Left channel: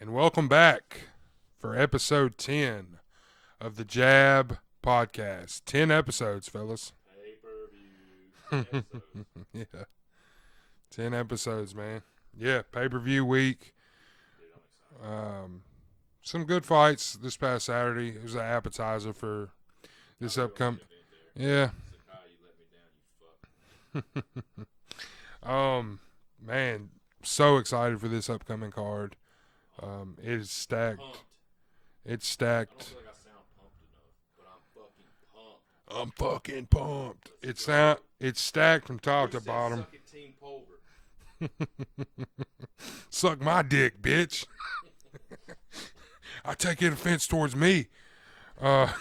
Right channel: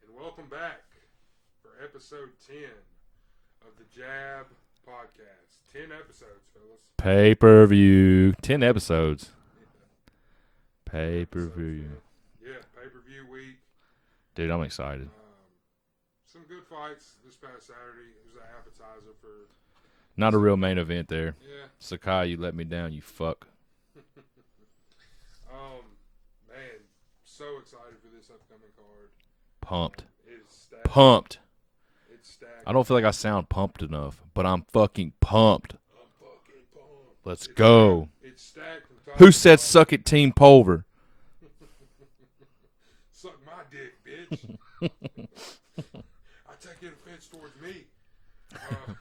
and welcome back for episode 10 of the Jab podcast. 10 episodes, fellas. Pay-per-view. 10 episodes. Yeah, 10 episodes, man. Yeah, pay-per-view week. Dude, I'm excited. Some good fights this past Saturday. It was an appetizer for... Not a real main event there. Yeah. Sakai, you let me down, you fuck. Man, so excited for this upcoming card. Pumped. It is stacked. Pumped. It's stacked. I don't feel like I sound pumped enough, but I'm fucking pumped. I'm fucking pumped. Let's go. Stacked. It's stacked from top Who to said bottom. suck it, Team Pulver? Suck my dick, bitch. I take it offense towards me. Here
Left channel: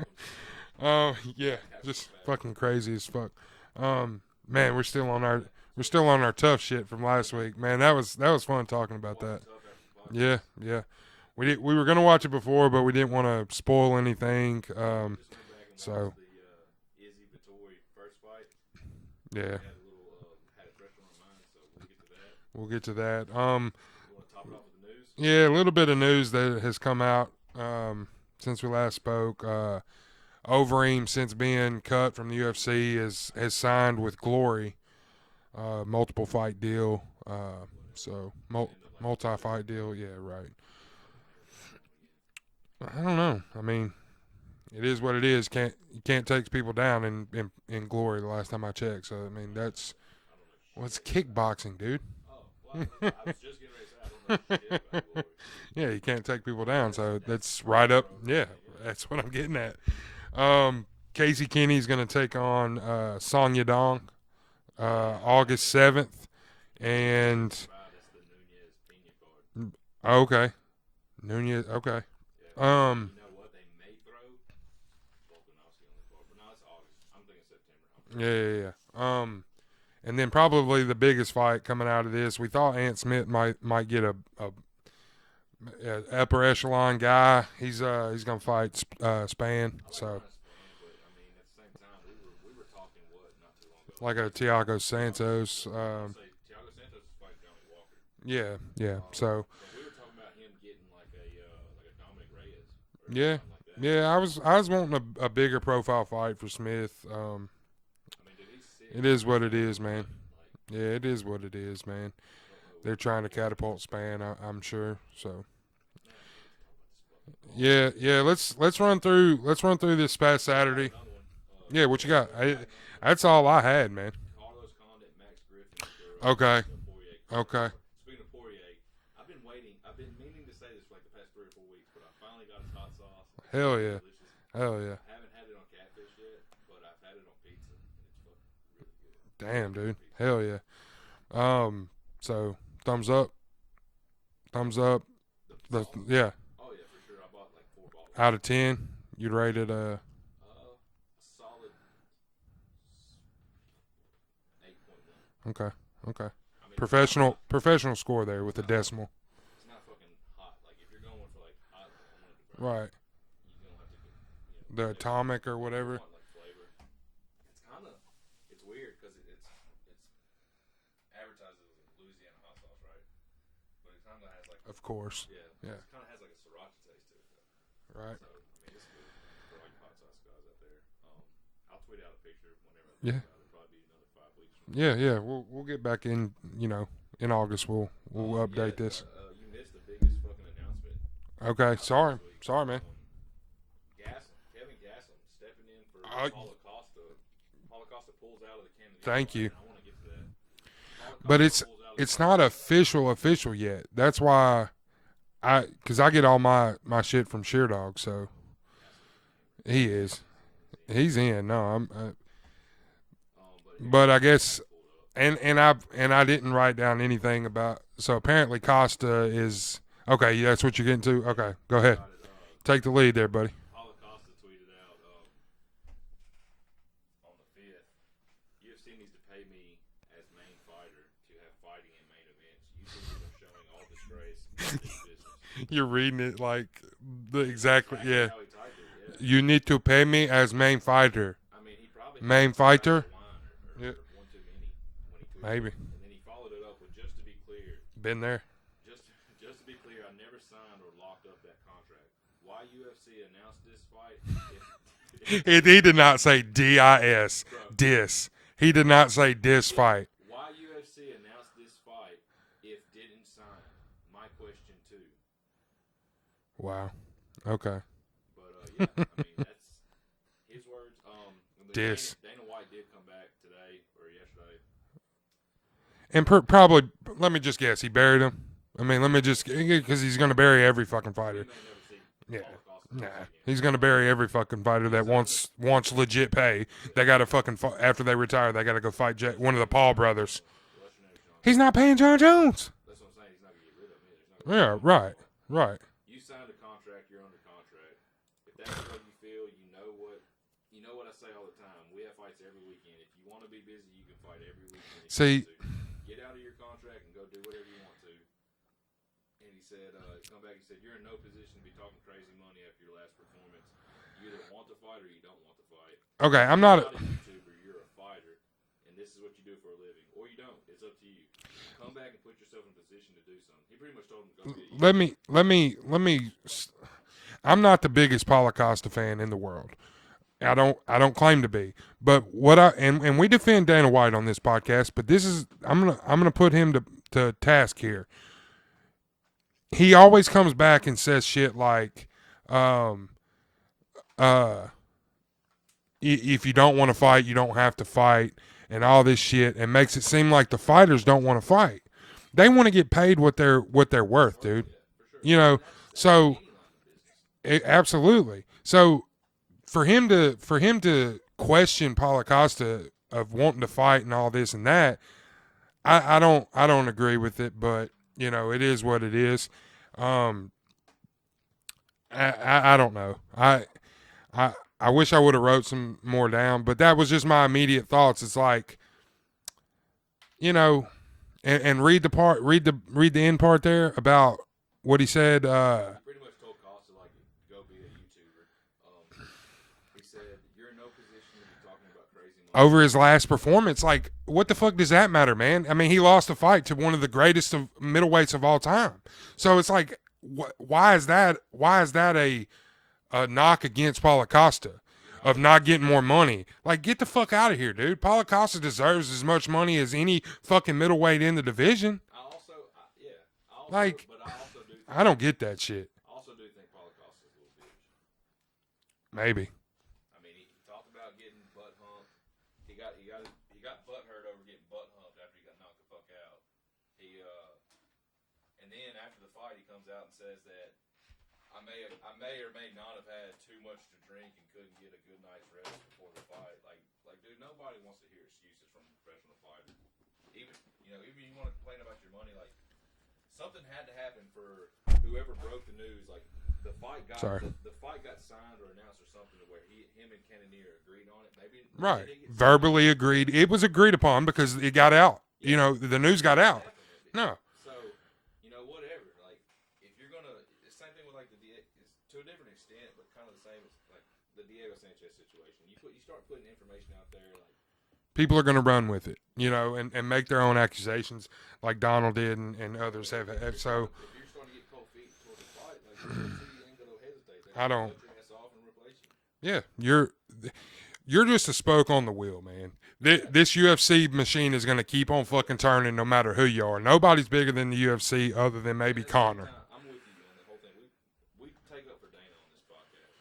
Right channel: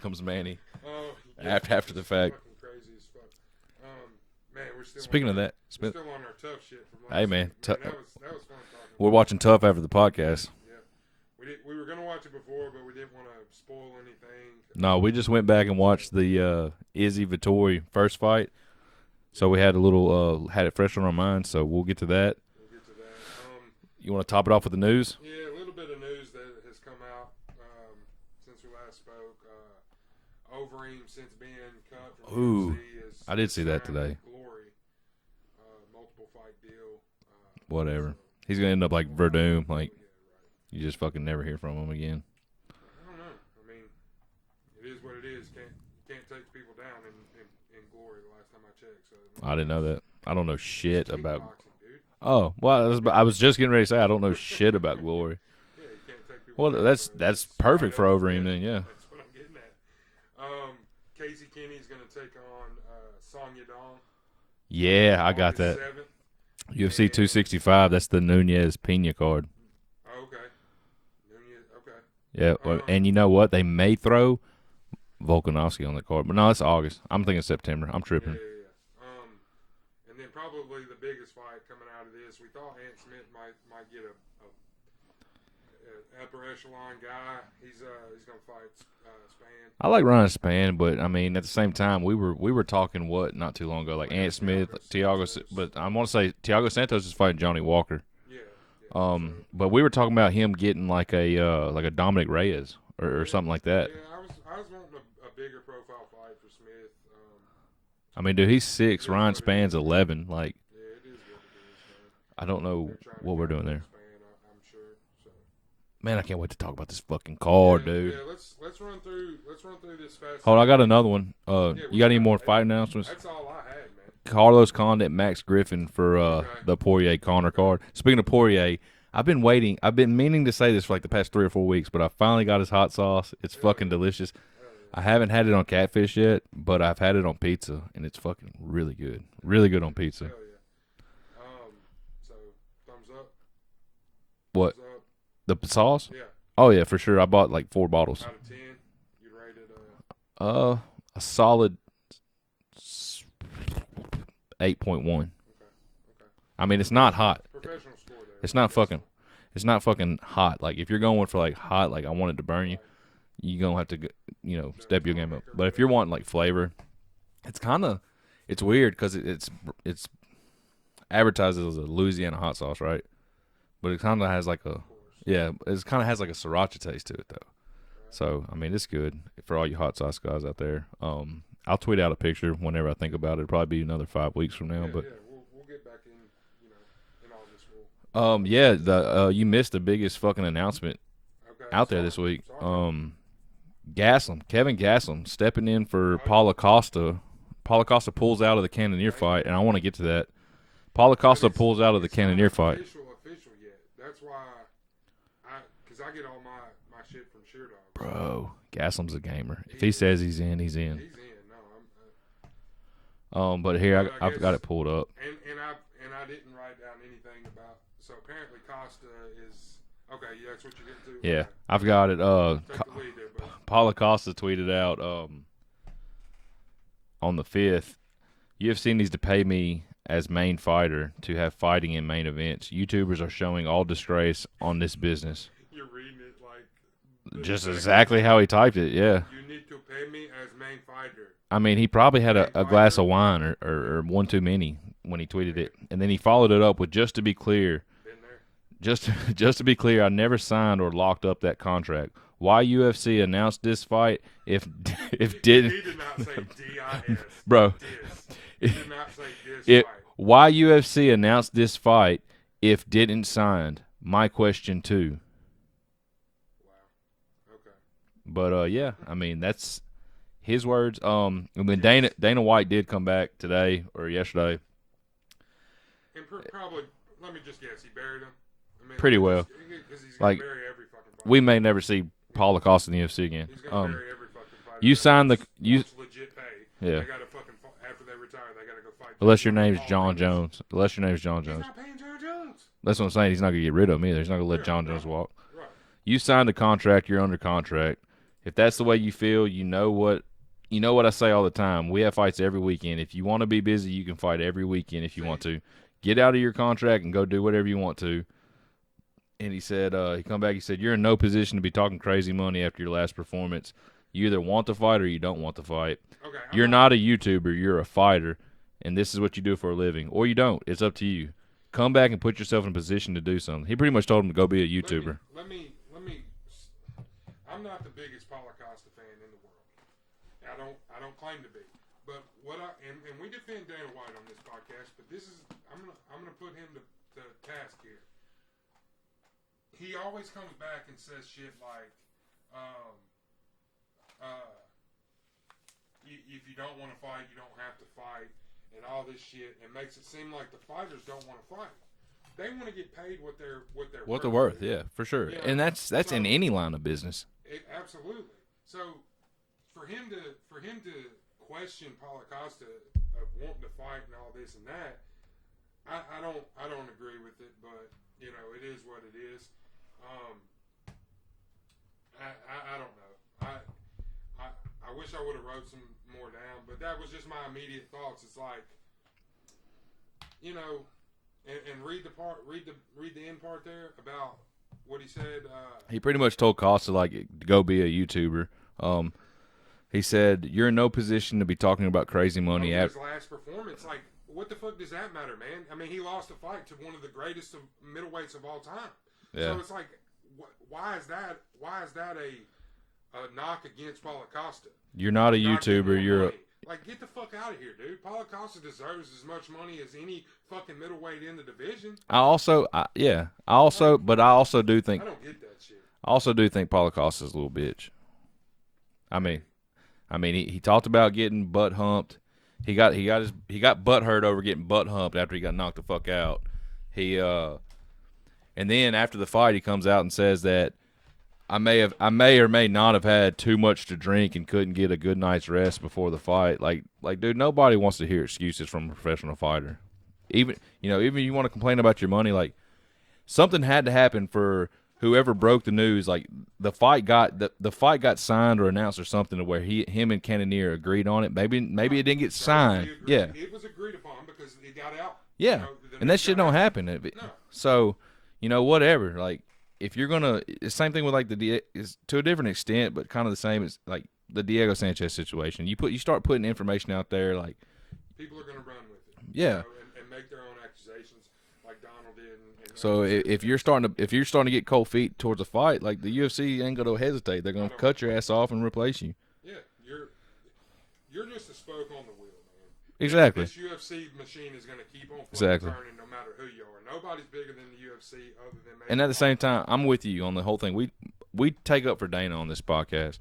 comes Manny. Yeah, After the just fact. fucking crazy as fuck. Man, we're still Speaking on of our that, we're still on our tough shit from last man, week. Man, that was fun talking about. we're watching that. Tough after the podcast. Yeah. We were gonna watch it before, but we didn't want to spoil anything. No, we just went back and watched the Izzy Vittori first fight. So we had a little had it fresh on our minds, so we'll get to that. We'll get to that. You want to top it off with the news? Yeah, a little bit of news that has come out since we last spoke. Overeem, since being cut from the UFC, is signed with Glory. Multiple fight deal. Whatever. So He's going to end up like Verdun. Like, yeah, right. You just fucking never hear from him again. I don't know. I mean, it is what it is. You can't take people down in Glory the last time I checked. So I mean, I didn't know that. I don't know shit it's about kickboxing, dude. Oh, well, I was just getting ready to say I don't know shit about Glory. Yeah, you can't take people Well, down. that's perfect right for up, Overeem then, yeah. That's what I'm getting at. Casey Kenny's going to take on Song Yadong. Yeah, I got that. August 7th. UFC 265, that's the Nunez Pena card. Okay. Nunez, okay. Yeah, and you know what? They may throw Volkanovski on the card. But no, it's August. I'm thinking September. I'm tripping. Yeah. And then probably the biggest fight coming out of this, we thought Ant Smith might get a upper echelon guy. He's gonna fight Spann. I like Ryan Spann, but I mean at the same time we were talking not too long ago like Ant Smith, Thiago Santos, but I want to say Thiago Santos is fighting Johnny Walker. Yeah. But we were talking about him getting like a Dominic Reyes or something like that. Yeah, I was wanting a bigger profile fight for Smith. I mean, dude, he's 6. Ryan Spann's 11. Man. Like, yeah, it is what it is, man. I don't know. They're trying to what catapult we're doing Spann, I'm sure. So, man, I can't wait to talk about this fucking card, dude. Yeah. Let's run through this past. Oh, I got another one. Yeah, you got any more fight announcements? That's all I had, man. Carlos Condit, Max Griffin for the Poirier Conor card. Speaking of Poirier, I've been waiting. I've been meaning to say this for like the past 3 or 4 weeks, but I finally got his hot sauce. It's fucking delicious. Hell yeah. I haven't had it on catfish yet, but I've had it on pizza, and it's fucking really good. Damn, really good man. on pizza. Hell yeah. So thumbs up. What? Thumbs up. The sauce? Yeah. Oh yeah, for sure. I bought like 4 bottles. Out of 10, you'd rate it a solid 8.1. Okay. I mean, it's not hot. Professional score there. It's with not the fucking. It's not fucking hot. Like if you're going for like hot, like I want it to burn right. you gonna have to, The step your game atomic up. or But if you're whatever. wanting like flavor, it's weird because it's advertised as a Louisiana hot sauce, right? But it kind of has like Of course. it kind of has like a sriracha taste to it though. Right. So I mean, it's good for all you hot sauce guys out there. I'll tweet out a picture whenever I think about it. It'll probably be another 5 weeks from now. Yeah. We'll get back in. In August we'll yeah. update this. You missed the biggest fucking announcement out there this week. Sorry, man. Kevin Gaslam stepping in for Oh, Paulo Costa. Paulo Costa pulls out of the Cannonier Thank fight, you. and I want to get to that. Paulo Costa pulls out of the Cannonier fight. It's not official yet. That's why because I get all my shit from Sheerdog. So Bro, Gaslam's a gamer. He He is. says he's in. He's in. he's in. No, I'm. But here, But I I've guess- got it pulled up. And I didn't write down anything about. So apparently Costa is okay. Yeah, that's what you're getting to. Yeah, Okay, go I've ahead. got it. Take the lead there, buddy. Paulo Costa tweeted out on the 5th, UFC needs to pay me as main fighter to have fighting in main events. YouTubers are showing all disgrace on this business. You're reading it like Just exactly how he typed it, yeah. You need to pay me as main fighter. I mean, he probably had a Main glass fighter? of wine or one too many when he tweeted Maybe. it. And then he followed it up with, just to be clear, Been there. just to be clear, I never signed or locked up that contract. Why UFC announced this fight? If he did not say DIS, bro. Dis. He did not say fight. Why UFC announced this fight if didn't signed? My question too. Wow. Okay. But yeah, I mean that's his words. And then Dana White did come back today or yesterday, and probably let me just guess, he buried him. I mean, because he's going to bury every fucking fighter. We may never see Paulo Costa in the UFC again. He's going to bury every fucking fighter wants legit pay. Yeah. They got to fucking after they retire, they got to go fight one of the Paul brothers. Unless your name's John Jones. He's not paying John Jones. That's what I'm saying. He's not going to get rid of him either. He's not going to let John Jones walk. Right. You signed the contract. You're under contract. If that's the way you feel, you know what I say all the time. We have fights every weekend. If you want to be busy, you can fight every weekend if you want to. Get out of your contract and go do whatever you want to. And he said, he come back, he said, you're in no position to be talking crazy money after your last performance. You either want to fight or you don't want to fight. Okay, you're not a YouTuber. You're a fighter, and this is what you do for a living. Or you don't. It's up to you. Come back and put yourself in a position to do something. He pretty much told him to go be a YouTuber. Let me. I'm not the biggest Paulo Costa fan in the world. I don't claim to be. But and we defend Dana White on this podcast, but this is I'm gonna put him to task here. He always comes back and says shit like, if you don't want to fight, you don't have to fight, and all this shit, and makes it seem like the fighters don't want to fight. They want to get paid what they're worth, dude. Yeah, for sure. You know, and that's in any line of business. Absolutely. So for him to question Paulo Costa of wanting to fight and all this and that, I don't agree with it, but you know, it is what it is. I don't know. I wish I would have wrote some more down, but that was just my immediate thoughts. It's like, you know, and read the end part there about what he said. He pretty much told Costa like to go be a YouTuber. He said, you're in no position to be talking about crazy money. Over his last performance, like, what the fuck does that matter, man? I mean, he lost a fight to one of the greatest of middleweights of all time. Yeah. So it's like, why is that a knock against Paulo Costa? You're not not getting more money. Like, get the fuck out of here, dude. Paulo Costa deserves as much money as any fucking middleweight in the division. But I also do think I don't get that shit. I also do think Paulo Costa's a little bitch. Maybe. I mean, he talked about getting butt humped. He got butt hurt over getting butt humped after he got knocked the fuck out. And then after the fight, he comes out and says that I may or may not have had too much to drink and couldn't get a good night's rest before the fight. Like, dude, nobody wants to hear excuses from a professional fighter. Even you want to complain about your money, like something had to happen for whoever broke the news. Like the fight got signed or announced or something to where him and Cannonier agreed on it. Maybe right. It didn't get verbally signed. Agreed. Yeah. It was agreed upon because it got out. Yeah, you know the news got out. Don't happen. No. So, whatever. Like if you're gonna, same thing with like is to a different extent, but kind of the same as like the Diego Sanchez situation. You start putting information out there, like people are gonna run with it. Yeah. You know, and make their own accusations. Like Donald did, and so if you're starting to get cold feet towards a fight, like the UFC ain't gonna hesitate. They're gonna cut your ass off and replace you. Yeah, you're just a spoke on the wheel, man. Exactly. This UFC machine is gonna keep on fucking turning, no matter who you are. Nobody's bigger than the UFC, other than maybe. And at the Conor. same time, I'm with you on the whole thing. We take up for Dana on this podcast.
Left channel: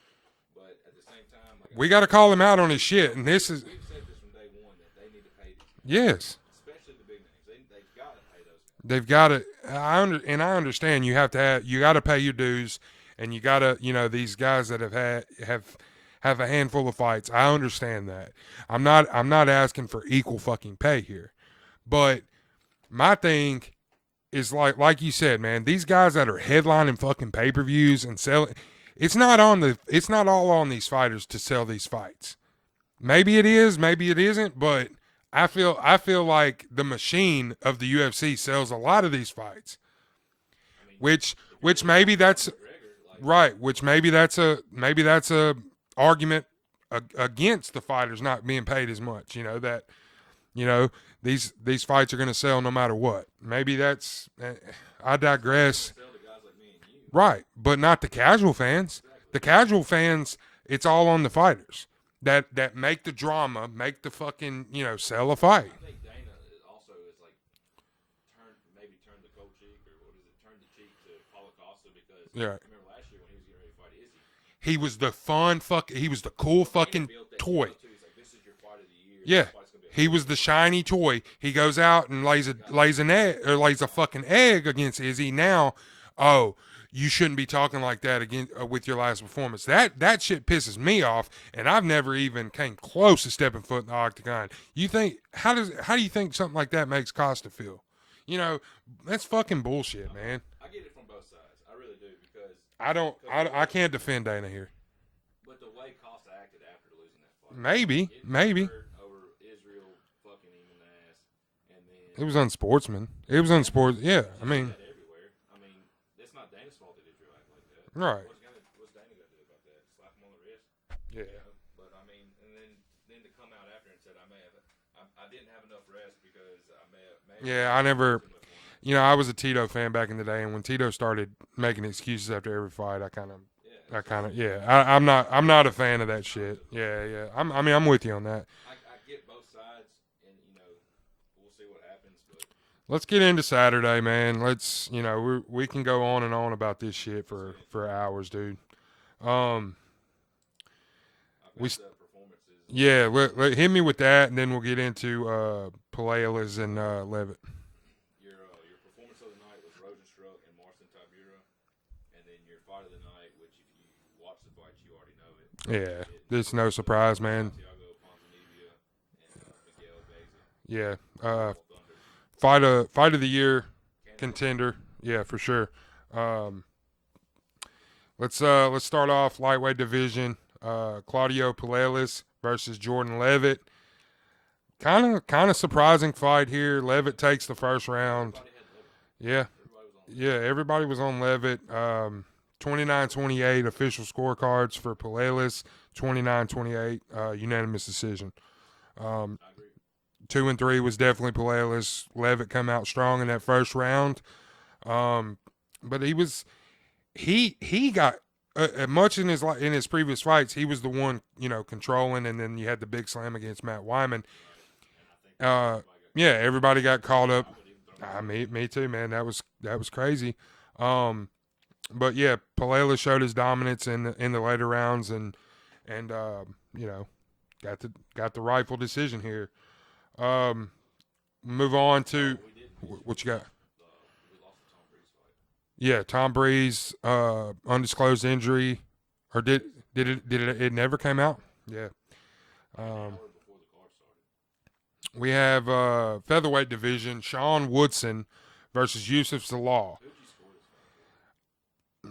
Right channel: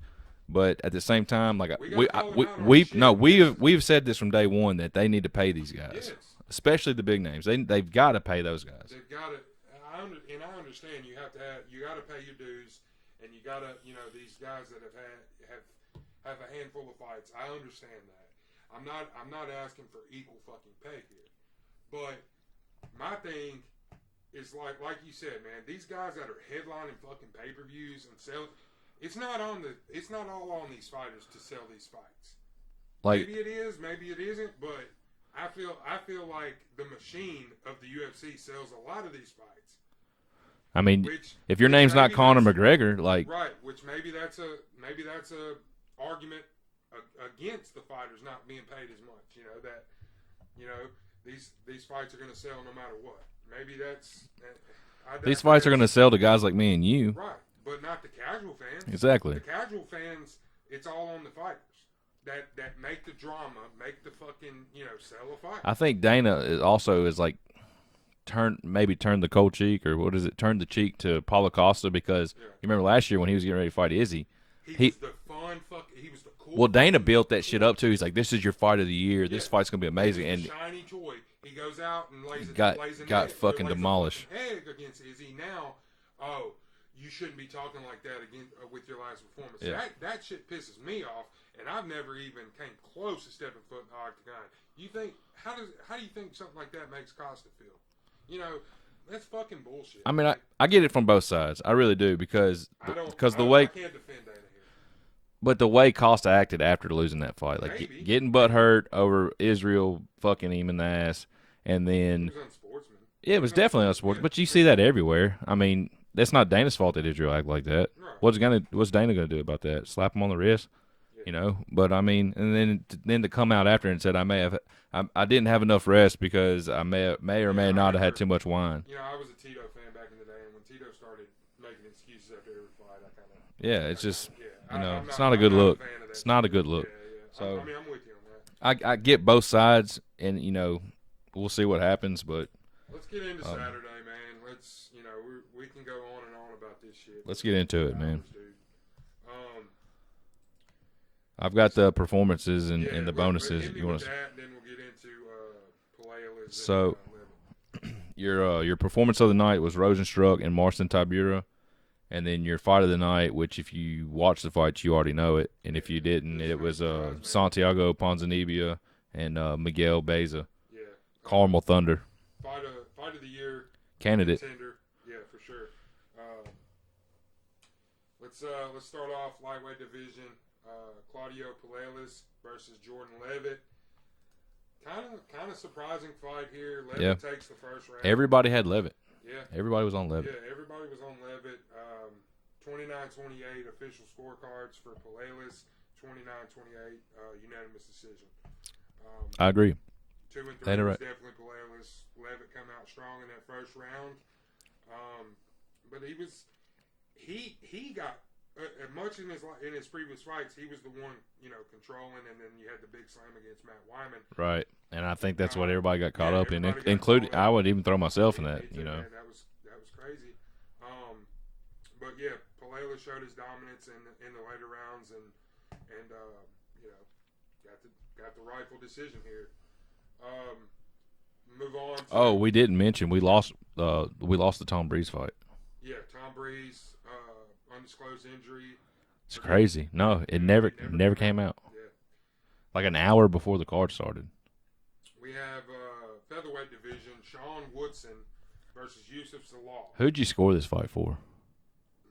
But at the same time, like we got to call him out on his shit. No, we've said this from day one that they need to pay these guys. Yes, especially the big names. They've got to pay those guys. They've got to. I understand you got to pay your dues, and you got to these guys that have a handful of fights. I understand that. I'm not asking for equal fucking pay here, but my thing is like you said, man. These guys that are headlining fucking pay-per-views and selling. It's not all on these fighters to sell these fights. Maybe it is, maybe it isn't, but I feel like the machine of the UFC sells a lot of these fights. I mean, if your name's not Conor McGregor, like right, which maybe that's a argument against the fighters not being paid as much. These fights are going to sell no matter what. Maybe that's I digress. These fights are going to sell to guys like me and you. Right, but not the casual fans. Exactly. The casual fans, it's all on the fighters that make the drama, make the fucking, sell a fight. I think Dana is like turn the cold cheek, or what is it? Turn the cheek to Paulo Costa, because you remember last year when he was getting ready to fight Izzy. He was the fun he was the cool. Well, Dana fucking built that toy. shit up too. He's like, "This is your fight of the year. Yeah. This fight's gonna be amazing." He was the shiny toy. He goes out and lays a fucking egg against Izzy. Now, you shouldn't be talking like that again with your last performance. Yeah. That shit pisses me off, and I've never even came close to stepping foot in the octagon. You think how do you think something like that makes Costa feel? That's fucking bullshit. I mean, I get it from both sides. I really do, because I can't defend Dana here. But the way Costa acted after losing that fight, like getting butthurt over Israel fucking him in the ass, and then he was unsportsman. Yeah, it was definitely unsportsman. Yeah, but you see that everywhere. I mean, that's not Dana's fault that Israel act like that. Right. What's Dana gonna do about that? Slap him on the wrist? Yeah. But I mean, and then to come out after and said, I didn't have enough rest because I may or may not have had too much wine. I was a Tito fan back in the day, and when Tito started making excuses after every fight, I kind of I'm not a fan of that. It's not a good look. Yeah. I'm with you on that. I get both sides, and we'll see what happens, but let's get into Saturday, man. Let's we can go on and on about this shit. Let's get into it, hours, man. Dude. I've got the performances and the bonuses. Hit me with that, and then we'll get into Peleas and Levitt. Your performance of the night was Rosenstruck and Marston Tibura, and then your fight of the night, which if you watch the fight, you already know it, and if you didn't, it was surprise, man. Santiago Ponzinibbio and Miguel Beza. Yeah, Carmel Thunder. Fight of the year candidate contender. Yeah, for sure. Let's start off lightweight division. Claudio Peleas versus Jordan Levitt. Kind of surprising fight here. Levitt takes the first round. Everybody had Levitt. Yeah. Everybody was on Levitt. Yeah, everybody was on Levitt. 29-28 official scorecards for Peleas. 29-28 unanimous decision. I agree. 2 and 3 was definitely Peleas. Levitt come out strong in that first round. But he got much in his previous fights, he was the one controlling, and then you had the big slam against Matt Wyman. Right, and I think that's what everybody got caught up. Yeah, everybody got caught up. I would even throw myself in that. Me too, man. That was crazy. But yeah, Peleas showed his dominance in the later rounds, and got the rightful decision here. Move on to. Oh, we didn't mention we lost the Tom Breeze fight. Yeah, Tom Breeze, undisclosed injury. It's crazy. It never came out. Yeah. Like an hour before the card started. We have featherweight division, Sean Woodson versus Yusuf Zalal. Who'd you score this fight for?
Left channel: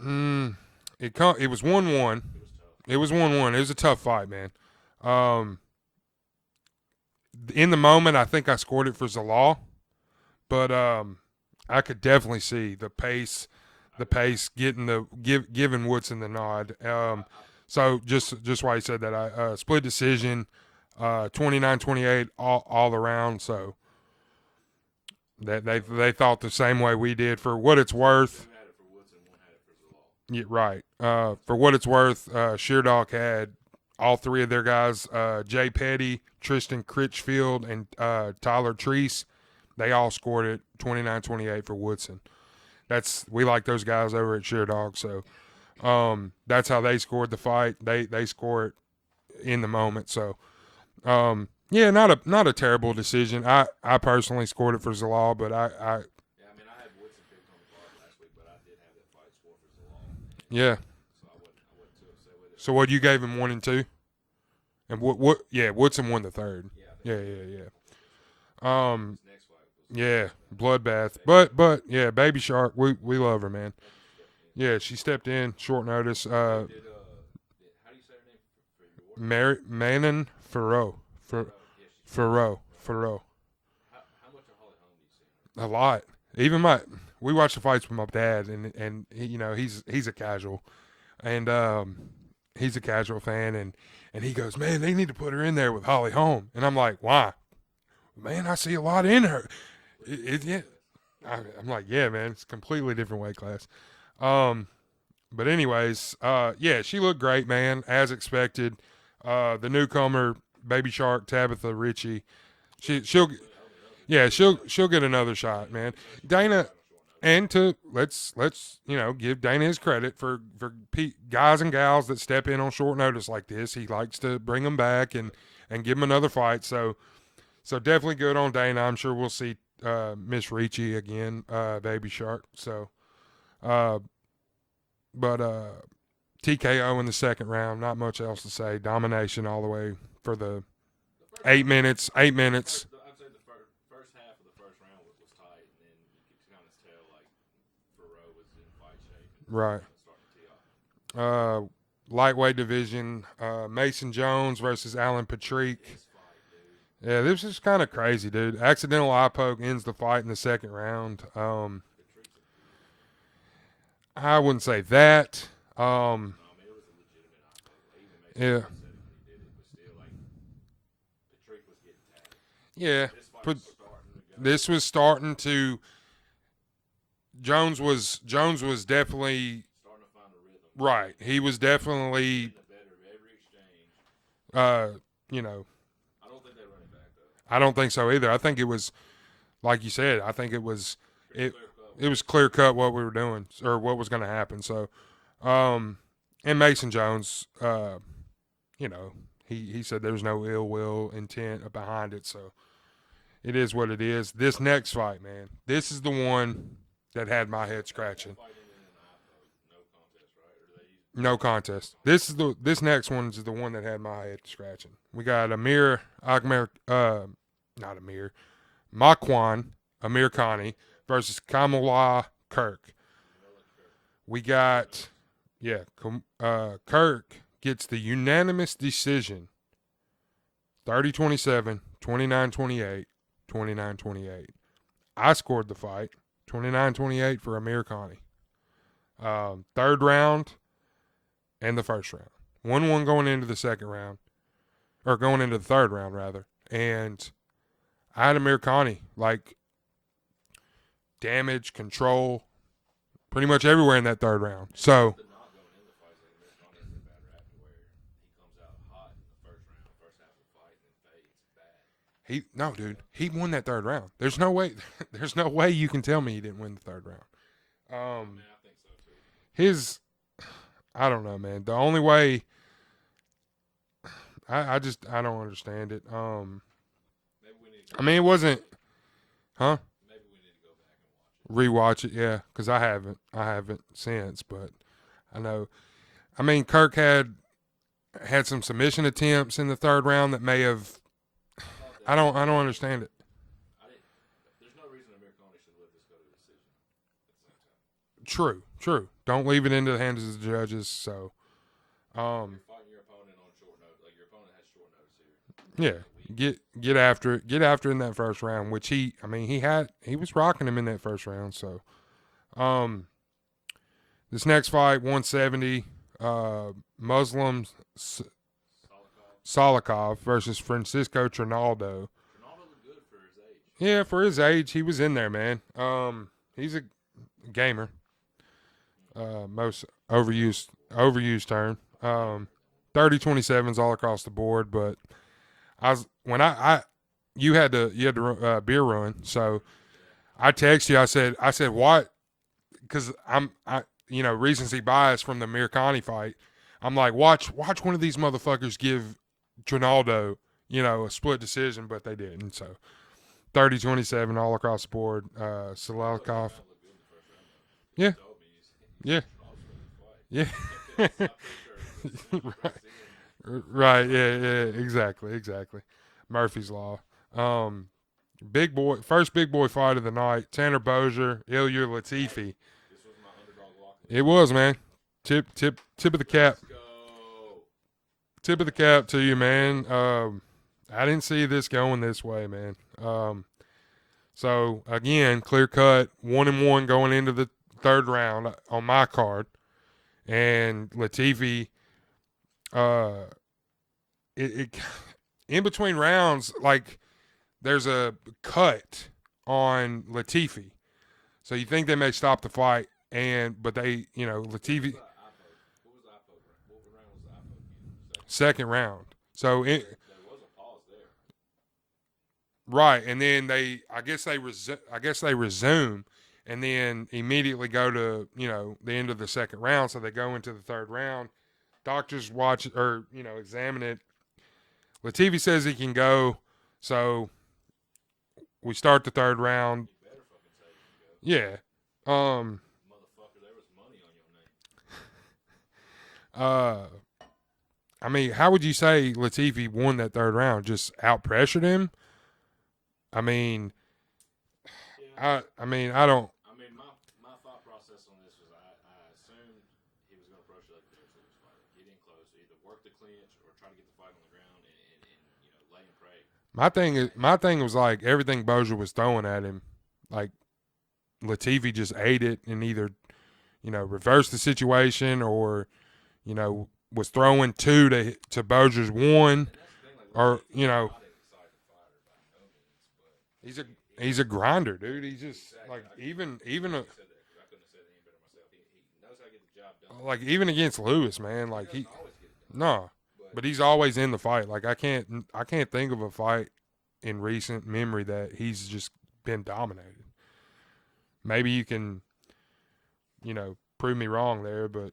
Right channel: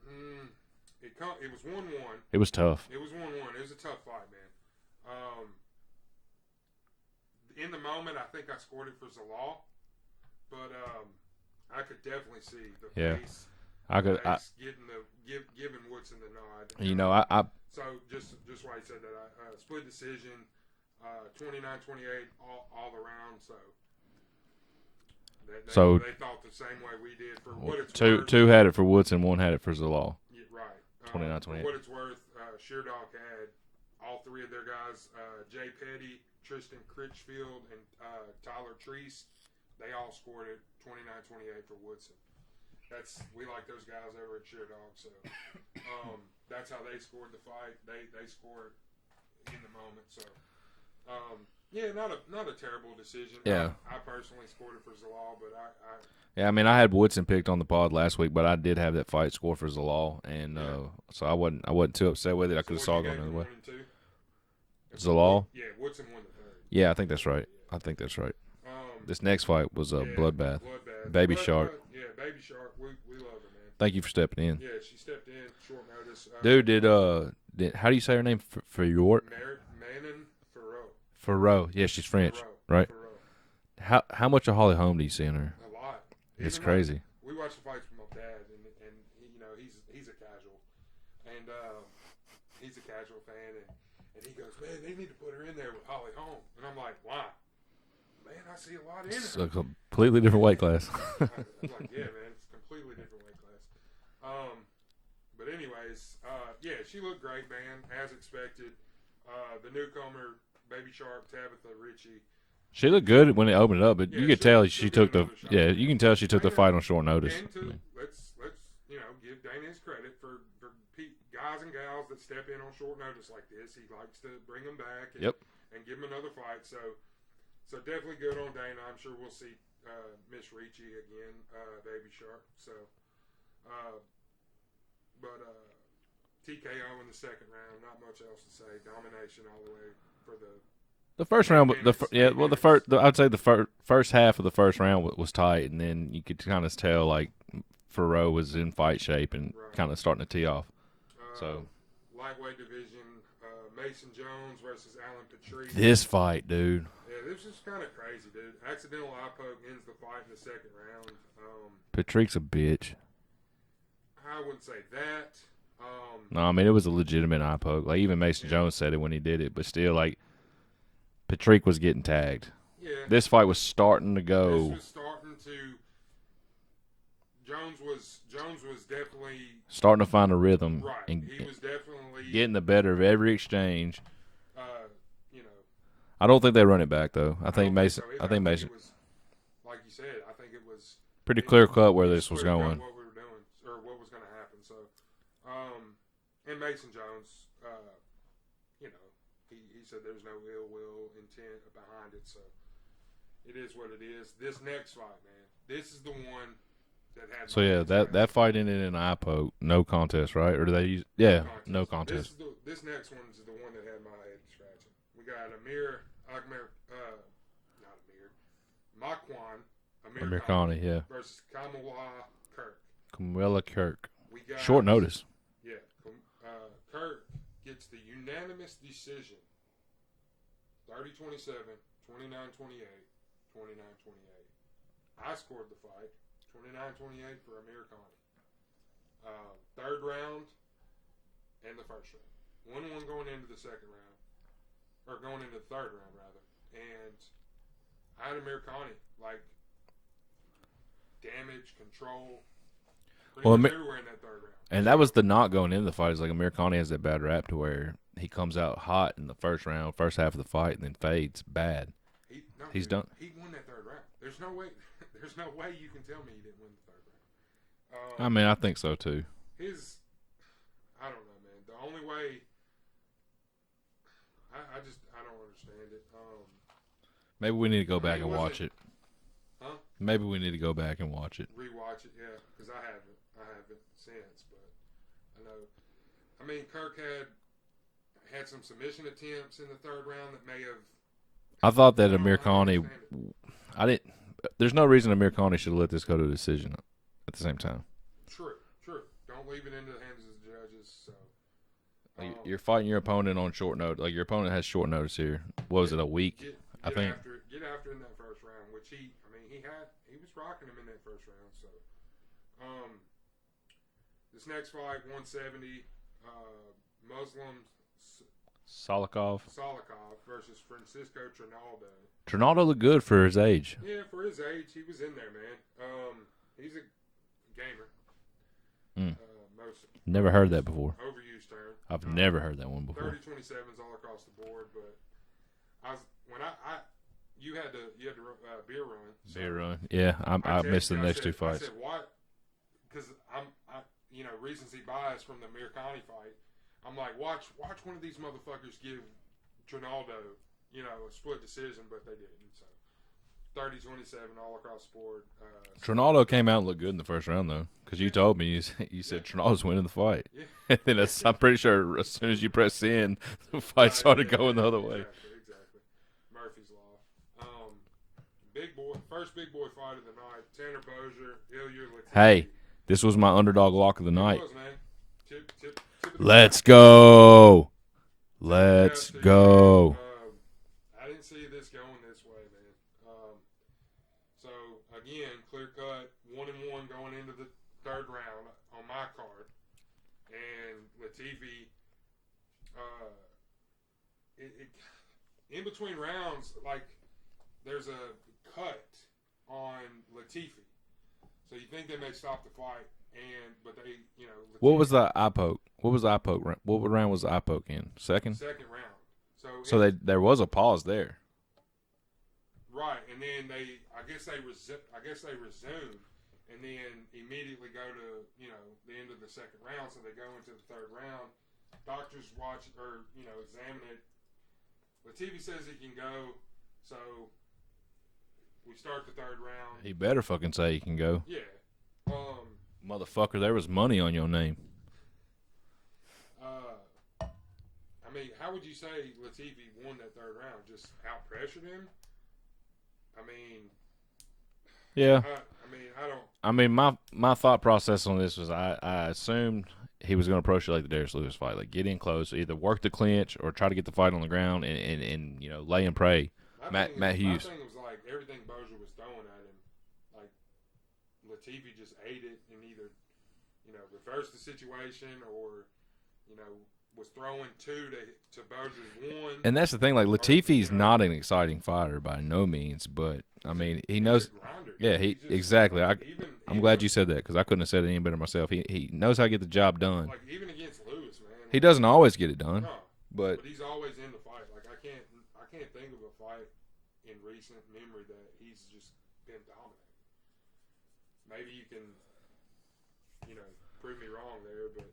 It was 1-1. It was tough. It was 1-1. It was a tough fight, man. In the moment, I think I scored it for Zalal, but I could definitely see the pace. Giving Woodson the nod. So just why he said that, I split decision, 29-28 all around. So they thought the same way we did. For what it's worth, two had it for Woodson, one had it for Zalal. Yeah, right. For what it's worth, Sheerdog had all three of their guys, Jay Petty, Tristan Critchfield, and Tyler Treese. They all scored it 29-28 for Woodson. We like those guys over at Sheerdog, so that's how they scored the fight. They score it in the moment. So not a terrible decision. Yeah. I personally scored it for Zalal, but I had Woodson picked on the pod last week, but I did have that fight score for Zalal, and so I wasn't too upset with it. So what, you gave him 1 and 2? And Zalal? Woodson won the third. Yeah, I think that's right. Yeah. I think that's right. This next fight was a bloodbath. Baby Shark. But yeah, Baby Shark, we love her, man. Thank you for stepping in. Yeah, she stepped in short notice. Dude, how do you say her name? Manon Farrow. Farrow. Yeah, she's French. Right. Farrow. How much of Holly Holm do you see in her? A lot. Even crazy. We watch the fights with my dad, and he's a casual, and he's a casual fan, and he goes, man, they need to put her in there with Holly Holm, and I'm like, why? Man, I see a lot in her. Completely different weight class. I'm like, yeah, man, it's a completely different weight class. But anyways, yeah, she looked great, man, as expected. The newcomer, Baby Shark, Tabitha Ritchie. She looked good when it opened it up, but yeah, you could she'll tell she'll get another shot. Yeah, man. you can tell she took the fight on short notice. And let's give Dana his credit for guys and gals that step in on short notice like this. He likes to bring them back and give them another fight. So definitely good on Dana. I'm sure we'll see Miss Ricci again, Baby Shark. So, but TKO in the second round. Not much else to say. Domination all the way for the first 8 minutes. 8 minutes. I'd say the first half of the first round was tight, and then you could kind of tell like Ferro was in fight shape and kind of starting to tee off. Lightweight division, Mason Jones versus Alan Patrick. This fight, dude. Yeah, this is kind of crazy, dude. Accidental eye poke ends the fight in the second round. Patrick's a bitch. I wouldn't say that. No, I mean, it was a legitimate eye poke. Like, even Mason Jones said it when he did it, but still, like, Patrick was getting tagged. Yeah. This fight was starting to go. This was starting to – Jones was definitely – starting to find a rhythm. Right. He was definitely – getting the better of every exchange. I don't think they run it back, though. I don't think so either. I think it was – like you said, I think it was – pretty clear-cut where it was clear-cut what we were doing or what was going to happen. So, and Mason Jones, he said there's no ill will intent behind it. So, it is what it is. This next fight, man, this is the one that had my head scratching. that fight ended in an eye poke. No contest, right? Or do they use no contest? No contest. This next one is the one that had my head scratching. We got Makwan Amir Khani versus Kamala Kirk. Kamala Kirk. We got short notice. Yeah, Kirk gets the unanimous decision. 30-27, 29-28, 29-28. I scored the fight. 29-28 for Amir Khani. Third round and the first round. 1-1 going into the second round. Or going into the third round, rather. And I had Amir Khani, like, damage, control, pretty much everywhere in that third round. And that was the knock going into the fight. Is like Amir Khani has that bad rap to where he comes out hot in the first round, first half of the fight, and then fades bad. He's done. He won that third round. There's no way. There's no way you can tell me he didn't win the third round. I mean, I think so too. I don't know, man. The only way. I don't understand it. Maybe we need to go. I mean, it wasn't. Watch it. Huh? Maybe we need to go back and watch it. Rewatch it, yeah, because I haven't since, but I know. I mean, Kirk had some submission attempts in the third round that may have. I thought that I don't understand it. I didn't. There's no reason Amir Khani should let this go to a decision at the same time. True. Don't leave it into the hands of the judges. So. You're fighting your opponent on short notice. Like, your opponent has short notice here. What was it, a week? Get after it. Get after it in that first round, which he was rocking him in that first round. So, this next fight, 170, Muslim Salikov versus Francisco Trinaldo. Trinaldo looked good for his age. Yeah, for his age, he was in there, man. He's a gamer. Most never heard that before. Overused term. I've never heard that one before. 30-27s all across the board, but you had to beer run, so beer run. Yeah, I texted you. I said what? Because recency bias from the Amir Khani fight. I'm like, watch one of these motherfuckers give Trinaldo, a split decision, but they didn't. So 30-27 all across the board. Trinaldo came out and looked good in the first round though. Because you told me, you said Trinaldo's winning the fight. Yeah. And I'm pretty sure as soon as you press in, the fight started going the other way. Exactly. Murphy's Law. First big boy fight of the night. Tanner Bozier, Ilya Latifi. Hey, this was my underdog lock of the night. It was, man. Tip of the cap. Let's go. Tip of the cap to you, man. I didn't see this going this way, man. So, again, clear cut, 1-1 going into the third round on my card, and Latifi, in between rounds, like there's a cut on Latifi. So you think they may stop the fight, but they, Latifi. What was the eye poke? What was the eye poke? What round was the eye poke in? Second round. So there was a pause there. Right, and then I guess they resume, and then immediately go to the end of the second round. So they go into the third round. Doctors watch or examine it. Latifi says he can go, so we start the third round. He better fucking say he can go. Yeah, motherfucker, there was money on your name. I mean, how would you say Latifi won that third round? Just out pressured him? I mean, yeah. I don't. I mean, my thought process on this was I assumed he was going to approach it like the Darius Lewis fight, like get in close, either work the clinch or try to get the fight on the ground and lay and pray. My thing was like everything Bozier was throwing at him, like Latifi just ate it and either reversed the situation or was throwing two to Bozier's one. And that's the thing, like Latifi's not an exciting fighter by no means, but I mean he's a grinder. Dude. Yeah, exactly. Like, I'm glad you said that because I couldn't have said it any better myself. He knows how to get the job done. Like even against Lewis, man. Like, he doesn't always get it done. No, but he's always in the fight. Like I can't think of a fight in recent memory that he's just been dominated. Maybe you can, prove me wrong there, but.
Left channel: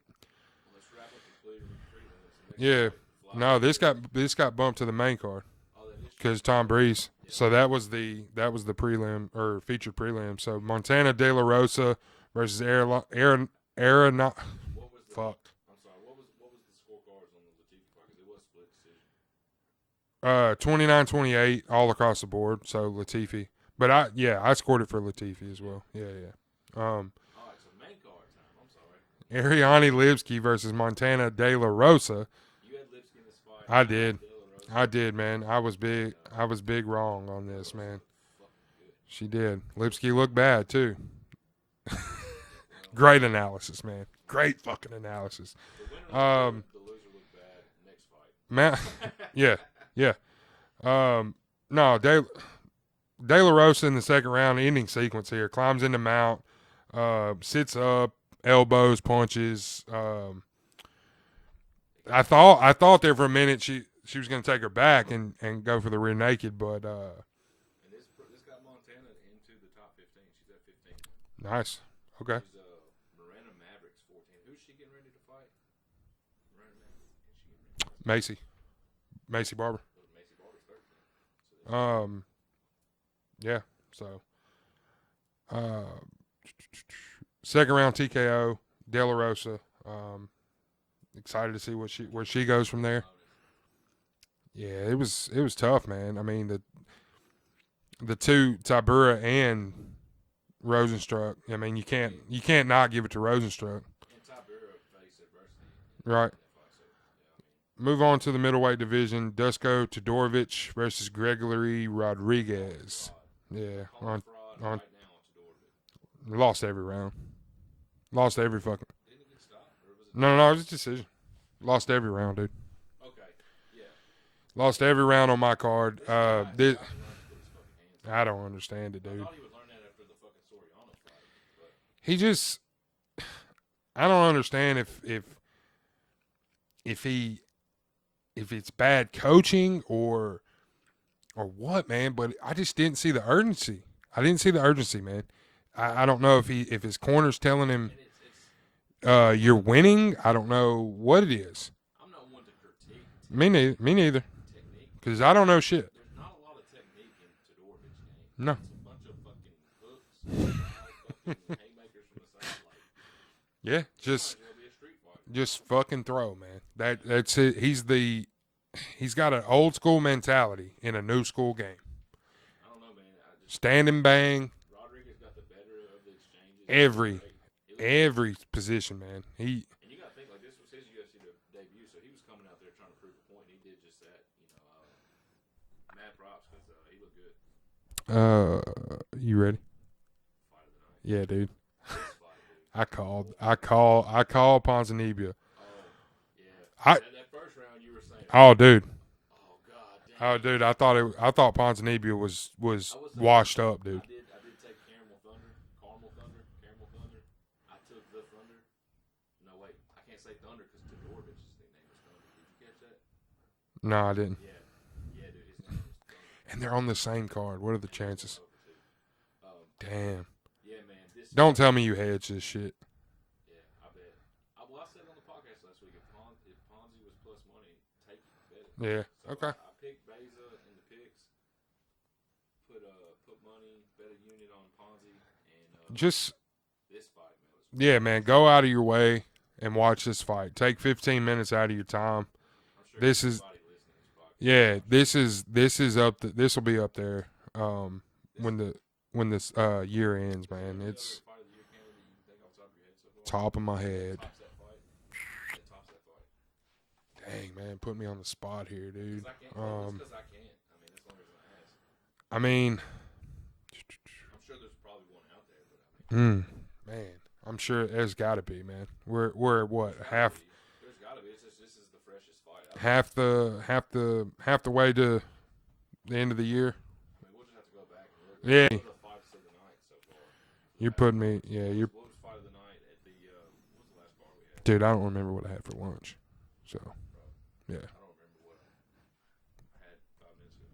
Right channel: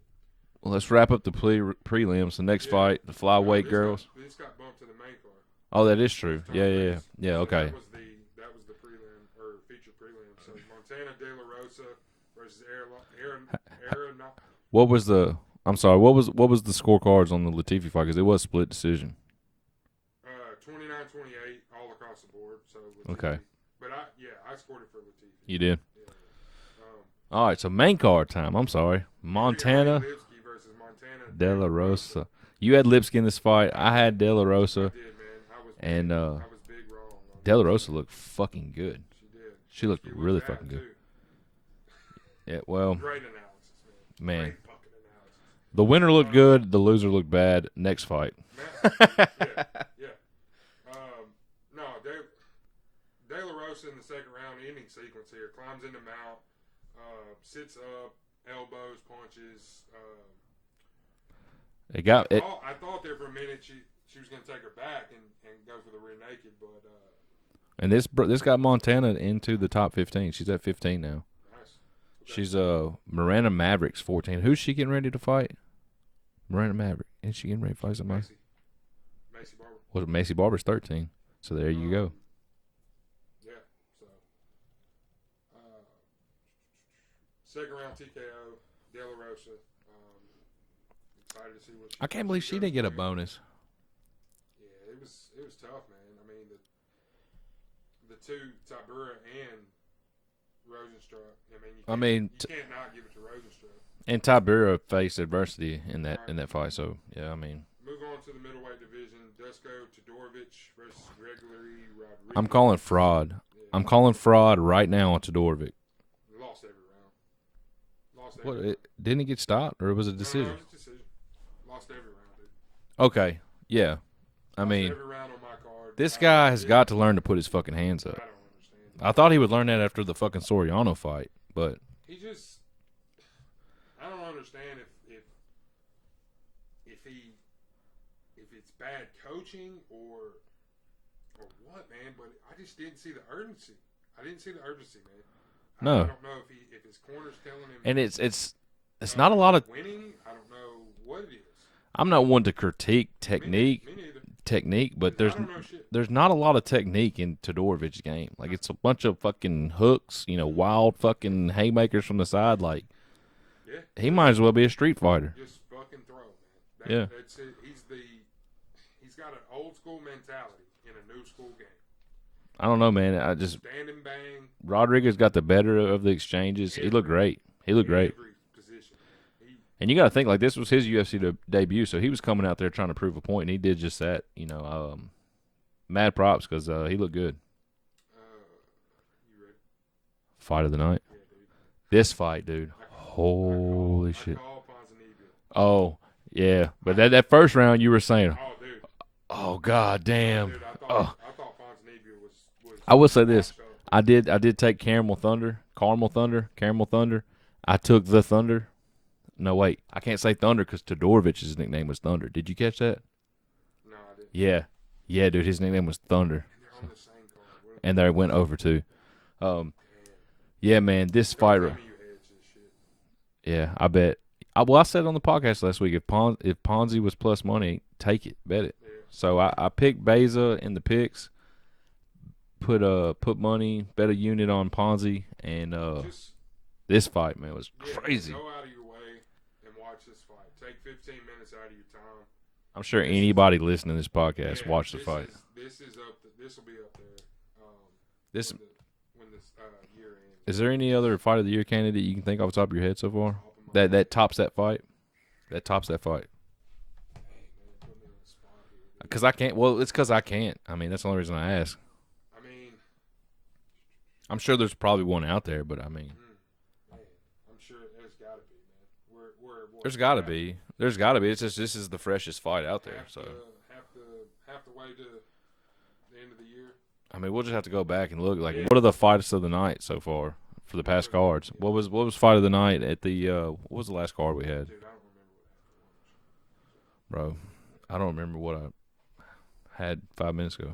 Well, let's wrap up the prelims. The next fight, the flyweight girls. This got bumped to the main card. Oh, that is true. There's Tom Breeze. Yeah. So that was the prelim or featured prelim. So Montana De La Rosa versus Aaron. What was the? I'm sorry. What was the scorecards on the Latifi fight? Because it was split decision. 29-28 all across the board. So Latifi. Okay. But I scored it for Latifi. You did. Yeah. All right, so main card time. I'm sorry. Ariane Lipsky versus Montana De La Rosa. You had Lipsky in this fight. I had De La Rosa. I did, man. I was big. I was big wrong on De La Rosa looked fucking good. She did. Lipsky looked really bad too. Yeah, well. Great analysis, man. Great fucking analysis. The winner looked good. The loser looked bad. Next fight. Man, yeah. No, De La Rosa in the second round, ending sequence here. Climbs into mount. Sits up, elbows, punches. I thought there for a minute she was going to take her back and go for the rear naked, but and this got Montana into the top 15. She's at 15 now. Nice. Okay. She's Miranda Maverick's 14. Who's she getting ready to fight? Miranda Maverick. Is she getting ready to fight somebody? Macy Barber. Well, Macy Barber's 13. So there you go. Yeah. So. Second round TKO, De La Rosa. Excited to see what she goes from there. A bonus. Yeah, it was tough, man. I mean the two Tabura and Rosenstruck. I mean you can't not give it to Rosenstruck. And Tabura faced adversity in that fight. So yeah, I mean. Move on to the middleweight division. Dusko Todorovic versus Gregory Rodriguez. I'm calling fraud. Yeah, I'm calling fraud right now on Todorovic. Lost every round. Lost every fucking. Didn't he get stopped, or was it? No, it was a decision. Lost every round, dude. Okay, yeah. Lost every round on my card. This guy has got to learn to put his fucking hands up. I don't understand it. I thought he would learn that after the fucking Soriano fight, but he just. I don't understand if it's bad coaching or what, man. But I just didn't see the urgency. Man. No. I don't know if his corner's telling him, and it's not a lot you're winning. I don't know what it is. I'm not one to critique technique. Me neither. Technique, but I don't know shit. There's not a lot of technique in Todorovic's game. Like it's a bunch of fucking hooks, wild fucking haymakers from the side. Like, yeah, he might as well be a street fighter. Just fucking throw, man. That's it. He's got an old school mentality in a new school game. I don't know, man. I just stand and bang. Rodriguez got the better of the exchanges. He looked great. Every position, man. And you got to think like this was his UFC debut, so he was coming out there trying to prove a point, and he did just that. Mad props because he looked good. You ready? Fight of the night. Yeah, dude. This fight, dude. I call Ponzinibbio. Oh, yeah. That first round you were saying. Oh, dude. Oh god damn! Oh, dude, I thought Ponzinibbio was I will say washed this. up, dude. I did take Caramel Thunder. I took the Thunder. No wait, I can't say Thunder because Todorovic's nickname was Thunder. Did you catch that? No, I didn't. Yeah, dude, his nickname was Thunder. And they're on the same card. What are the and chances? they went over too. Damn. Yeah, man, this. Don't fight, tell me you hedged this shit. Yeah, I bet. I said on the podcast last week if Ponzi was plus money, take it, bet it. Yeah. So okay. I picked Beza in the picks. Put money, bet a unit on Ponzi, and just this fight, man, was crazy. man. Go out of your way and watch this fight. Take 15 minutes out of your time. I'm sure anybody listening to this podcast watch this fight. This is up. This will be up there. When this year ends. Is there any other fight of the year candidate you can think off the top of your head so far? Top of my head. That tops that fight. That tops that fight. Dang, man, put me on the spot here, dude. Because I can't. Well, it's because I can't. I mean, that's the only reason I ask. I mean, I'm sure there's probably one out there, but I mean, man, I'm sure there's got to be, man. We're what? There's got to be. There's got to be. It's just this is the freshest fight out there. Half the way to the end of the year. I mean, we'll just have to go back and look. Like, what are the fights of the night so far for the past cards? What was fight of the night at the? What was the last card we had? Dude, I don't remember what I had for lunch. So, bro, yeah, I don't remember what I had 5 minutes ago.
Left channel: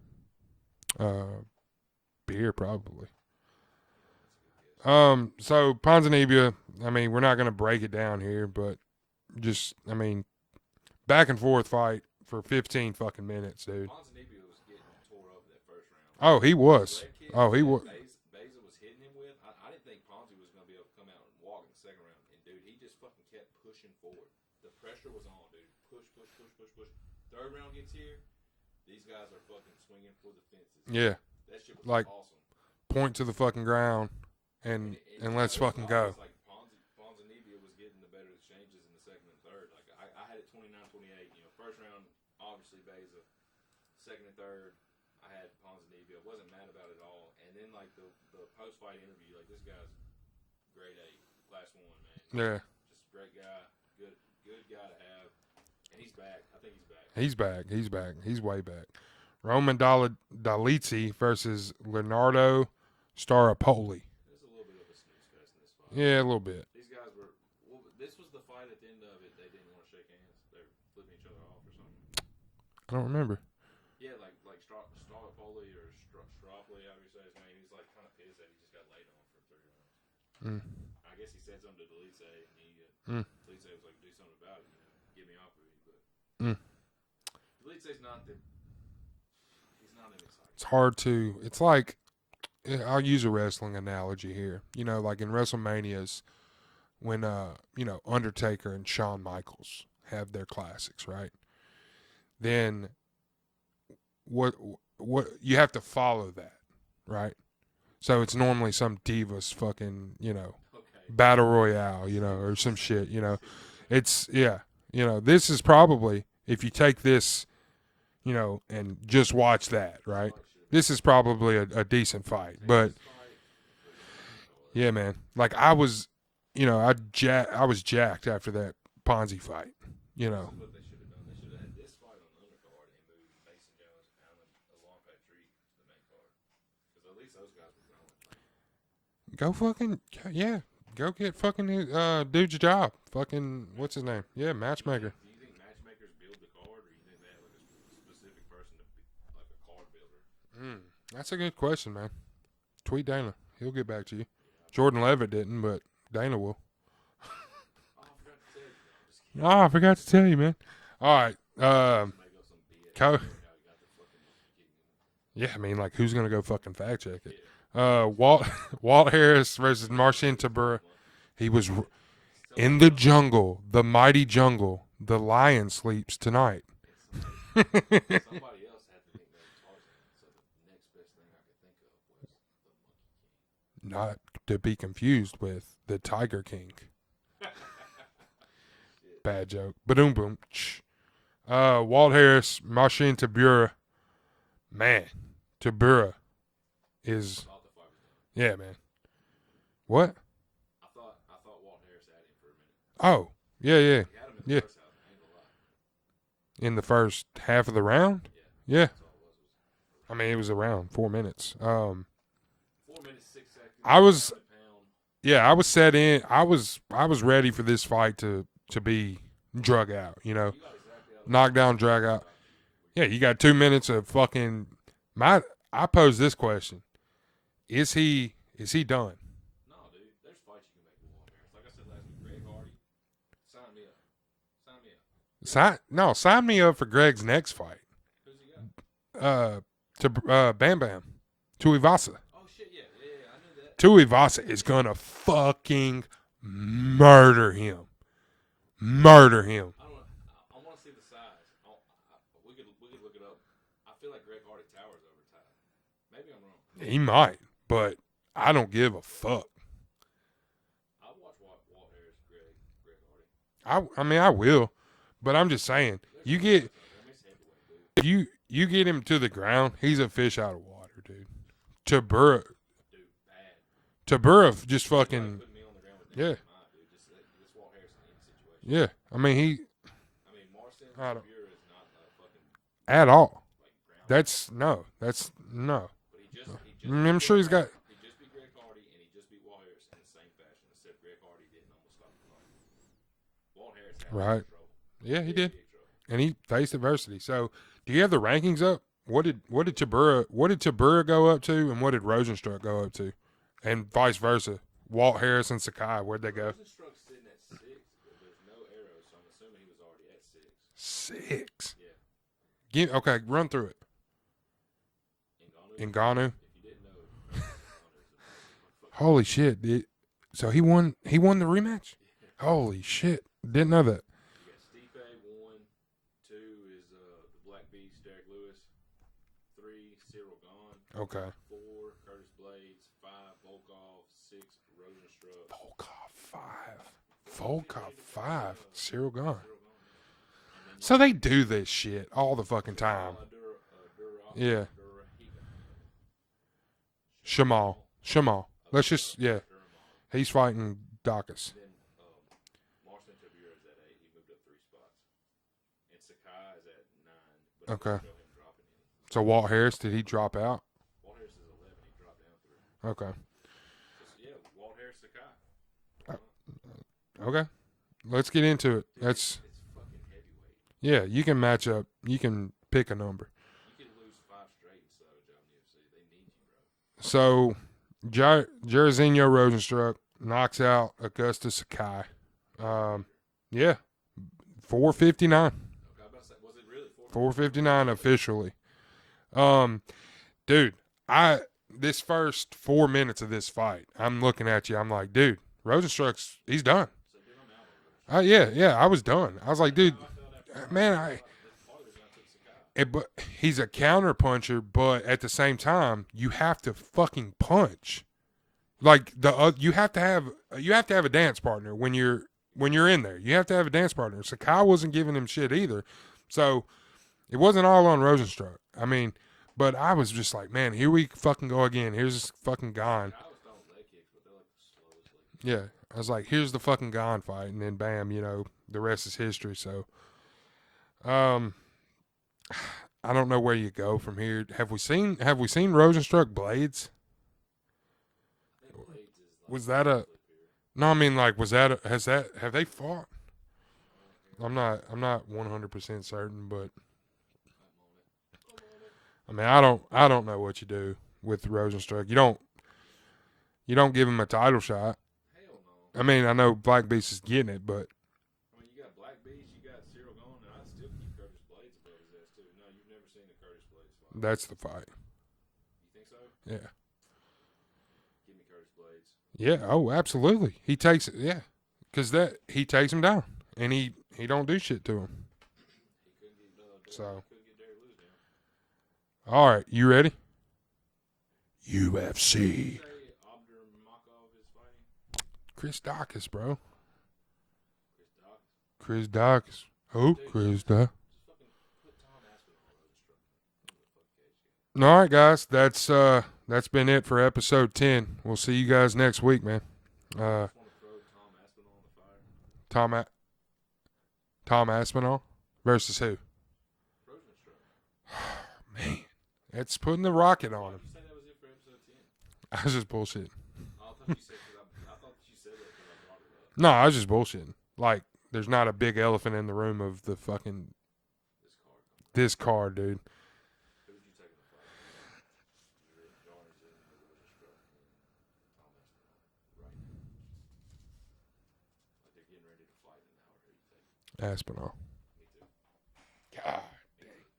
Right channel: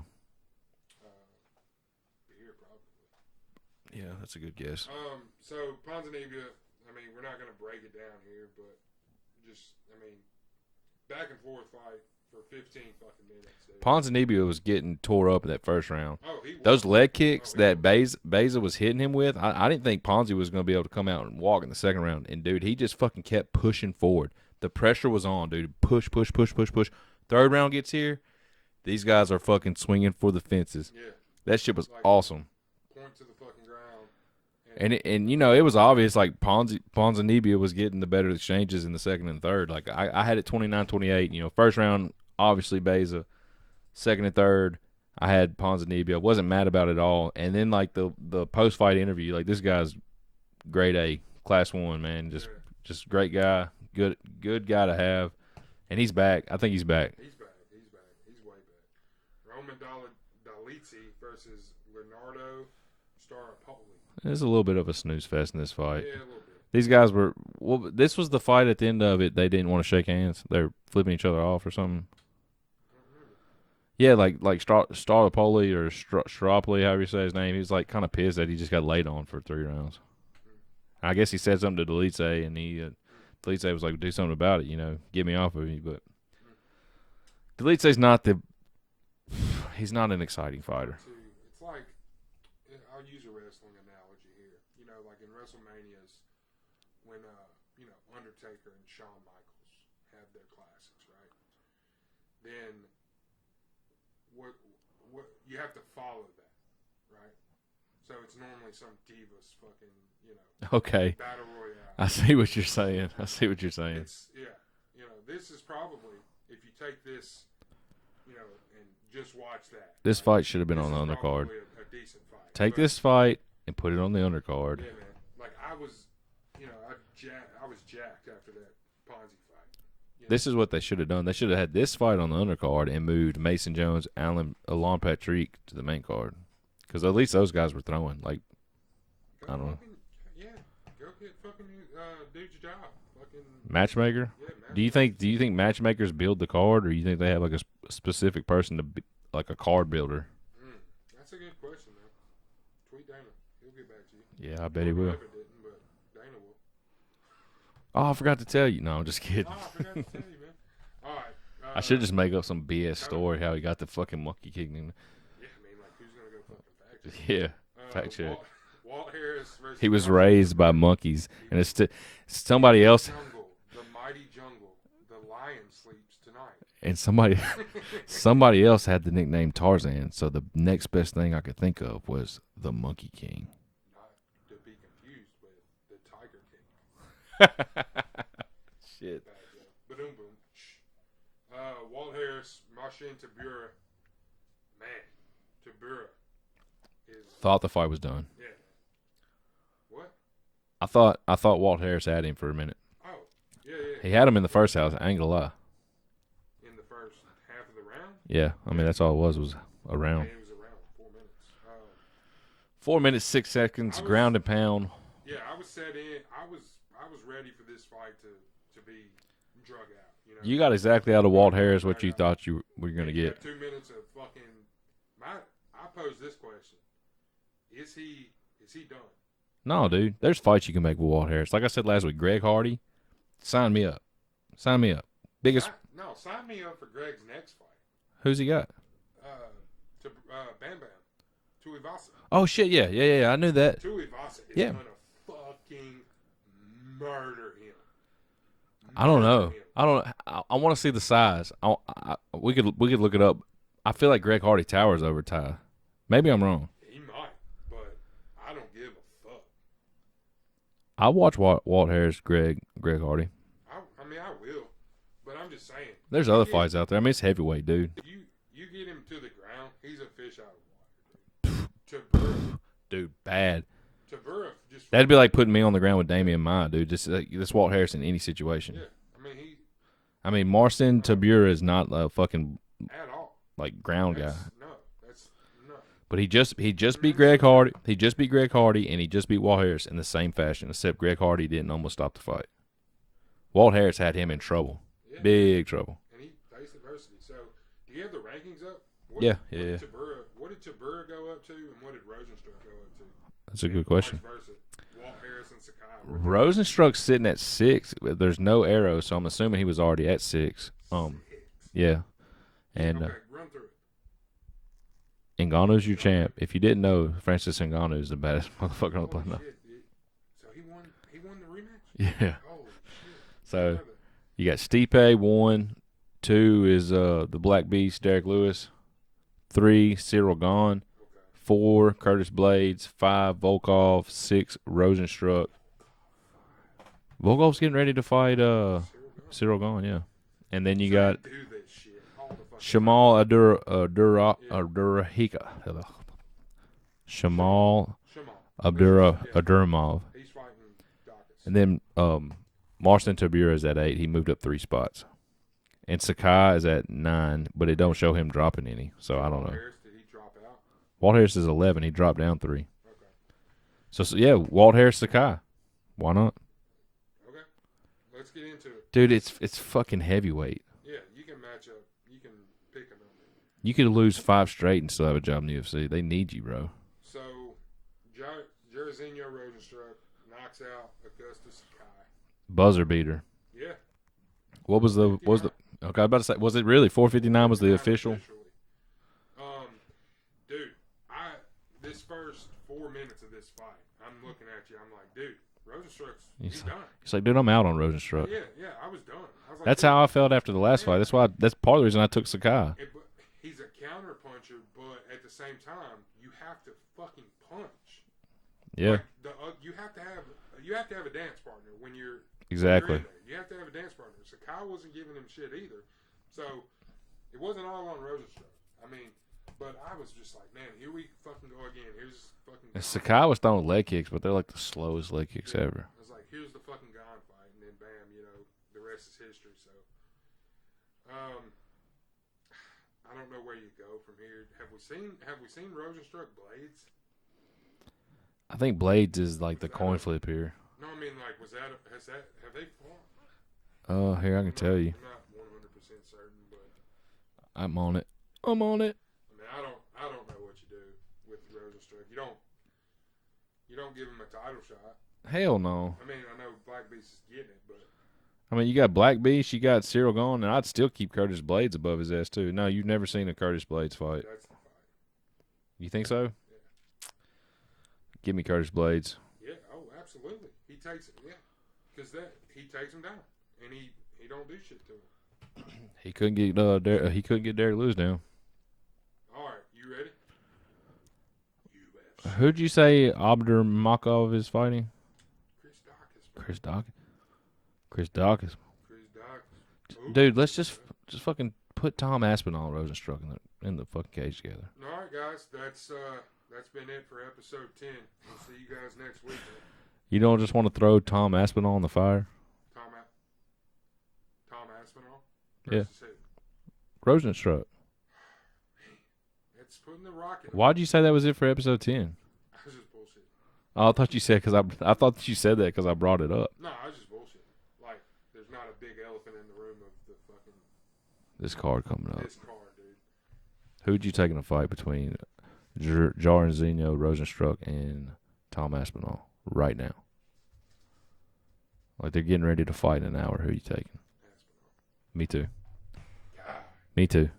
Beer probably. Yeah, that's a good guess. So Ponzinibbio, I mean, we're not gonna break it down here, but just, I mean, back and forth fight for 15 fucking minutes, dude. Ponzinibbio was getting tore up in that first round. Oh, he was. Those leg kicks Beza was hitting him with, I didn't think Ponzi was going to be able to come out and walk in the second round. And, dude, he just fucking kept pushing forward. The pressure was on, dude. Push. Third round gets here, these guys are fucking swinging for the fences. Yeah. That shit was like awesome. Point to the fucking ground. And you know, it was obvious, like, Ponzinibbio was getting the better exchanges in the second and third. Like, I had it 29-28. You know, first round, obviously Beza. Second and third, I had Ponzinibbio. I wasn't mad about it at all. And then, like, the post-fight interview, like, this guy's grade A, class 1, man. Just great guy, good guy to have. And he's back. I think he's back. He's back. He's way back. Roman Dolizzi versus Leonardo Staropoli. There's a little bit of a snooze fest in this fight. Yeah, a little bit. These guys were – well, this was the fight at the end of it. They didn't want to shake hands. They were flipping each other off or something. I don't remember. Yeah, like Staropoli or Staropoli, however you say his name. He was, like, kind of pissed that he just got laid on for 3 rounds. I guess he said something to Dolizzi, and Dolizzi was like, do something about it, you know, get me off of you. But Dolizzi's not the – he's not an exciting fighter. Hard to – it's like – I'll use a wrestling analogy here. You know, like in WrestleManias when, you know, Undertaker and Shawn Michaels have their classics, right? Then what you have to follow that, right? So it's normally some Divas fucking, you know, battle royale. I see what you're saying. Shit, you know? I see what you're saying. It's, yeah, you know, this is probably, if you take this, you know, and just watch that. This fight should have been. This is probably a decent fight. Take this fight and put it on the undercard. Yeah, man. Like I was, you know, I was jacked after that Ponzi fight. You know? This is what they should have done. They should have had this fight on the undercard and moved Mason Jones, Alan Patrick to the main card, because at least those guys were throwing. Like, go get fucking dude's job. Fucking matchmaker. Yeah, matchmaker. Do you think matchmakers build the card, or you think they have like a specific person to be like a card builder? That's a good question, man. Tweet Dana. He'll get back to you. Yeah, I bet Jordan Levitt didn't, but Dana will. Oh, I forgot to tell you. No, I'm just kidding. Oh, I forgot to tell you, man. All right. I should just make up some BS story how he got the fucking monkey kicking him. Yeah, I mean, like, who's going to go fucking fact check? Yeah. Walt Harris versus He was Marcin raised Tybura. by monkeys. He was somebody in the else. jungle, the mighty jungle. The lion sleeps tonight. And somebody else had the nickname Tarzan, so the next best thing I could think of was the Monkey King. Not to be confused with the Tiger King. Shit. Bad joke. Ba-doom boom. Walt Harris, Marcin Tybura. Man, Tybura is. Thought the fight was done. Yeah, man. What? I thought Walt Harris had him for a minute. Oh, yeah. He had him in the first house. I ain't gonna lie. in the first half of the round. Yeah, I mean, that's all it was a round. I mean, it was around 4 minutes. 4 minutes 6 seconds. Ground and pound. Yeah, I was set in. I was ready for this fight to be drug out. You know, you got exactly out of Walt Harris what you thought you were going to get. Yeah, you got 2 minutes of fucking. I pose this question: Is he done? No, dude. There's fights you can make with Walt Harris. Like I said last week, Greg Hardy, sign me up. Sign me up. Sign me up for Greg's next fight. Who's he got? Bam Bam. Tuivasa. Oh, shit, yeah. I knew that. Tuivasa is going to fucking murder him. Murder him. I don't know. I want to see the size. We could look it up. I feel like Greg Hardy towers over Ty. Maybe I'm wrong. He might, but I don't give a fuck. I watch Walt Harris, Greg Hardy. I mean, I will, but I'm just saying. There's other fights out there. I mean, it's heavyweight, dude. If you get him to the ground, he's a fish out of water, dude. Tibura. Dude, bad. Tibura just fucking. That'd be like putting me on the ground with Damian Maya, dude. Just this Walt Harris in any situation. Yeah. I mean, Marcin Tibura is not a fucking. At all. Like ground That's guy. No. But he just beat Greg Hardy. He just beat Greg Hardy, and he just beat Walt Harris in the same fashion, except Greg Hardy didn't almost stop the fight. Walt Harris had him in trouble. Yeah, big trouble. And he faced adversity. So, do you have the rankings up? What did Tibura go up to, and what did Rosenstruck go up to? That's a good question. Vice versa. Walt Harris and Sakai. Rosenstruck's sitting at 6. There's no arrow, so I'm assuming he was already at 6. 6. Yeah. Run through it. Ngannou's your champ. If you didn't know, Francis Ngannou is the baddest motherfucker. Holy shit! So he won. He won the rematch. Yeah. Holy shit! Didn't know that. You got Stipe 1, 2 is the Black Beast Derek Lewis, 3 Cyril Gane. Okay. 4 Curtis Blades, 5 Volkov, 6 Rosenstruck. Volkov's getting ready to fight Cyril Gane. Cyril Gane, yeah. And then so they do this shit all the fucking Shamal time. Abdurrahika. Shamal Abdurrahimov. He's fighting Dacus. And then Marcin Tibura is at 8. He moved up 3 spots. And Sakai is at 9, but it don't show him dropping any. So Walt Harris, did he drop out? Walt Harris is 11. He dropped down 3. Okay. So yeah, Walt Harris, Sakai. Why not? Okay. Let's get into it. Dude, it's fucking heavyweight. Yeah, you can match up. You can pick a number. You could lose 5 straight and still have a job in the UFC. They need you, bro. So, Jairzinho Rosenstruck knocks out Augusta Sakai. Buzzer beater. Yeah. What was 459. Okay, I was about to say, was it really 459 was the officially? Dude, this first 4 minutes of this fight, I'm looking at you. I'm like, dude, Rosenstruck's he's done. He's like, dude, I'm out on Rosenstruck. Yeah, I was done. I was like, that's dude, how I felt after the last fight. That's part of the reason I took Sakai. But he's a counter puncher, but at the same time, you have to fucking punch. Yeah. Like you have to have a dance partner when you're in there. You have to have a dance partner. Sakai wasn't giving him shit either, so it wasn't all on Rosenstruck. I mean. But I was just like, man, here we fucking go again. Here's this fucking Gane. Sakai was throwing leg kicks, but they're like the slowest leg kicks ever. I was like, here's the fucking Gane fight, and then bam, the rest is history. So, I don't know where you go from here. Have we seen Rosenstruck Blades? I think Blades is like the coin flip here. No, I mean like, have they fought? Oh, here I can tell you. I'm not 100% certain, but I'm on it. I mean, I don't know what you do with Rosenstruck. You don't give him a title shot. Hell no. I mean, I know Black Beast is getting it, but I mean, you got Black Beast, you got Cyril Gane, and I'd still keep Curtis Blades above his ass too. No, you've never seen a Curtis Blades fight. That's the fight. You think so? Yeah. Give me Curtis Blades. Yeah. Oh, absolutely. He takes it. Yeah, because he takes him down, and he don't do shit to him. He couldn't get Derek Lewis down. All right, you ready? UFC. Who'd you say Abdurrahimov is fighting? Chris Dacus, bro. Chris Dacus. Oh, dude, let's just fucking put Tom Aspinall and Rosenstruck in the fucking cage together. All right, guys, that's been it for episode 10. We'll see you guys next week, man. You don't just want to throw Tom Aspinall in the fire? Tom Aspinall versus who? Rosenstruck. Man, it's putting the rocket on. Why'd you say that was it for episode 10? I was just bullshitting. Oh, I thought you said I thought that you said that because I brought it up. No, I was just bullshitting. Like, there's not a big elephant in the room of the fucking This card coming up. this card, dude. Who'd you take in a fight between Jairzinho, Rosenstruck, and Tom Aspinall right now? Like, they're getting ready to fight in an hour. Who are you taking? Aspinall. Me too. God. Me too.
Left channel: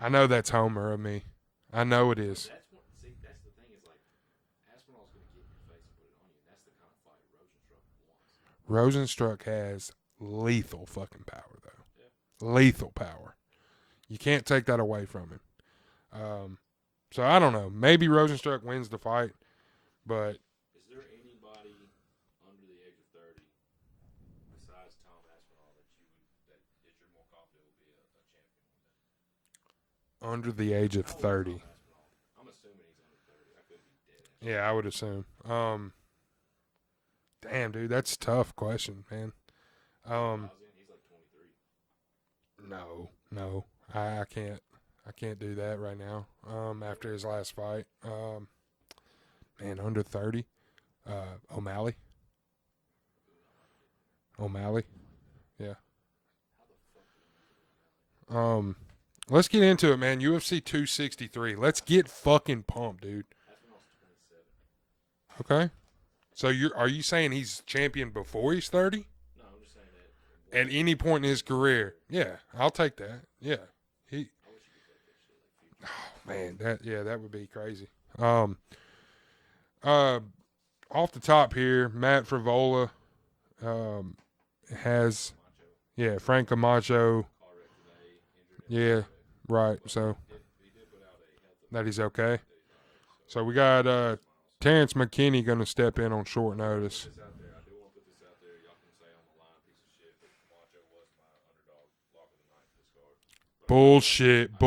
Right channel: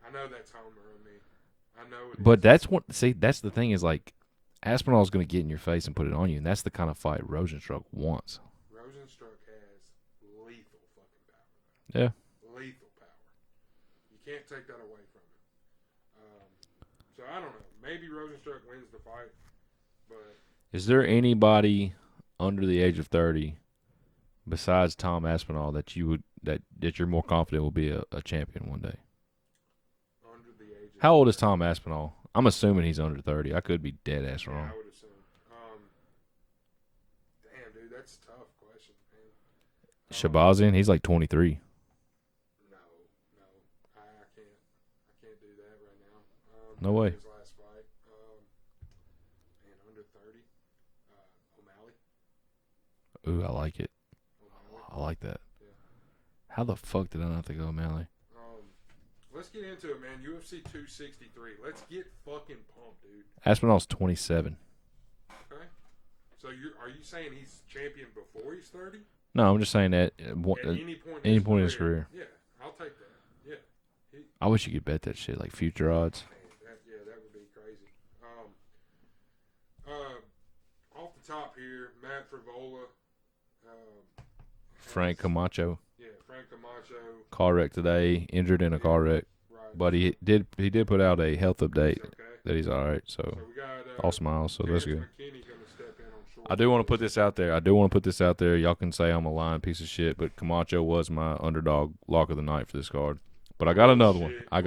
I know that's Homer of me. I know it is. But that's what. See, that's the thing is, like, Aspinall's going to get in your face and put it on you, and that's the kind of fight Rosenstruck wants. Rosenstruck has lethal fucking power, though. Yeah. Lethal power. You can't take that away from him. So I don't know. Maybe Rosenstruck wins the fight, but Is there anybody under the age of 30 besides Tom Aspinall that you're more confident will be a champion one day? under the age of How old 30. is Tom Aspinall? I'm assuming he's under 30. I could be dead ass wrong. Yeah, I would assume. Damn, dude, that's a tough question, man. Shabazian, he's like 23. No, I can't do that right now. No after way. his last fight, man, under 30, O'Malley. Ooh, I like it. O'Malley. I like that. Yeah. How the fuck did I not think of O'Malley? Let's get into it, man. UFC 263. Let's get fucking pumped, dude. Aspinall's 27. Okay. So are you saying he's champion before he's 30? No, I'm just saying that At any point in his career. Yeah, I'll take that. Yeah. I wish you could bet that shit, like future odds. Man, that would be crazy. Off the top here, Matt Frivola has Frank Camacho. Yeah, Frank Camacho. Car wreck today, injured in a car wreck. Right. But so he did put out a health update. that he's okay. That he's all right. So we got all smiles. So Terrence McKinney going to step in on short I do want to notice. put this out there. Y'all can say I'm a lying piece of shit, but Camacho was my underdog lock of the night for this card. But I got another one. I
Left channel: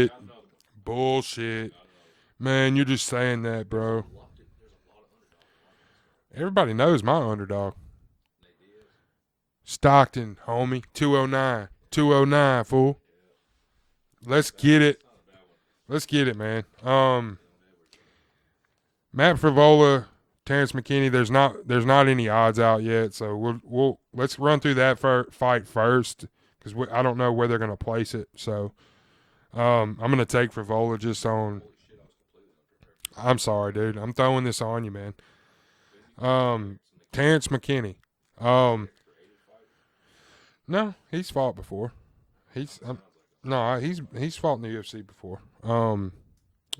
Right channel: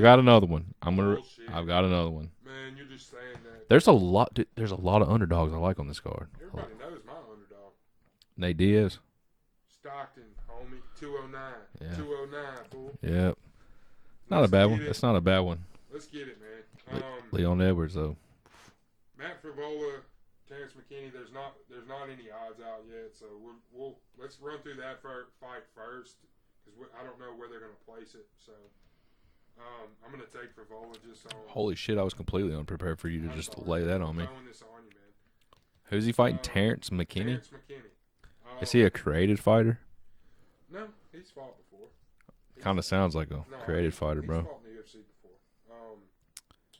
got another one. Bullshit. I got another one. Man, you're just saying that. There's bro. a lot. Dude, there's a lot of underdogs I like on this card. Everybody knows my underdog. Nate Diaz. Stockton, homie. 209. Yeah. 209, fool. Yep. Let's get it. It's not a bad one. Let's get it, man. Leon Edwards though. Matt Frivola, Terrence McKinney. There's not any odds out yet, so let's run through that fight first because I don't know where they're gonna place it. So I'm gonna take Frivola just on. Holy shit! I was completely unprepared for you. I'm sorry, dude. I'm throwing this on you, man. Who's he fighting? Terrence McKinney. Terrence McKinney. Is he a created fighter? No, he's fought before. Kind of sounds like a he's fighter, he's bro. fought in the UFC before.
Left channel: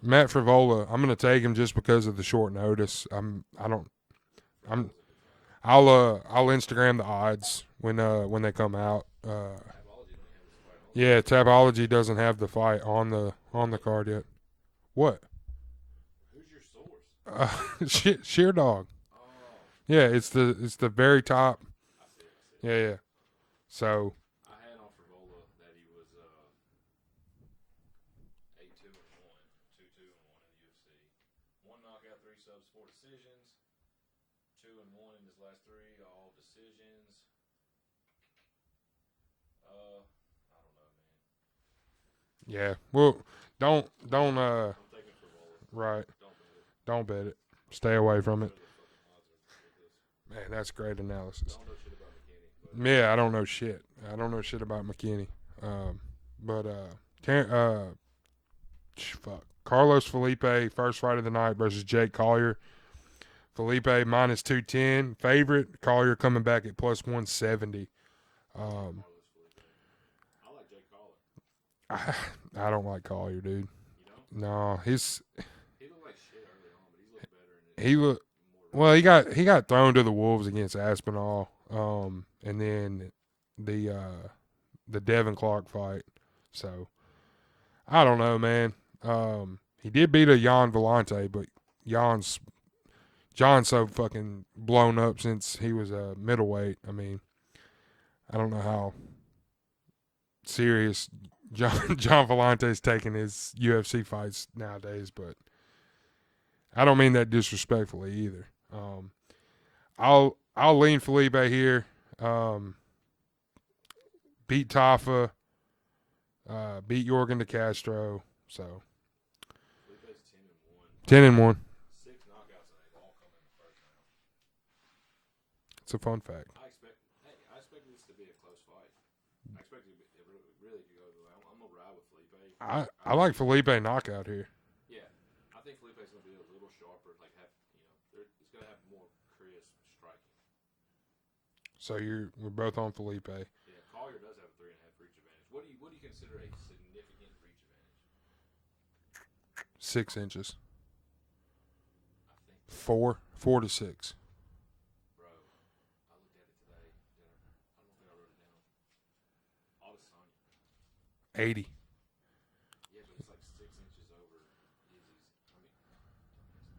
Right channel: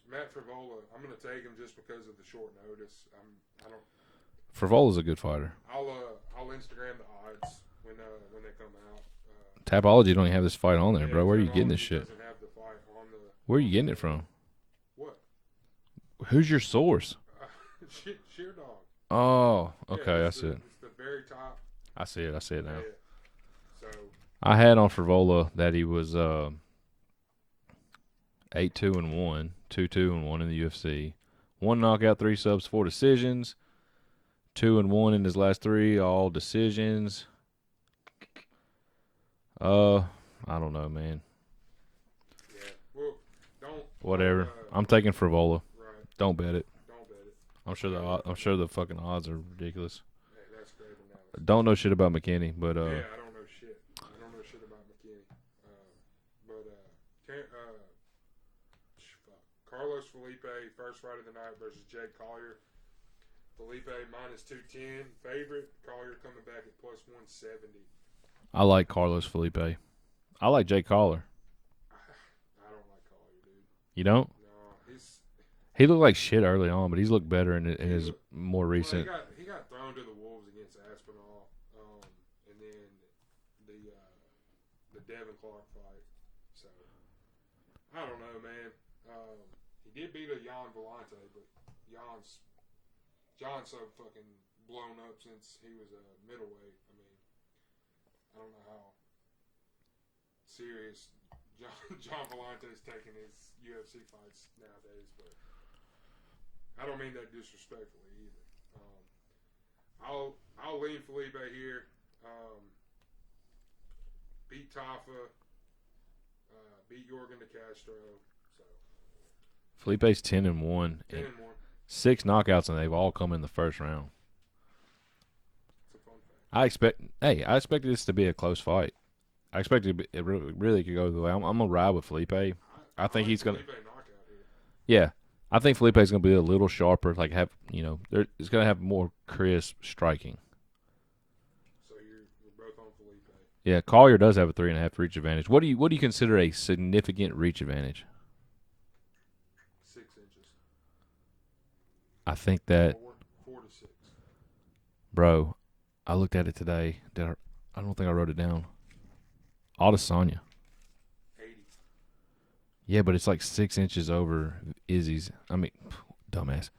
Matt Frivola, I'm gonna take him just because of the short notice. Frivola's a good fighter. I'll Instagram the odds when they come out. Tapology don't even have this fight on there. Yeah, bro. Tapology doesn't have the fight on the Where are on you the getting it card from? yet. What? Who's your source? Sheer Dog. Oh, Yeah, okay, it's the very top. I see it. Yeah. So I had on Frivola that he was 8-2-1, 2-2-1 in the UFC. 1 knockout, 3 subs, 4 decisions. 2-1 in his last 3, all decisions. I don't know, man. yeah, well, Whatever. don't. I'm taking Frivola. Right. Don't bet it. Don't bet it. I'm Stay away from I'm it. sure the fucking odds are ridiculous. Man, that's great analysis. Don't know shit about McKinney, but Yeah, I don't know shit. I don't know shit about McKinney. Carlos Felipe, first fight of the night versus Jake Collier. Felipe minus 210 favorite. Collier coming back at plus 170. I like Carlos Felipe. I like Jake Collier. I don't like Collier, dude. You don't? No, He looked like shit early on, but he's looked better in more recent. well. He got thrown to the wolves against Aspinall, and then the Devin Clark fight. So I don't know, man. He did beat a Jan Vellante, but John's so fucking blown up since he was a middleweight. I mean, I don't know how serious John Vellante's taking his UFC fights nowadays, but I don't mean that disrespectfully either. I'll lean Felipe here. Beat Tafa. Beat Jorgen de Castro. So Felipe's 10-1. 10-1. 6 knockouts, and they've all come in the first round. It's a fun fact. I expected this to be a close fight. I expected it really could go the way. I'm gonna ride with Felipe. I think like Felipe knockout here. Yeah, I think Felipe's gonna be a little sharper. Like it's gonna have more crisp striking. So we're both on Felipe. Yeah, Collier does have a 3.5 reach advantage. What do you consider a significant reach advantage? 6 inches. I think that 4 to 6. Bro, I looked at it today. I don't think I wrote it down. Adesanya. 80. Yeah, but it's like 6 inches over Izzy's. I mean, dumbass.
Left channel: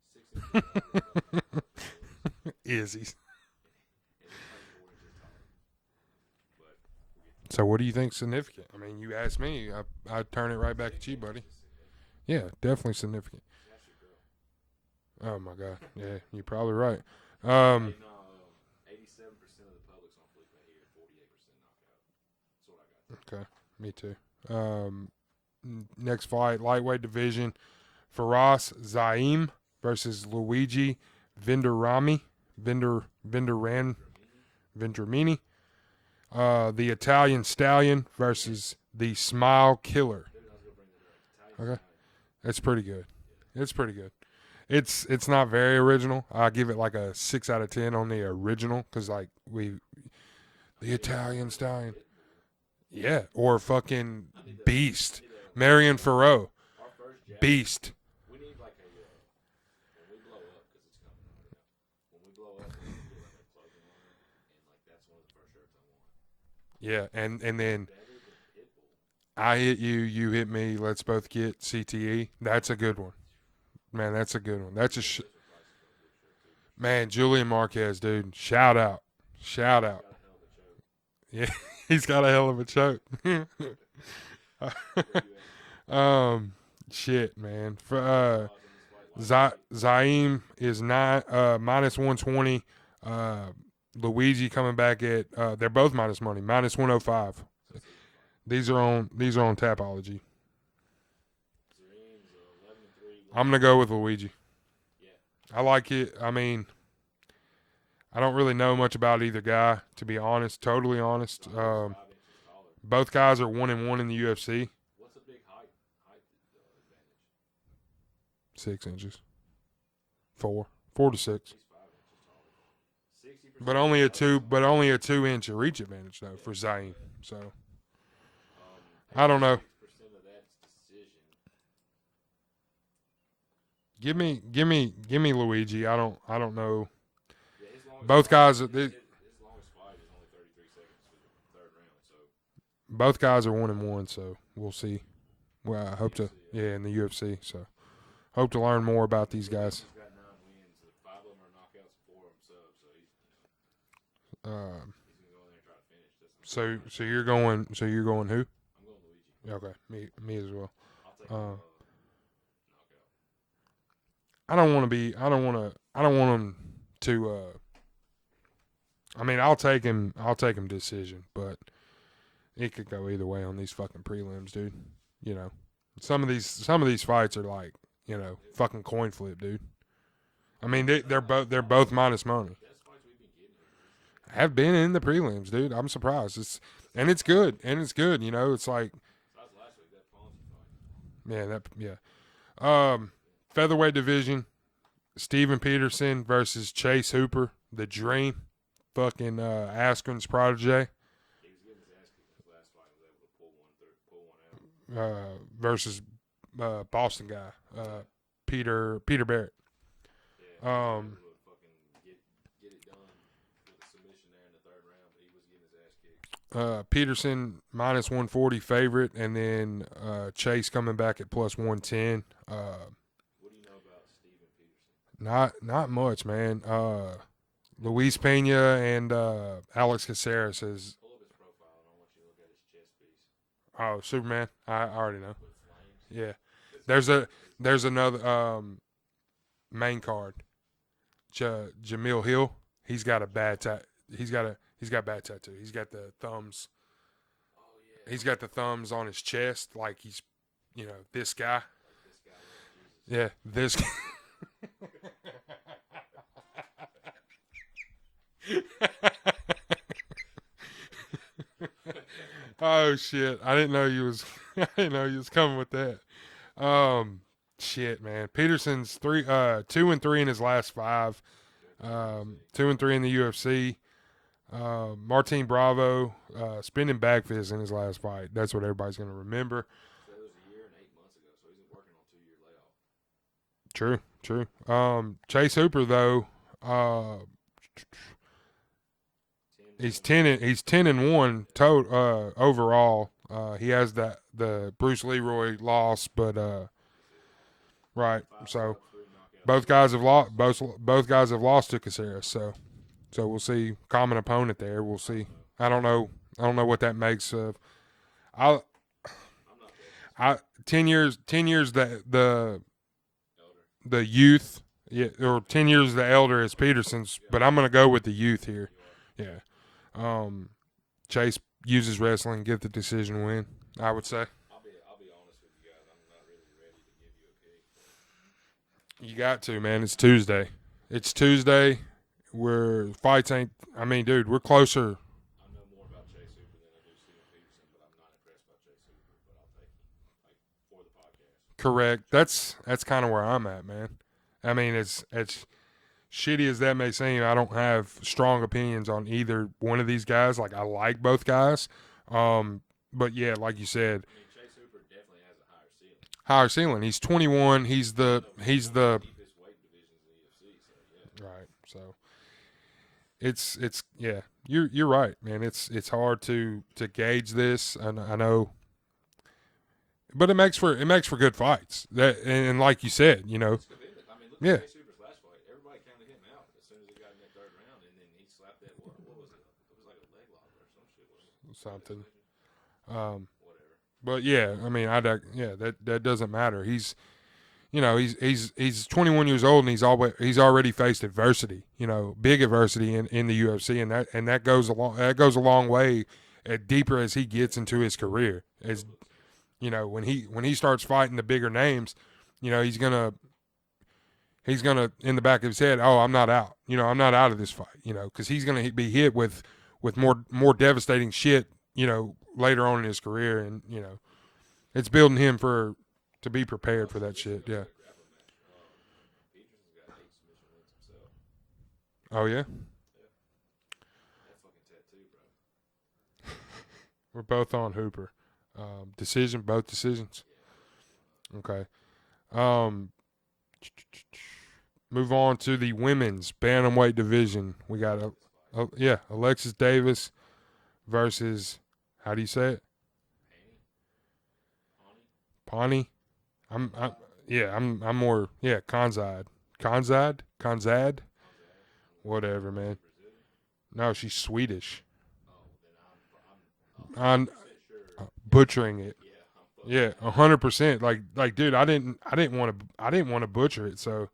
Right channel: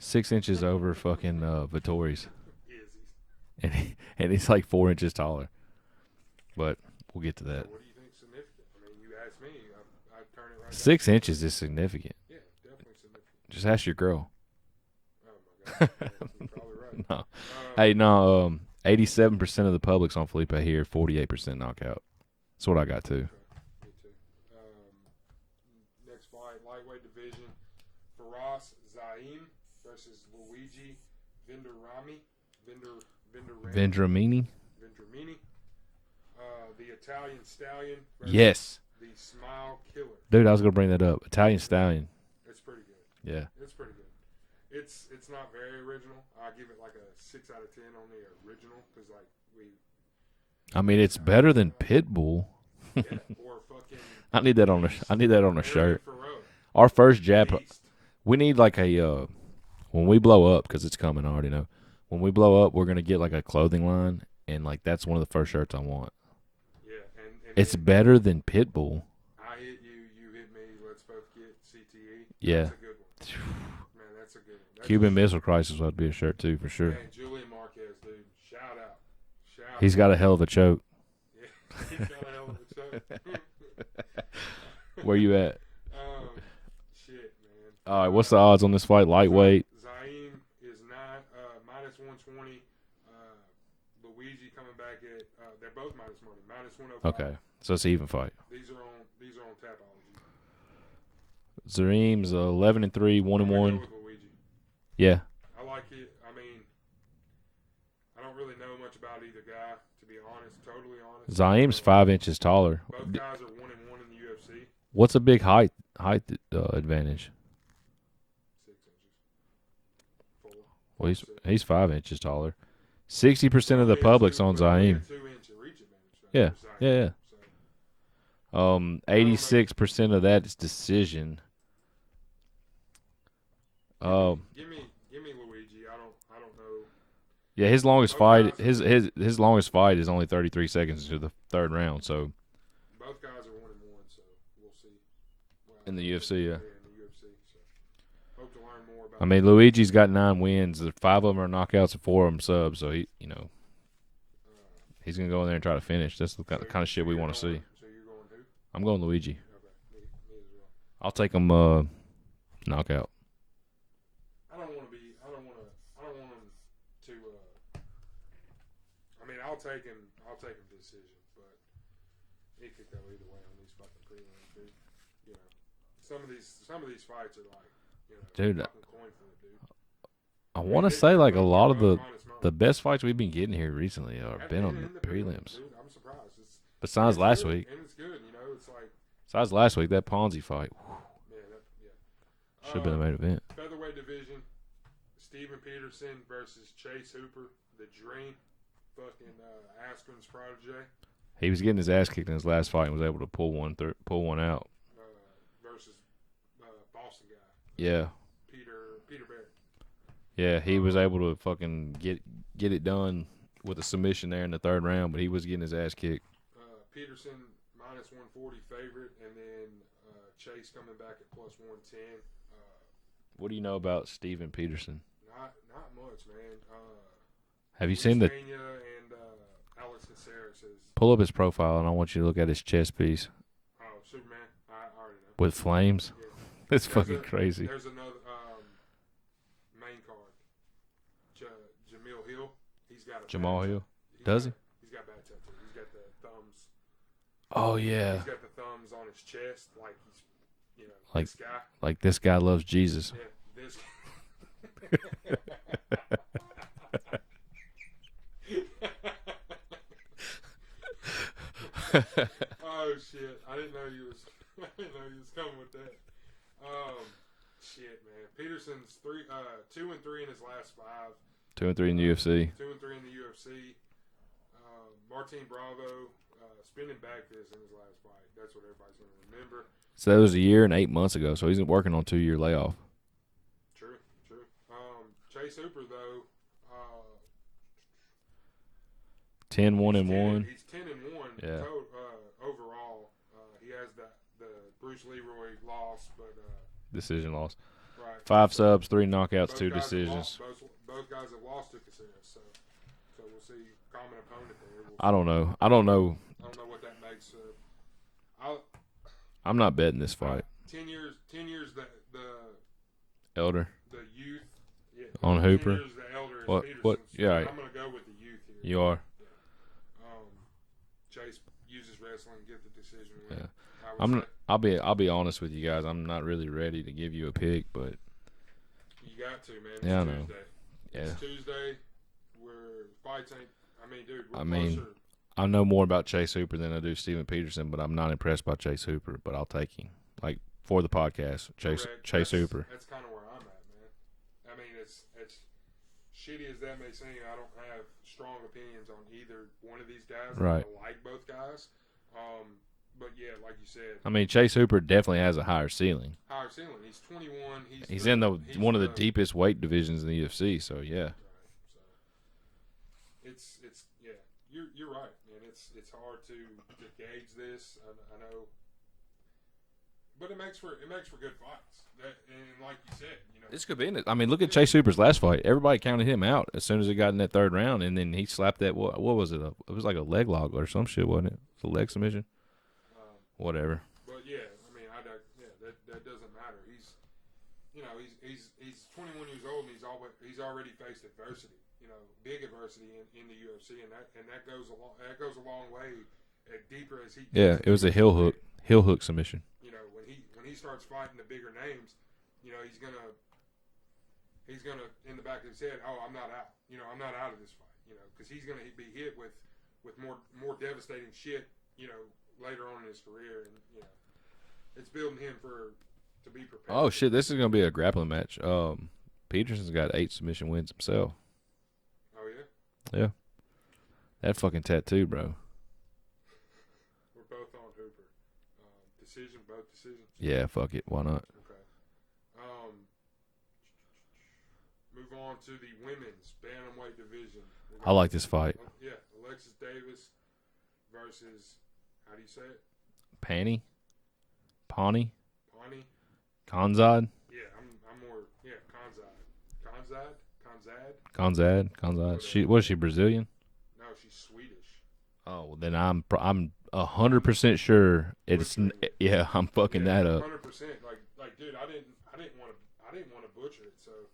6 inches over fucking Vittori's. Izzy's. And he's like 4 inches taller. But we'll get to that. So what do you think significant? I mean, you asked me. I turn it right back. 6 inches is significant. Yeah, definitely significant. Just ask your girl. Oh, my God. Yeah, you're probably right. No. 87% of the public's on Felipe here, 48% knockout. That's what I got, too. Okay, me too. Next fight, lightweight division. Faraz Zaim versus Luigi Vendramini. Vendramini. The Italian Stallion versus the Smile Killer. Dude, I was going to bring that up. Italian Stallion. It's pretty good. Yeah. It's pretty good. It's not very original. I give it like a 6 out of 10 on the original because like it's better than Pitbull. Yeah, or fucking. I need that Beast. on the Marion shirt. Farrow. Our first jab. Beast. We need like a when we blow up because it's coming. I already know. When we blow up, we're gonna get like a clothing line, and like that's one of the first shirts I want. Yeah, and it's then better than Pitbull. I hit you, you hit me. Let's both get CTE. That's a good one. Man, that's a good one. That's Cuban Missile Crisis would be a shirt too for sure. Man, Julian Marquez, dude, shout out. He's got a hell of a choke. Yeah, he's got a hell of a choke. Where you at? Shit, man. What's the odds on this fight? Lightweight. Zaim is minus 120. Luigi coming back at they're both minus money, minus 105. Okay. So it's an even fight. These are on Tapology. Zareem's 11-3, 1. I'm gonna go with Luigi. Yeah, I like it. I mean, I don't really know much about either guy, to be honest. Totally honest. Zaim's 5 inches taller. Both guys are 1-1 in the UFC. What's a big height advantage? 6 inches. 4 to 6. He's 5 inches taller. 60% of the public's on Zaim. But only a 2-inch reach advantage though for Zaim. Yeah. So 86% of that is decision. Give me Luigi. I don't know. Yeah, his longest both fight. Guys his longest fight is only 33 seconds into the third round. So both guys are 1-1. So we'll see. Well, in the UFC, in the UFC. So hope to learn more about. I mean, Luigi's got 9 wins. 5 of them are knockouts and 4 of them subs. So he's gonna go in there and try to finish. That's the kind of shit we want to see. So you're going who? I'm going Luigi. Okay, me as well. I'll take him knockout. I don't want him to. I mean, I'll take him decision, but it could go either way on these fucking prelims, dude. You know, some of these fights are like, dude, fucking coin flip, dude. I want to say like a lot of minus money. The best fights we've been getting here recently have been in the prelims, dude. I'm surprised. Besides last week, and it's good. It's like besides last week that Ponzi fight. Featherweight division. Steven Peterson versus Chase Hooper, the Dream, fucking Askren's protege. He was getting his ass kicked in his last fight and was able to pull one out. Versus Boston guy. Peter Barrett. Yeah, he was able to fucking get it done with a submission there in the third round, but he was getting his ass kicked. Peterson minus 140 favorite, and then Chase coming back at plus 110. What do you know about Steven Peterson? Not much, man. Have Luis Pena and Alex Caceres says. Pull up his profile, and I want you to look at his chest piece. Oh, Superman! I already know. With flames. Yeah, it's fucking crazy. There's another main card. Jamil Hill. He's got a bad tattoo. He's got a bad tattoo. He's got the thumbs. Oh yeah. He's got the thumbs on his chest, like he's, this guy. Like this guy loves Jesus. Yeah, this. Oh shit! I didn't know you was. I didn't know you was coming with that. Shit, man. Peterson's 2-3 in his last 5. 2-3 in the UFC. 2-3 in the UFC. Martin Bravo spinning back fist in his last fight. That's what everybody's gonna remember. So that was a year and 8 months ago. So he's working on 2-year layoff. True. Chase Hooper though. 10-1. He's 10-1 Yeah. overall. He has the Bruce Leroy loss, but decision loss. Right. 5 subs, 3 knockouts. Both 2 guys decisions. have lost. Both guys have lost to Caceres. So we'll see. Common opponent there. We'll see. I don't know. I don't know. I don't know what that makes of. I'm not betting this fight. 10 years. The elder. The youth. Yeah. Or 10 Hooper. years the elder is Peterson's. Yeah. But I'm gonna go with the youth here. You are. Yeah. Chase uses wrestling, get the decision win. I would say. I'll be honest with you guys. I'm not really ready to give you a pick, but you got to, man. It's Tuesday. It's Tuesday. Fights ain't. I mean, dude, we're closer. I know more about Chase Hooper than I do Steven Peterson, but I'm not impressed by Chase Hooper. But I'll take him, like, for the podcast. Correct. Chase Hooper. That's kind of where I'm at, man. I mean, it's shitty as that may seem. I don't have strong opinions on either one of these guys. Like, right. I like both guys. But yeah, like you said, I mean, Chase Hooper definitely has a higher ceiling. Higher ceiling. He's 21. He's in one of the deepest weight divisions in the UFC. So yeah. Right. So it's yeah. You're right, man. It's hard to gauge this. I know, but it makes for good fights. And like you said, this could be in it. I mean, look at Chase Hooper's last fight. Everybody counted him out as soon as he got in that 3rd round, and then he slapped that. What was it? It was like a leg lock or some shit, wasn't it? It was a leg submission. Whatever. But yeah, I mean, that doesn't matter. He's 21 years old, and he's already faced adversity. Big adversity in the UFC, and that goes a long way. Deeper as he gets into his career. Heel hook submission. When he starts fighting the bigger names, he's gonna in the back of his head, oh, I'm not out. I'm not out of this fight. Because he's gonna be hit with more devastating shit. Later on in his career, and it's building him to be prepared. Oh for shit! that This is gonna be a grappling match. Peterson's got 8 submission wins himself. Oh yeah. Yeah. That fucking tattoo, bro. We're both on Hooper. Both decisions. Yeah, fuck it. Why not? Okay. Move on to the women's bantamweight division. We got. I like this fight. Alexis Davis versus. How do you say it? Pawnee. Konzad. I'm more. Yeah, Konzad. Whatever. Was she Brazilian? No, she's Swedish. Oh, well, then I'm 100% sure butchering it. Yeah, I'm fucking that up. 100%. Like, dude, I didn't want to butcher it. So,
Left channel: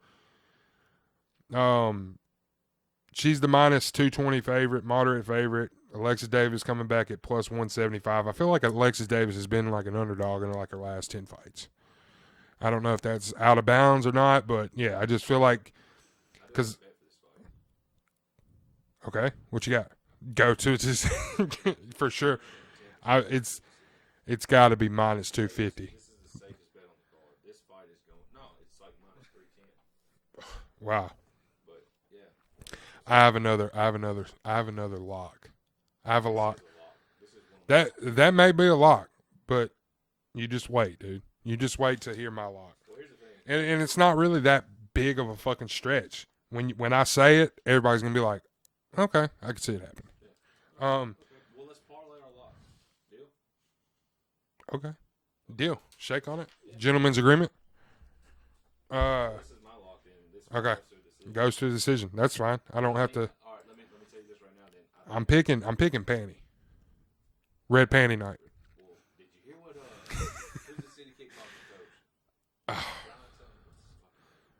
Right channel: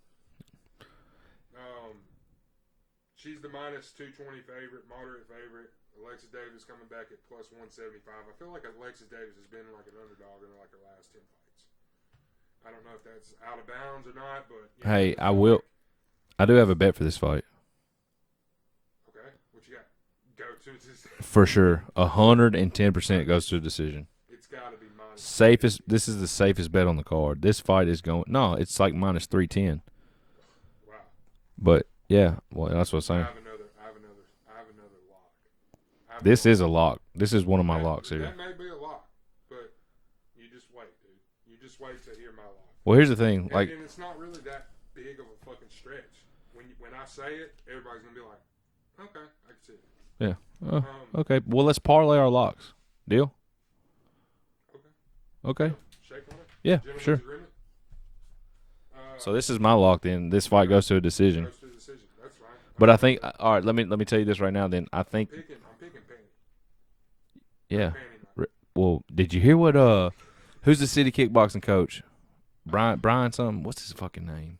she's the minus 220 favorite, moderate favorite. Alexis Davis coming back at plus 175. I feel like Alexis Davis has been like an underdog in like her last 10 fights. I don't know if that's out of bounds or not, but yeah, hey, I just feel like I do have a bet for this fight. Okay, what you got? Go to decision for sure. 110% goes to a decision. It's got to be minus safest. 250. This is the safest bet on the card. This fight is going. No, it's like minus 310. Wow. But yeah, well, that's what I'm saying. I have another lock. This is a lock. This is one of my locks. That may be a lock, but you just wait, dude. You just wait to hear my lock. Well, here's the thing, and it's not really that big of a fucking stretch. When I say it, everybody's gonna be like, "Okay, I can see it happen." Yeah. Okay. Well, let's parlay our locks. Deal. Okay. Deal. Shake on it. Yeah. Gentleman's agreement. So this is my lock. Then this fight goes to a decision. Goes to a decision. That's fine. But I think all right. Let me tell you this right now. Then I think I'm picking Panty. Red Panty night. Well, did you hear what? Who's the city kickboxing coach? Brian something. What's his fucking name?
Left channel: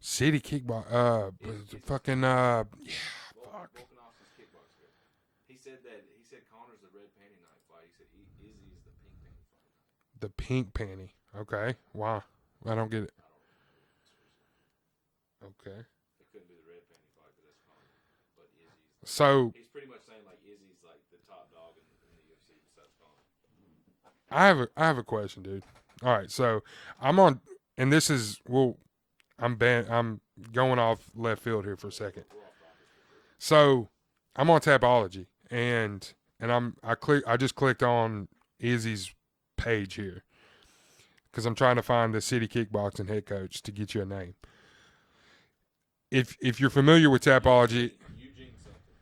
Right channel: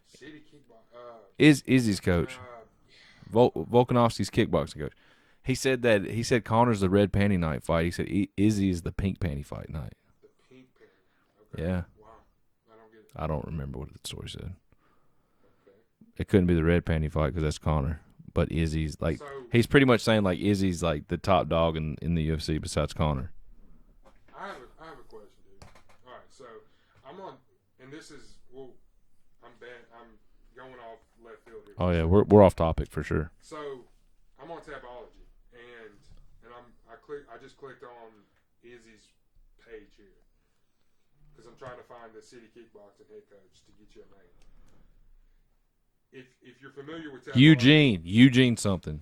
City kickboxing. Izzy's coach. Volkanovski's kickboxing coach. He said Connor's the red panty night fight. He said Izzy is the pink panty fight night. The pink panty. Okay. Yeah. Why? I don't get it. I don't remember what the story said. Okay. It couldn't be the red panty fight because that's Connor. But Izzy's like, so he's pretty much saying like Izzy's like the top dog in the UFC besides Connor. I have a question, dude. All right, so I'm on, and this is I'm going off left field here. For a second. we're off topic for sure. So I'm on Tapology, and I just clicked on Izzy's page here because I'm trying to find the City Kickboxing head coach to get you a name. If you're familiar with Tapology, Eugene something.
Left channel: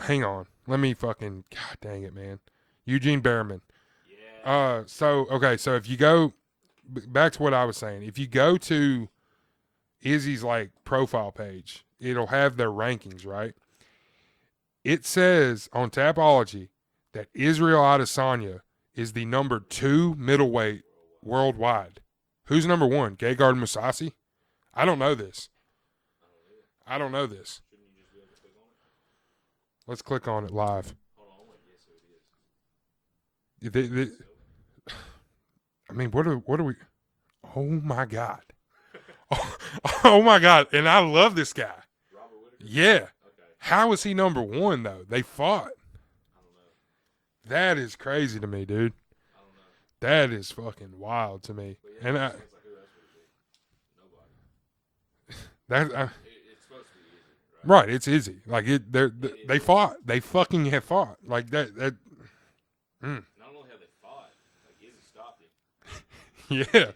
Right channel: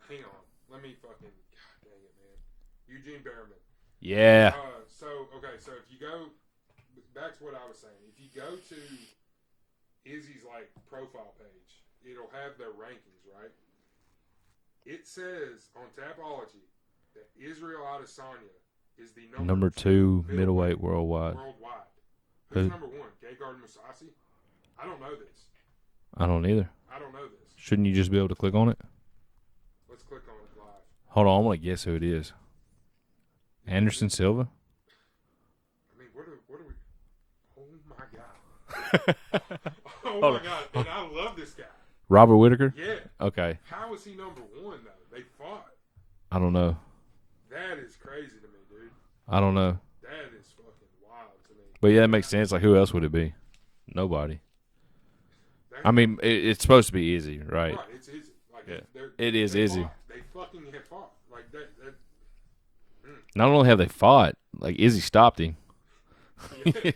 Hang on, let me fucking God dang it, man. Eugene Behrman. Yeah. So if you go back to what I was saying, if you go to Izzy's like profile page, it'll have their rankings, right? It says on Tapology that Israel Adesanya is the number two middleweight worldwide. Who's number one? Gegard Mousasi? I don't know this. I don't either. I don't know this. Shouldn't you just be able to click on it? Let's click on it live. Hold on, I want to guess who it is. Anderson Silva? I mean, what are we? Oh my God! oh my God! And I love this guy, Robert Whitaker. Yeah. Okay. How is he number one though? They fought. I don't know. That is crazy to me, dude. I don't know. That is fucking wild to me. But yeah, that makes sense. Like, who else would it be? Nobody. I mean, it's supposed to be easy, right? Right. It's easy. Like it is. They easy. fought. They fucking have fought. Like that. Not only have they fought, like Izzy stopped him. Yeah.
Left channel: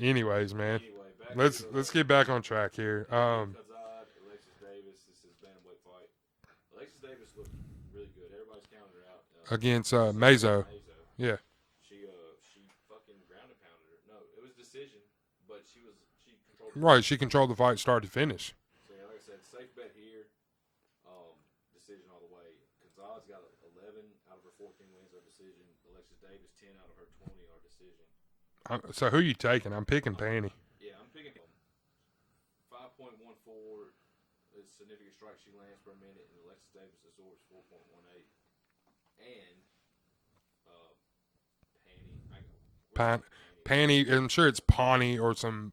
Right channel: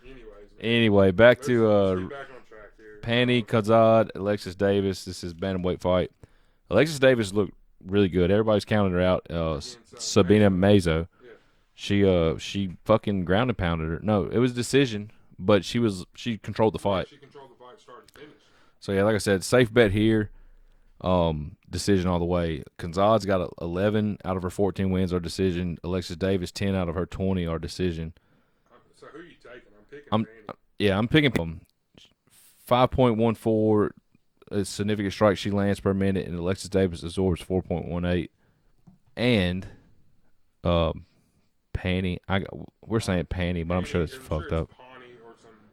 Anyways, man. Anyway, let's get back on track here. Panty, Kazad, Alexis Davis. This is bantamweight fight. Alexis Davis looked really good. Everybody's counting her out. Against Sabina Mazo. Yeah. She fucking ground and pounded her. No, it was a decision, but she controlled the fight. Right, she controlled the fight start to finish. So yeah, like I said, safe bet here. Decision all the way. Kazad's got 11 out of her 14 wins are decision. Alexis Davis 10 out of her 20 are decision. So who are you taking? I'm picking Panty. Yeah, I'm picking 5.14 significant strikes she lands per minute, and Alexis Davis absorbs 4.18. And Panty, we're saying Panty. Panty, I'm sure it's Pawnee or some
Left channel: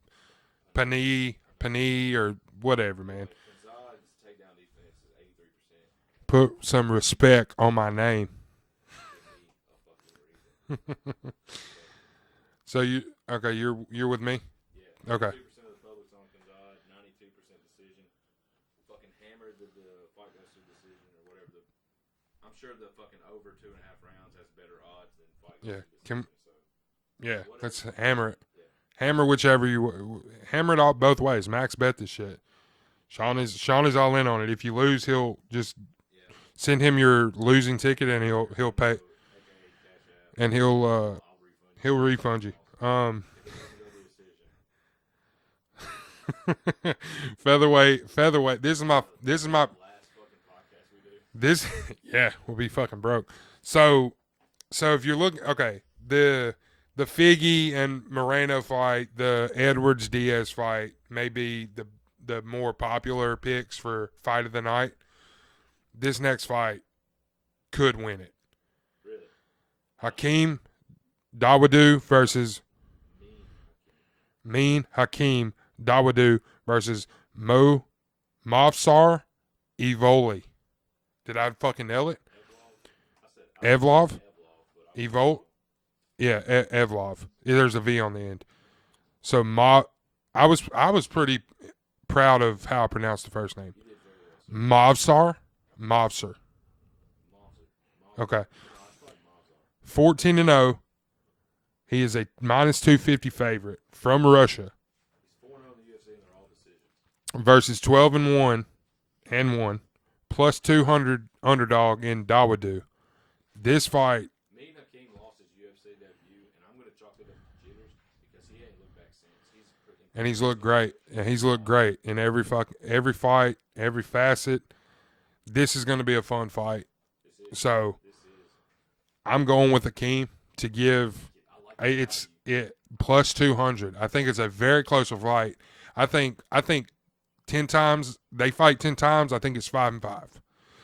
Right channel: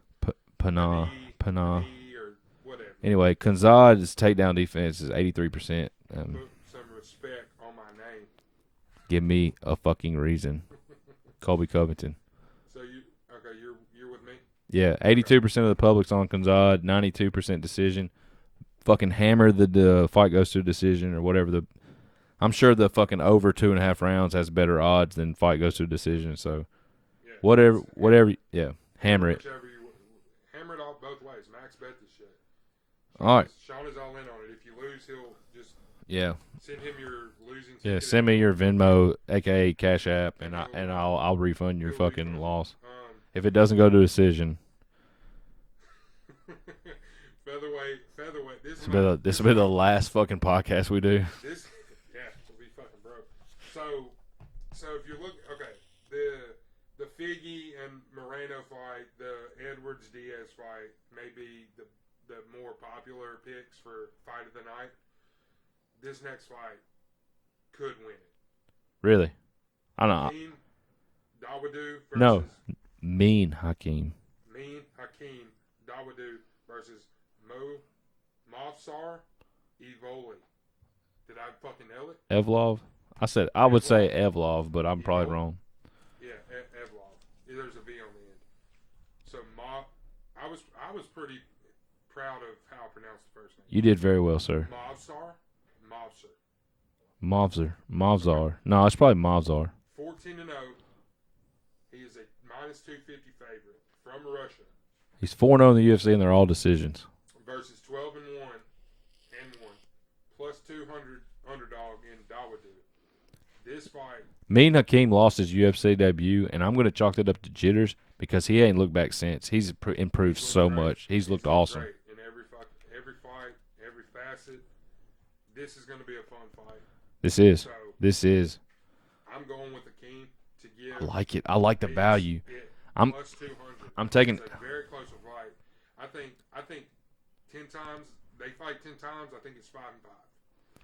Panee or whatever. Anyway, Kazad's takedown defense is 83%. Put some respect on my name. Give me a fucking reason. Colby Covington. So you're with me? Yeah, 82% of the public's on Kazad, 92% decision. Fucking hammer the fight goes to a decision or whatever. I'm sure the fucking over 2.5 rounds has better odds than fight goes to a decision. So yeah, whatever. Yeah, hammer whichever you hammer it all both ways. Max bet this shit. Sean is all in on it. If you lose, he'll just send him your losing ticket. Send me your Venmo, aka Cash App, and I'll refund you. He'll fucking refund loss. You. If it doesn't go to decision. Featherweight. This is the last fucking podcast we do. We'll be fucking broke. So if you're looking, the Figgy and Moreno fight, the Edwards Diaz fight, may be the more popular picks for fight of the night. This next fight could win it. Really? Hakeem Dawodu versus Mean Hakeem Dawodu versus Movsar Evoli. Did I fucking nail it? Evlov? I would say Evlov, but I'm probably wrong. Yeah, Evlov. There's a V on the end. So I was pretty proud of how I pronounced the first name. You did very well, sir. Movsar. Movsar. Okay. No, it's probably Movsar. 14-0. He is a -250 favorite from Russia. He's 4-0 in the UFC, and they're all decisions. Versus 12-1 and 1, plus 200 underdog in Dawodu. This fight. Mean Hakeem lost his UFC debut, and I'm going to chalk that up to jitters because he ain't looked back since. He's improved so much. He's looked great in every fight, every facet. This is going to be a fun fight. This is. I'm going with Hakeem to give. I like it. I like the value. Plus 200. I think it's a very close fight. I think 10 times. They fight 10 times. I think it's 5-5.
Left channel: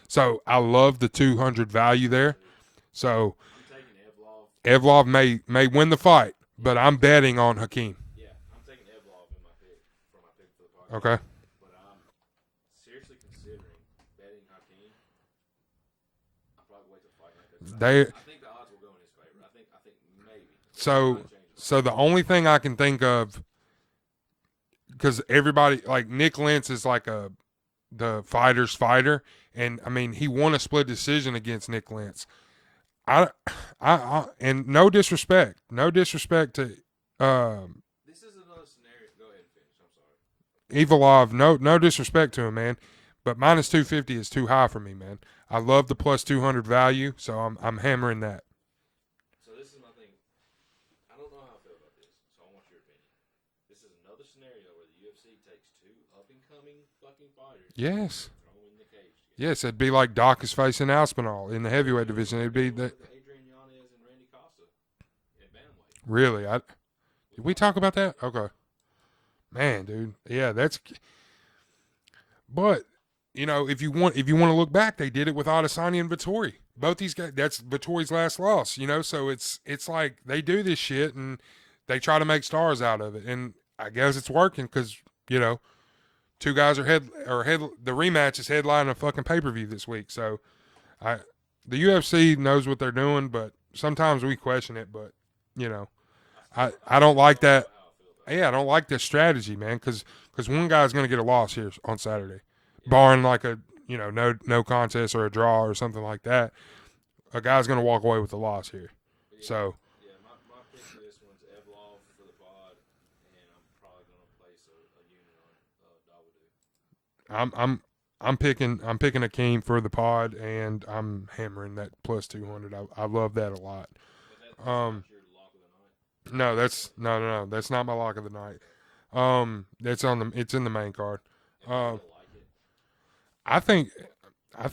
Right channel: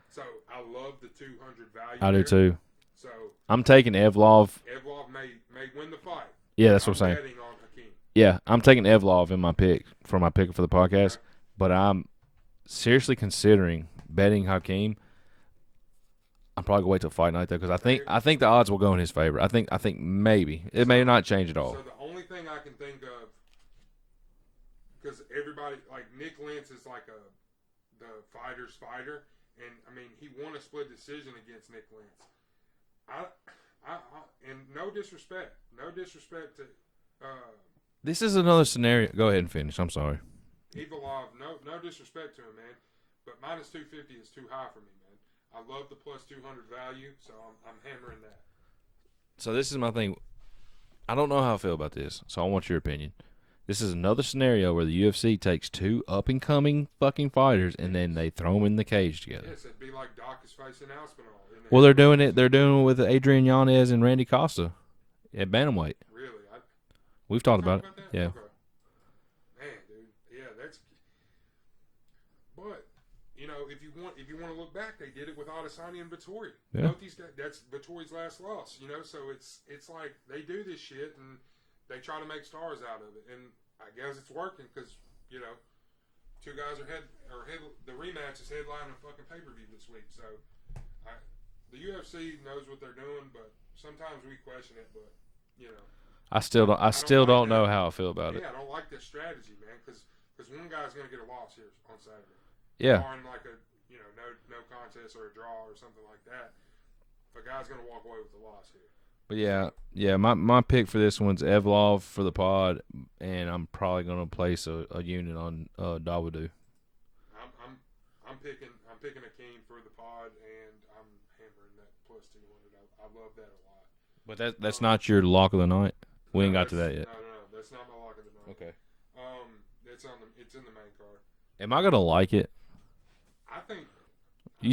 So I love the 200 value there. I do too. So I'm taking Evlov. Evlov may win the fight, but I'm saying. betting on Hakeem. Yeah, I'm taking Evlov in my pick for the podcast. Okay. But I'm seriously considering betting Hakeem. I'm probably gonna wait till fight night though, because I think the odds will go in his favor. I think maybe it may not change at all. So the only thing I can think of, because everybody like Nick Lentz is like the fighter's fighter, and I mean he won a split decision against Nick Lentz. I and no disrespect to this is another scenario. Go ahead and finish. I'm sorry. Evlov, no disrespect to him, man, but minus 250 is too high for me, man. I love the plus 200 value, so I'm hammering that. So this is my thing. I don't know how I feel about this, so I want your opinion. This is another scenario where the UFC takes two up-and-coming fucking fighters and then they throw them in the cage together. Yes, it'd be like Doc is facing Aspinall in the Well, they're doing it. They're doing it with Adrian Yanez and Randy Costa at bantamweight. Really? We talk about that? Yeah. Okay. Man, dude. Yeah, that's. But you know, if you want to look back, they did it with Adesanya and Vettori. Yeah. Both these guys. That's Vettori's last loss. You know, so it's like they do this shit and they try to make stars out of it, and I guess it's working because you know, two guys are head. The rematch is headlining a fucking pay-per-view this week. So, the UFC knows what they're doing, but sometimes we question it. But you know. I still don't know how I feel about it. Yeah, I don't like this strategy, man, because one guy's going to get a loss here on Saturday. Yeah. Barring like a, you know, no contest or a draw or something like that. A guy's going to walk away with a loss here. But yeah, my pick for this one's Evlov for the pod, and I'm probably going to place a unit on Dawodu. I'm picking Hakeem for the pod, and I'm hammering that plus 200. I love that a lot. But that's not your lock of the night. No, that's not my lock of the night. Okay. It's in the main card. Am I gonna like it? I think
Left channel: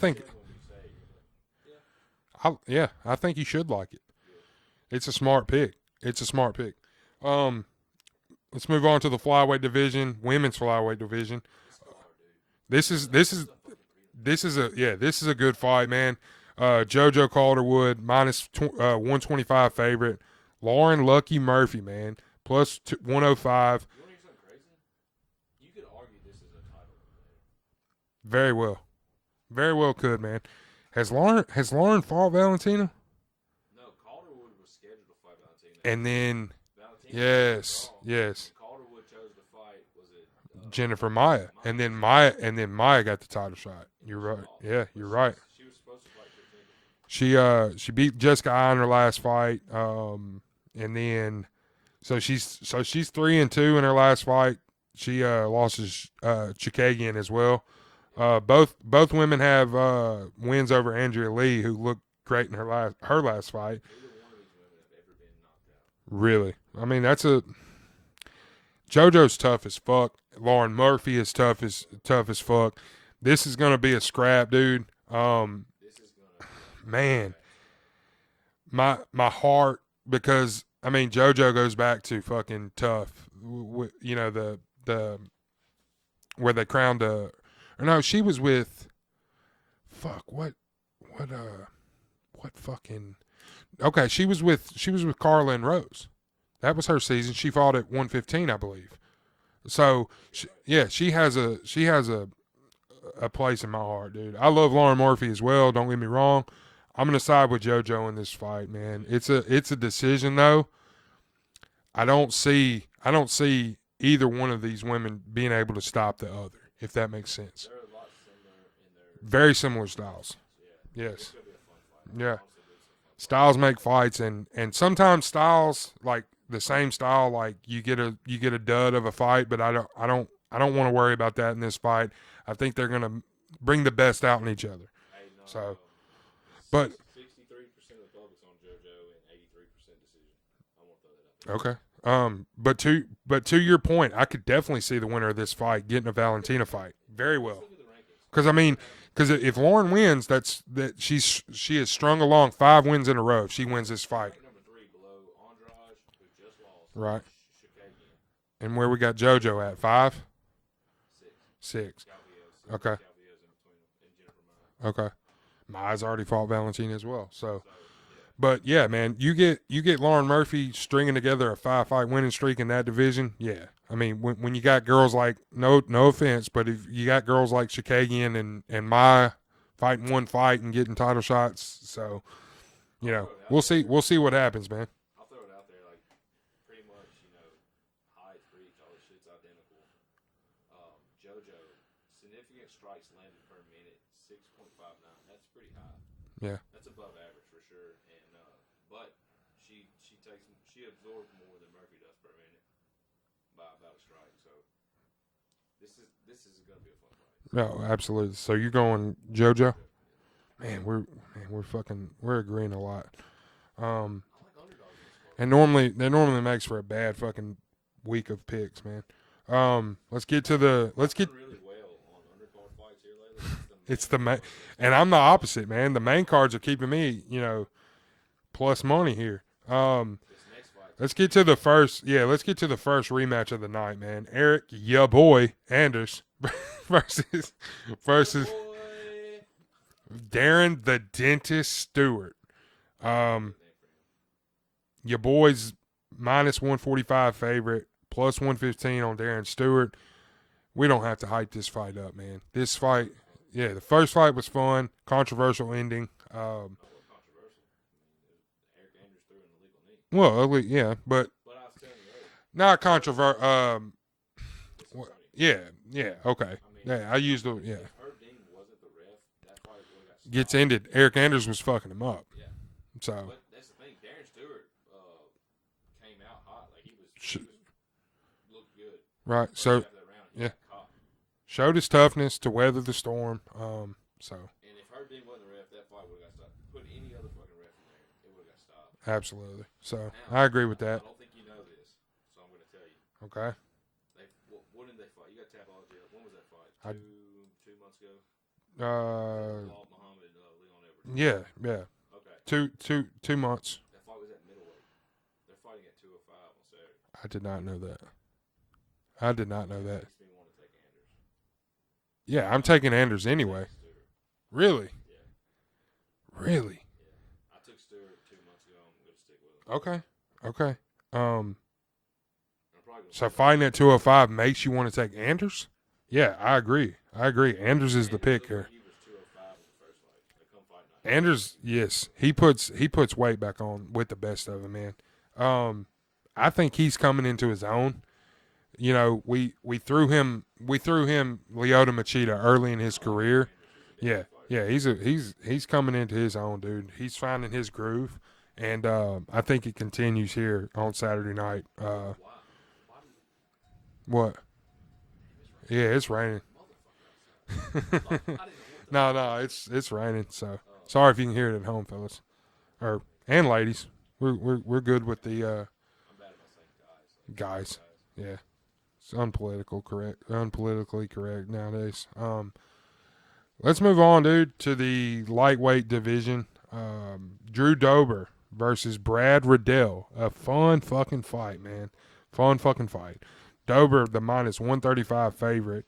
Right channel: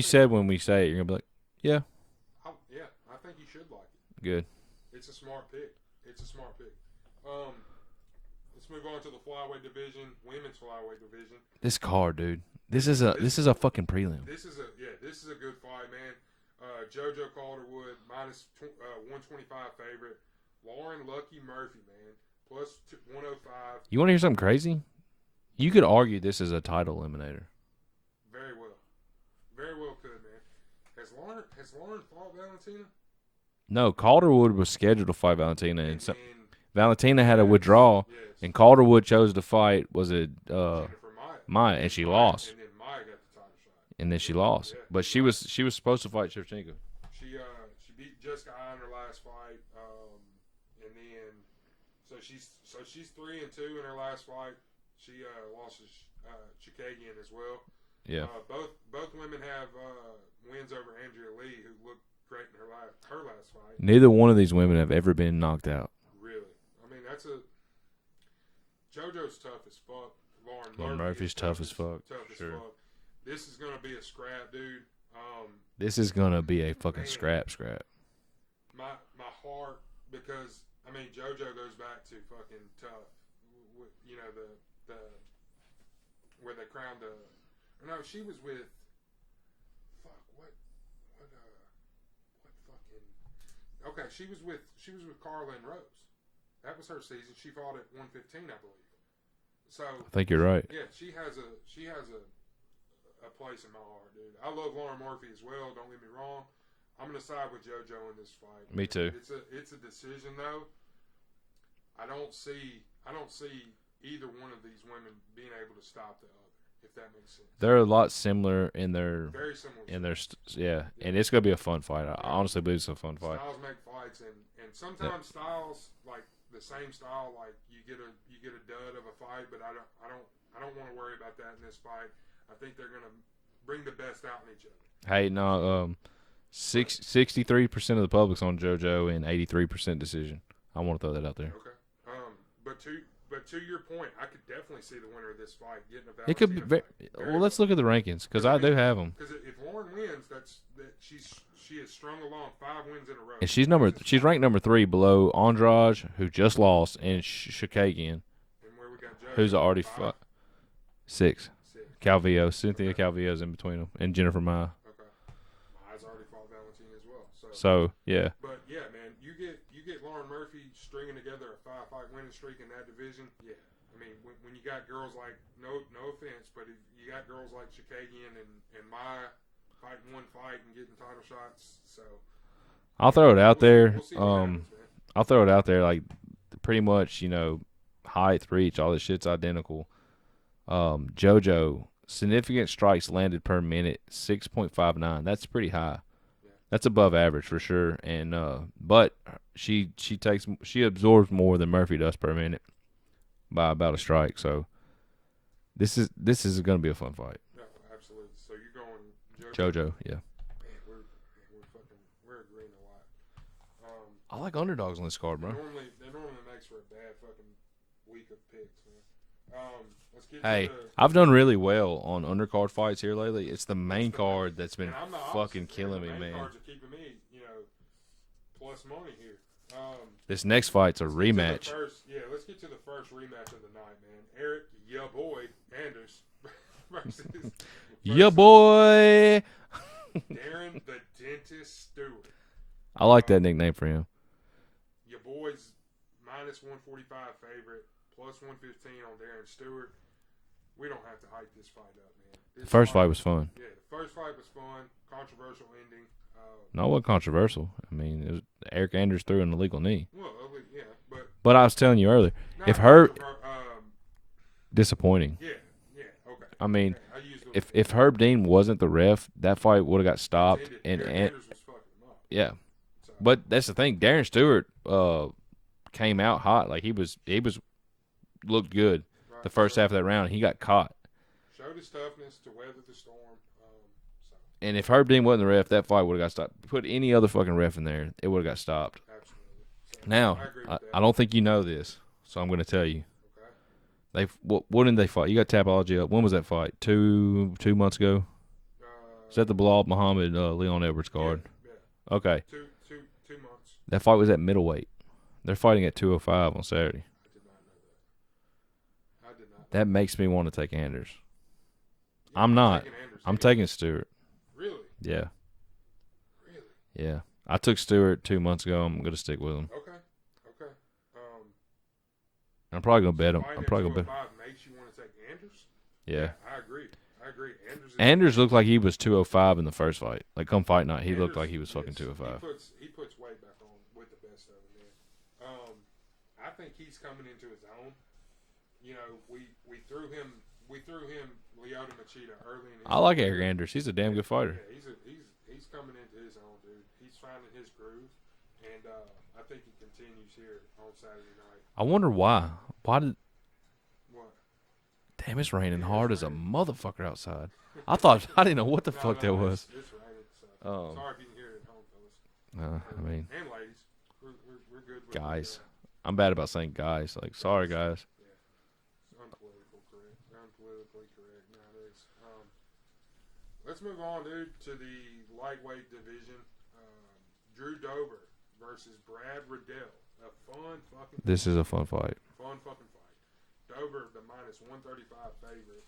said when we say it, you're gonna be like, yeah. I think you should like it. Good. It's a smart pick. Let's move on to the flyweight division, women's flyweight division. This card, dude. This is a fucking prelim. This is a good fight, man. JoJo Calderwood minus 125 favorite. Lauren Lucky Murphy, man, plus 105. You want to hear something crazy? You could argue this is a title eliminator. Very well could, man. Has Lauren fought Valentina? No, Calderwood was scheduled to fight Valentina, and then Valentina had a withdrawal. Yes, and Calderwood chose to fight. Was it Jennifer Maia? And she lost. And then Maia got the title shot. And then she lost. Yeah, but she was supposed to fight Shevchenko. She beat Jessica Eye in her last fight. And then, so she's 3-2 in her last fight. She lost to Chikagian as well. Yeah. Both women have wins over Andrea Lee, who looked great in her last fight. Neither one of these women have ever been knocked out. Really, I mean JoJo's tough as fuck. Lauren Murphy is tough as fuck. This is gonna be a scrap, dude. This is gonna be a fucking scrap. My heart. Because I mean, JoJo goes back to fucking tough. You know the where they crowned or no, she was with. Fuck what fucking. Okay, she was with Carla and Rose. That was her season. She fought at 115, I believe. So I think you're right. Yeah, she has a place in my heart, dude. I love Lauren Murphy as well. Don't get me wrong. I'm gonna side with JoJo in this fight, man. Me too. It's a decision though. I don't see either one of these women being able to stop the other, if that makes sense. They're a lot similar in their very similar styles. Yes. And it's gonna be a fun fight. I honestly believe it's a fun fight. Styles make fights, and sometimes styles like the same style, like you get a dud of a fight, but I don't want to worry about that in this fight. I think they're gonna bring the best out in each other. Hey, no. 63% of the public's on JoJo and 83% decision. I want to throw that out there. Okay. But to your point, I could definitely see the winner of this fight getting a Valentina fight. Very well. Let's look at the rankings because I mean, because if Lauren wins, she has strung along 5 wins in a row. She's ranked number 3 below Andrade, who just lost, and Chikagian. And where we got JoJo at 5. 6. 6. Calvillo. Cynthia Calvillo's in between them. And Jennifer Maya. Okay. Maya's already fought Valentina as well. So yeah. But, yeah, man, you get Lauren Murphy stringing together a 5-fight winning streak in that division, yeah. I mean, when you got girls like, no offense, but if you got girls like Shakagian and Maya fighting one fight and getting title shots, so. I'll throw it out there. We'll see what happens, man. I'll throw it out there. Like, pretty much, height, reach, all this shit's identical. JoJo, significant strikes landed per minute, 6.59. That's pretty high. Yeah, that's above average for sure. And but she absorbs more than Murphy does per minute by about a strike. So this is going to be a fun fight. No, absolutely. So you're going JoJo? JoJo, yeah. Man, we're agreeing a lot. I like underdogs on this card. And normally makes for a bad fucking week of picks, man. Let's get to the. I've done really well on undercard fights here lately. It's the main card that's been. And I'm the opposite, man. The main cards are keeping me, plus money here. This next fight's let's a get rematch. to the first. Yeah, let's get to the first rematch of the night, man. Eric, ya boy, Anders versus ya boy, Darren the Dentist Stewart. I like that nickname for him. Your boy's -145 favorite, +115 on Darren Stewart. We don't have to hype this fight up, man. This first fight was fun. Yeah, the first fight was fun. Controversial ending. No, it wasn't controversial. I mean, it was Eric Anders threw an illegal knee. Well, yeah, but I was telling you earlier, not controversial. Disappointing. Yeah, okay. I mean, yeah, I used if Herb Dean wasn't the ref, that fight would have got stopped. It's ended. Eric Anders was fucking him up. Yeah. So, but that's the thing. Darren Stewart came out hot. Like he was looked good. Right. The first half of that round, he got caught. Showed his toughness to weather the storm. And if Herb Dean wasn't the ref, that fight would have got stopped. Put any other fucking ref in there, it would have got stopped. Absolutely. So now I agree with that. I don't think you know this, so I'm going to tell you. Okay. What did they fight? You got Tapology up. When was that fight? 2 months ago. Is that the Bilal Muhammad Leon Edwards card? Yeah. Okay. 2 months. That fight was at middleweight. They're fighting at 205 on Saturday. I did not know that. That makes me want to take Anders. Yeah, I'm taking Anders anyway. I'm taking Stewart. Really? Yeah. Really? Yeah. I took Stewart 2 months ago. I'm going to stick with him. Okay. I'm probably going to bet him. So fighting at 205 makes you want to take Anders? Yeah, I agree. Anders looked like he was 205 in the first fight. Like come fight night, he looked like he was fucking 205. He puts weight back on with the best of them, man. I think he's coming into his own. We threw him Lyoto Machida early in his career. I like Eric Anders. He's a damn good fighter. Yeah, he's coming into his own, dude. He's finding his groove, and I think it continues here on Saturday night. I wonder why. Why did what? Damn, it's raining hard as a motherfucker outside. I didn't know what the fuck that was. It's raining, so sorry if you can hear it at home, fellas, and ladies. We're good with guys. I'm bad about saying guys. Like, guys. Sorry, guys. Yeah. It's unpolitically correct nowadays. Let's move on, dude, to the lightweight division. Drew Dober versus Brad Riddell. A fun fucking fight. This is a fun fight. Fun fucking fight. Dober, the -135 favorite.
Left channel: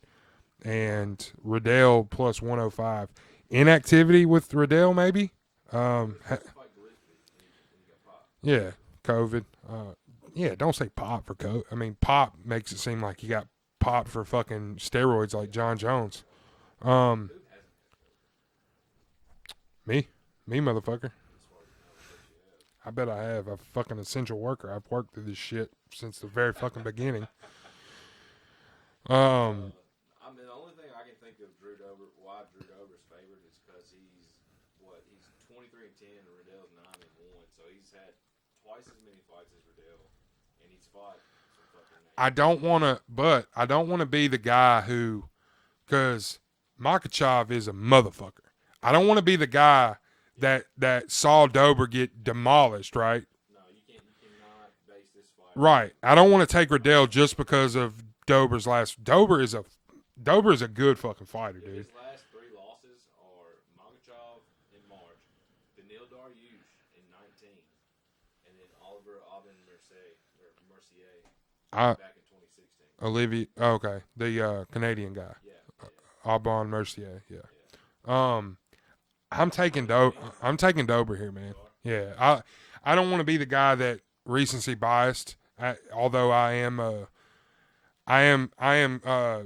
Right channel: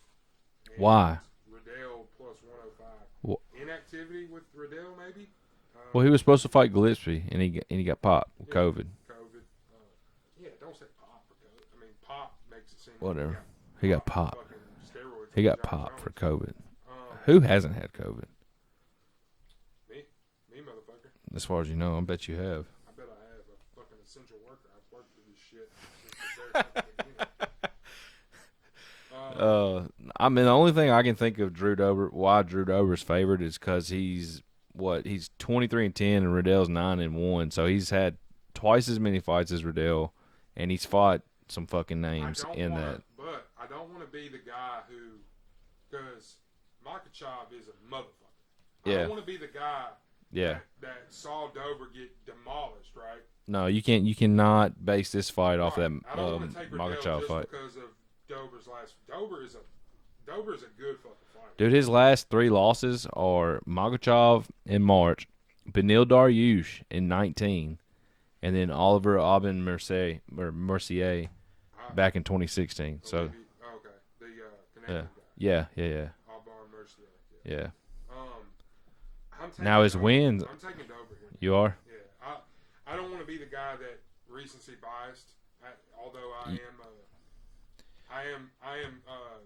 And why? Riddell +105. Inactivity with Riddell, maybe? Well, he was supposed to fight Gillespie, and he got popped. Yeah, COVID. Yeah, don't say pop for COVID. I mean, pop makes it seem like he got popped for fucking steroids like John Jones. For COVID. Who hasn't had COVID? Me, motherfucker. As far as you know, I bet you have. I bet I have. I'm a fucking essential worker. I've worked through this shit since the very fucking beginning. I mean, the only thing I can think of why Drew Dober's favored is because he's 23-10 and Riddell's 9-1, so he's had twice as many fights as Riddell, and he's fought some fucking names. I don't want to be the guy who, because Makhachev is a motherfucker. Yeah. I don't want to be the guy that saw Dober get demolished, right? No, you can't. You cannot base this fight off right. I don't want to take Riddell just because of Dober's last. Dober is a good fucking fighter. Dude, his last 3 losses are Makhachev in March, Beneil Dariush in 19, and then Oliver Aubin Mercier. back in 2016. Olivier, okay, the Canadian guy. Yeah. Aubin Mercier. Yeah. I'm taking Now his Dober. wins. I'm taking Dober here, man. You are? Yeah. I don't want to be the guy that recency biased. Although I am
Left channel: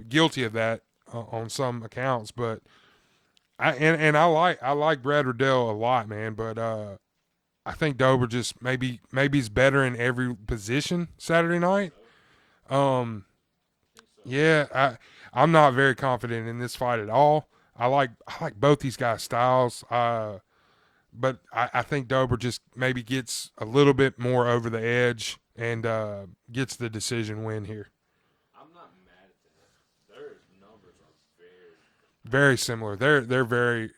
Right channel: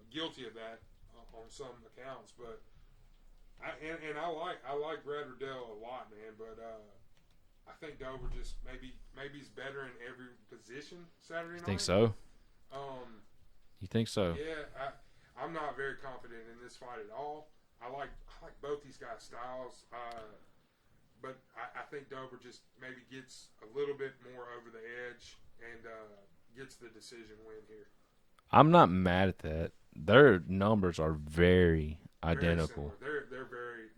guilty of that on some accounts, but I like Brad Riddell a lot, man. But I think Dober just maybe he's better in every position Saturday night. Think so? You think so? Yeah, I'm not very confident in this fight at all. I like both these guys' styles, but I think Dober just maybe gets a little bit more over the edge and gets the decision win here. I'm not mad at that. Their numbers are very similar. They're very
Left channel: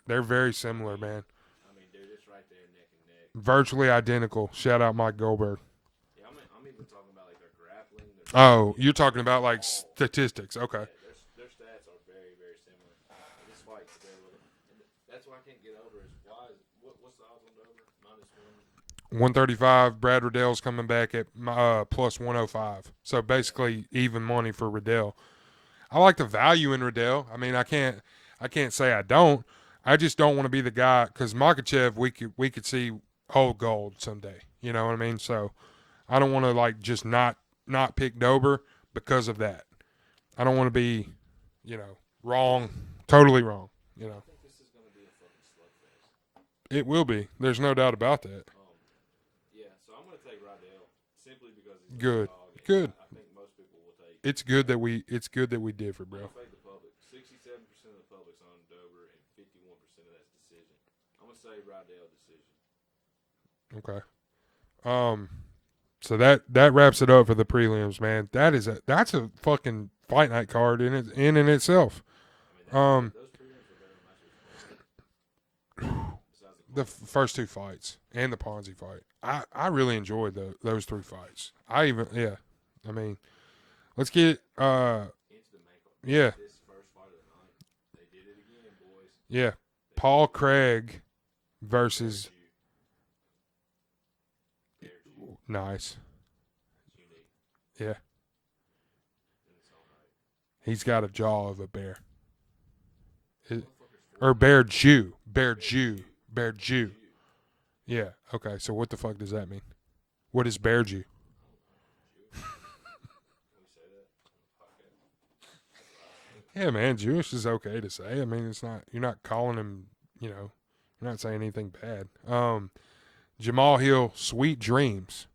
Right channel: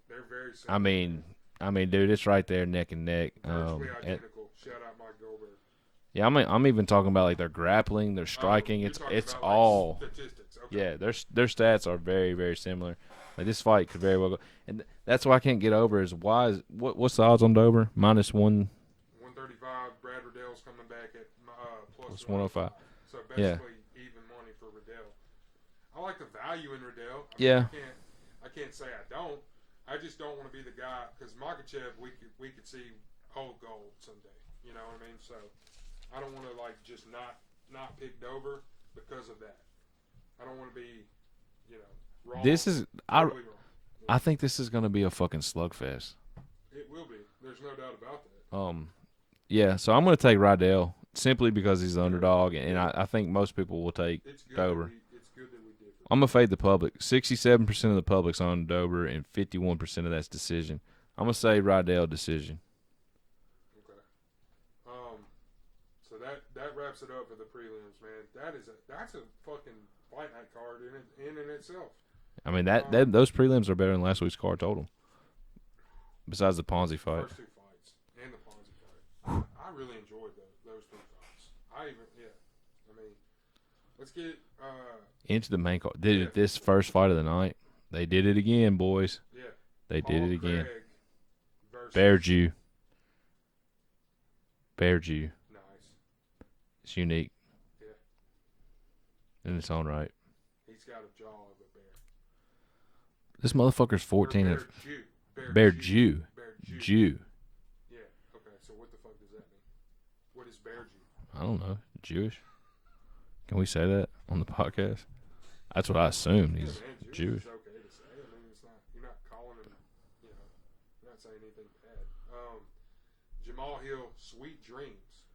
similar. I mean, dude, it's right there, neck and neck, virtually identical. Shout out Mike Goldberg. Yeah, I'm even talking about like their grappling, their striking. Oh, you're talking about like statistics. Okay. Yeah, their stats are very, very similar. Like this fight could very well go, and that's why I can't get over is what's the odds on Dober? -135. Brad Riddell's coming back at plus 105. So basically even money for Riddell. I like the value in Riddell. I mean, I can't say I don't. I just don't want to be the guy because Makhachev we could see hold gold someday. You know what I mean? So I don't want to like just not pick Dober because of that. I don't want to be, wrong. This is totally wrong. You know? I think this is going to be a fucking slugfest. It will be. There's no doubt about that. Yeah. So I'm going to take Riddell simply because he's the underdog, and I think most people will take. It's good Dober. that we differ. I'm gonna fade the public. 67% of the public's on Dober, and 51% of that's decision. I'm gonna say Riddell decision. Okay. So that wraps it up for the prelims, man. That's a fucking fight night card in itself. I mean those prelims are better than last week's card total. Besides the Ponzi fight, first two fights and the Ponzi fight, I really enjoyed those three fights. I mean, let's get into the main card. This first fight of the night, they did it again, boys. Yeah, Paul Craig versus Bear Jew. Nice. It's unique. Yeah. In its own right. He's got a jaw of a bear. This motherfucker's 14. Or Bear Jew. Bear Jew. Yeah. Okay. So what the fuck does that mean? What is Bear Jew? I don't know. Jewish. Can we say that on the podcast? That's what I assume. Yeah, man. Jewish is okay to say. I mean, it's not. You're not calling him. You're not saying anything bad. Jamal Hill, Sweet Dreams.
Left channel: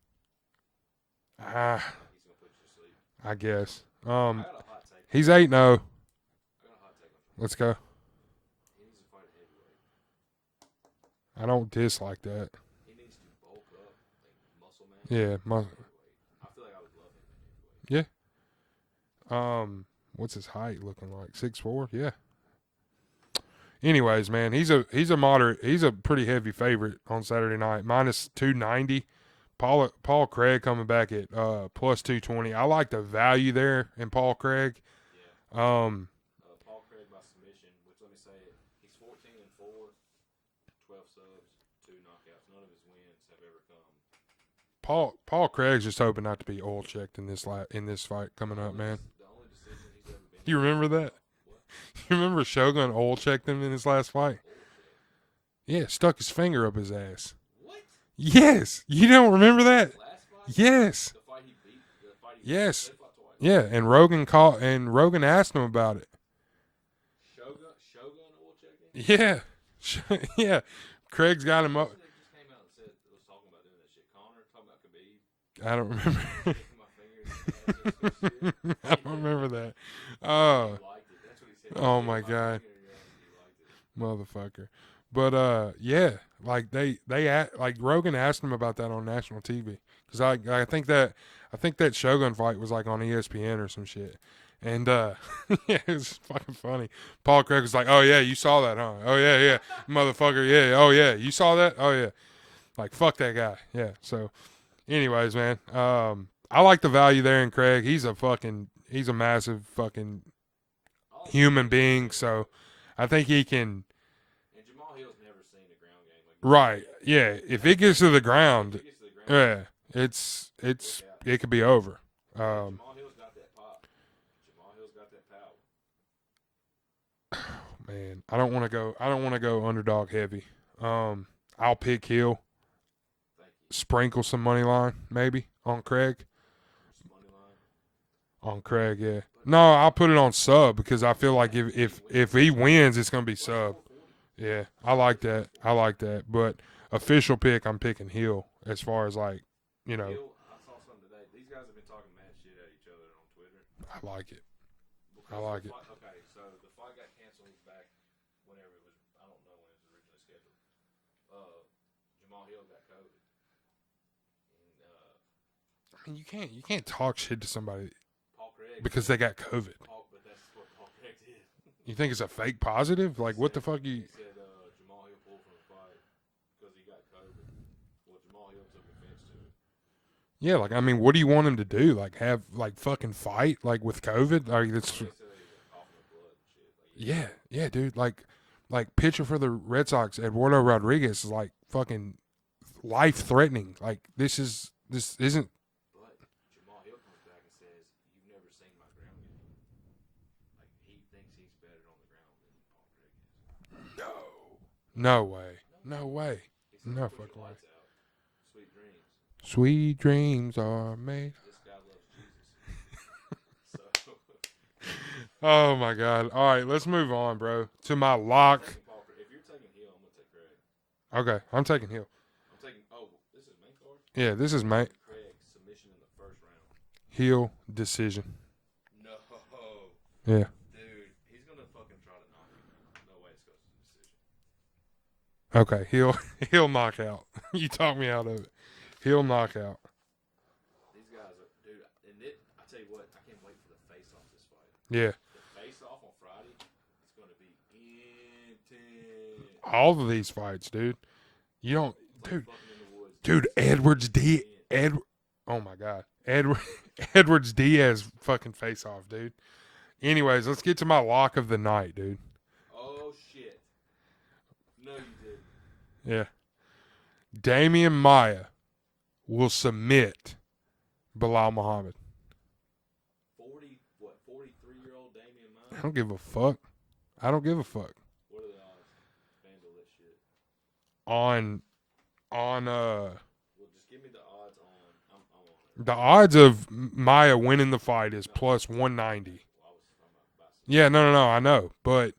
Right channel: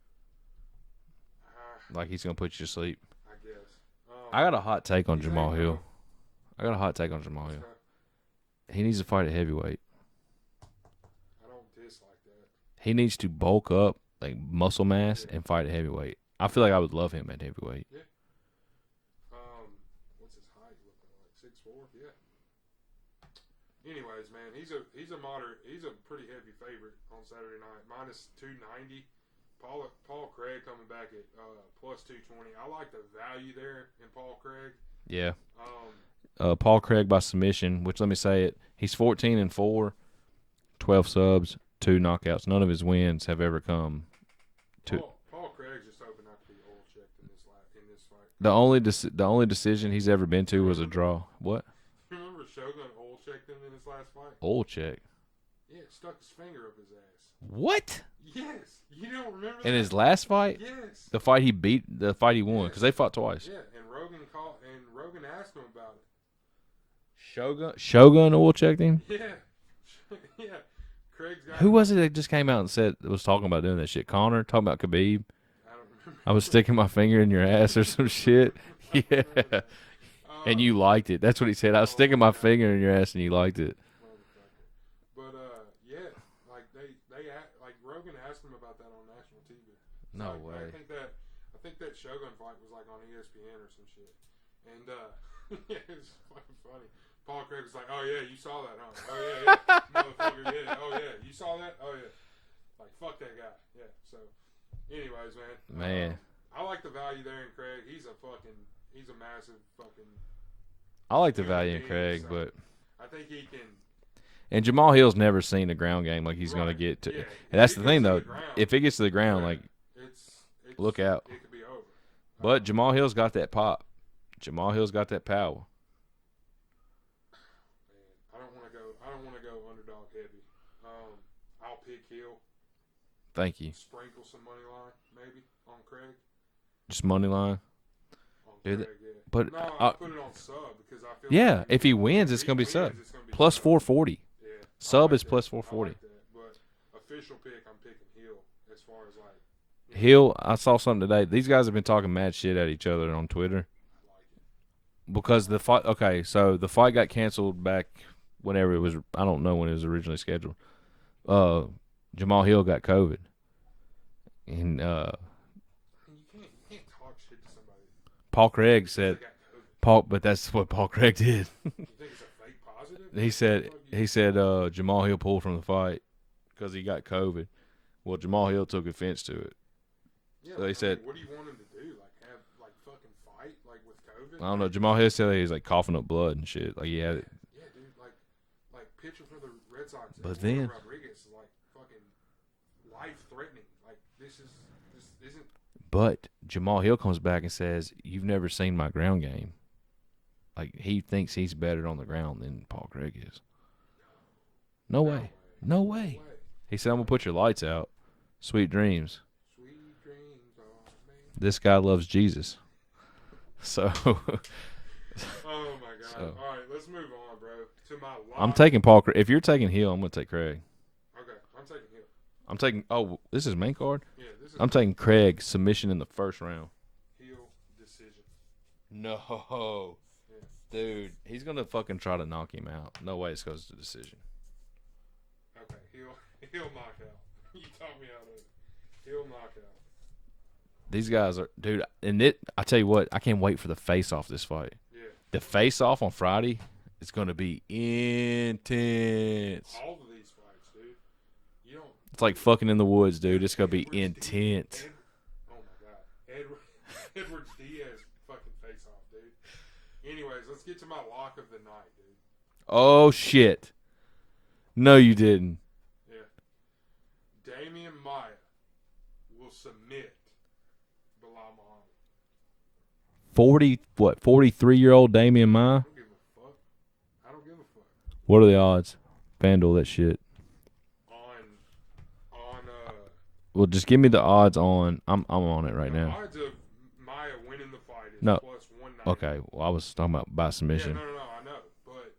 Like he's gonna put you to sleep. I guess. I got a hot take on. He's Jamal 8-0. Hill. I got a hot take on Jamal. Let's Hill. go. He needs to fight at heavyweight. I don't dislike that. He needs to bulk up, like muscle mass, and fight at heavyweight. I feel like I would love him at heavyweight. Yeah. What's his height looking like? 6'4"? Yeah. Anyways, man, he's a pretty heavy favorite on Saturday night. -290. Paul Craig coming back at plus 220. I like the value there in Paul Craig. Yeah. Paul Craig by submission, which let me say it. He's 14-4, 12 subs, 2 knockouts. None of his wins have ever come. Paul Craig's just hoping not to be oil checked in this fight. The only decision he's ever been to was a draw. What? You remember Shogun oil checked him in his last fight? Oil check. Yeah, stuck his finger up his ass. What? Yes. You don't remember that? In his last fight? Yes. The fight he won. Yes. Because they fought twice. Yeah, and Rogan asked him about it. Shogun oil checked him? Yeah. Yeah. Craig's got Who him. Who was it that just came out and was talking about doing that shit? Connor? Talking about Khabib? I don't remember. I was sticking my finger in your ass or some shit. I don't remember that. And you liked it. That's what he said. I was sticking my finger in your ass and you liked it. Motherfucker. But yeah, like they like Rogan asked him about that on national TV because I think that Shogun fight was like on ESPN or some shit, and yeah, it was fucking funny. Paul Craig was like, "Oh yeah, you saw that, huh? Oh yeah, motherfucker, yeah, oh yeah, you saw that? Oh yeah, like fuck that guy, yeah." So, anyways, man, I like the value there in Craig. He's a massive fucking human being, Craig, so I think he can. And Jamal Hill's never seen a ground game like he's going to get to. Yeah, if it gets to the ground. If it gets to the ground. Yeah, it's look out. It could be over. But Jamal Hill's got that pop. Jamal Hill's got that power. Man, I don't want to go underdog heavy. I'll pick Hill. Thank you. Sprinkle some money line maybe on Craig. Just money line on Craig. Yeah, but no, I'll put it on sub because I feel like if he wins, it's going to be plus sub. 440. Yeah, sub I like is that. plus 440. I like that. But official pick, I'm picking Hill as far as like, you know. Hill, I saw something today. These guys have been talking mad shit at each other on Twitter. I like it. Because the fight, okay, so the fight got canceled back whenever it was, I don't know when it was originally scheduled. Jamal Hill got COVID. And you can't talk shit to somebody. Paul Craig because said, they got COVID. But that's what Paul Craig did. You think it's a fake positive? He said, what the fuck he said Jamal Hill pulled from the fight because he got COVID. Well, Jamal Hill took offense to it. Yeah, like, I mean, what do you want him to do? Like, have, like, fucking fight, like, with COVID? Like, Jamal Hill said he was, like, coughing up blood and shit. Like, yeah, dude. Like, pitcher for the Red Sox, Eduardo Rodriguez is, like, fucking life-threatening. Like, this isn't. But Jamal Hill comes back and says, "You've never seen my ground game." Like, he thinks he's better on the ground than Paul Craig is. No way. He said, "I'm going to put your lights out. Sweet dreams. Sweet dreams are made." This guy loves Jesus. So. Oh, my God. All right, let's move on, bro. To my lock. I'm taking Paul Craig. If you're taking Hill, I'm going to take Craig. Okay, I'm taking Hill. I'm taking – oh, this is main card? Yeah, this is I'm taking Craig, submission in the first round. Hill, decision. No. Yeah. Dude, he's going to fucking try to knock him out. No way it goes to decision. Okay, Hill knockout. You talked me out of it. Hill knockout. These guys are – dude, and I tell you what, I can't wait for the face-off this fight. Yeah. The face-off on Friday is going to be intense. All of these fights, dude. You don't – It's like fucking in the woods, dude. It's gonna be intense. Oh, my God. Edwards Diaz fucking face-off, dude. Anyways, let's get to my lock of the night, dude. Oh, shit. No, you didn't. Yeah. Damian Maia will submit Bilal Muhammad. 43-year-old Damian Maia? I don't give a fuck. What are the odds? FanDuel that shit. Well, just give me the odds on. I'm on it right now. The odds of Maia winning the fight is plus 190. Okay, well, I was talking about by submission. Yeah, no, I know, but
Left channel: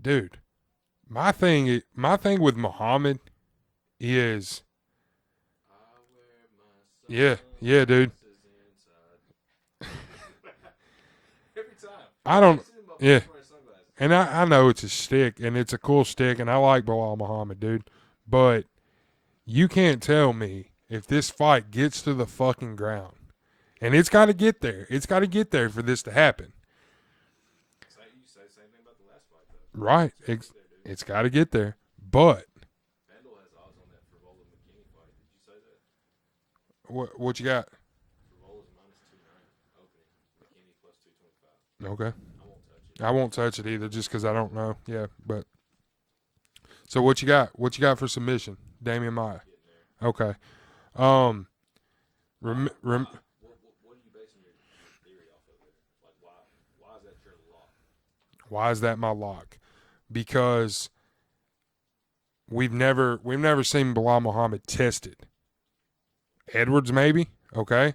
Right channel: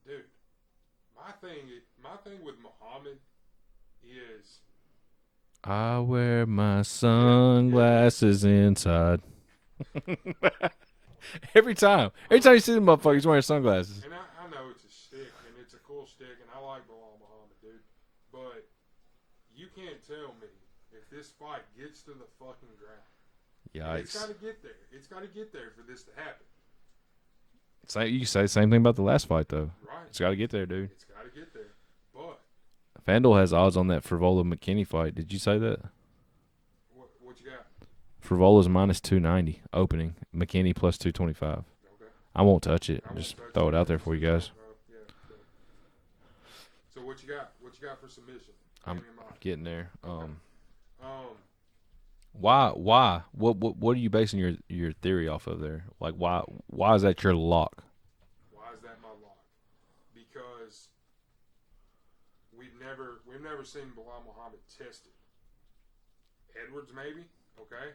dude, my thing with Muhammad is I wear my sunglasses inside. Every time you see them motherfuckers he's wearing sunglasses. And I know it's a stick, and it's a cool stick, and I like Bilal Muhammad, dude. But you can't tell me if this fight gets to the fucking ground. Yikes. And it's got to get there. It's got to get there for this to happen. You say the same thing about the last fight, though. Right. It's got to get there, dude. It's got to get there. But FanDuel has odds on that Frivola McKinney fight. Did you say that? What you got? Frivola's minus 290 opening. McKinney plus 225. Okay. I won't touch it. I won't touch it either just because I don't know. Yeah, but so what you got? What you got for submission? Damian Maia. Getting there. Okay. Why? What are you basing your theory off of there? Like why is that your lock? Why is that my lock? Because we've never seen Bilal Muhammad tested. Edwards maybe. Okay.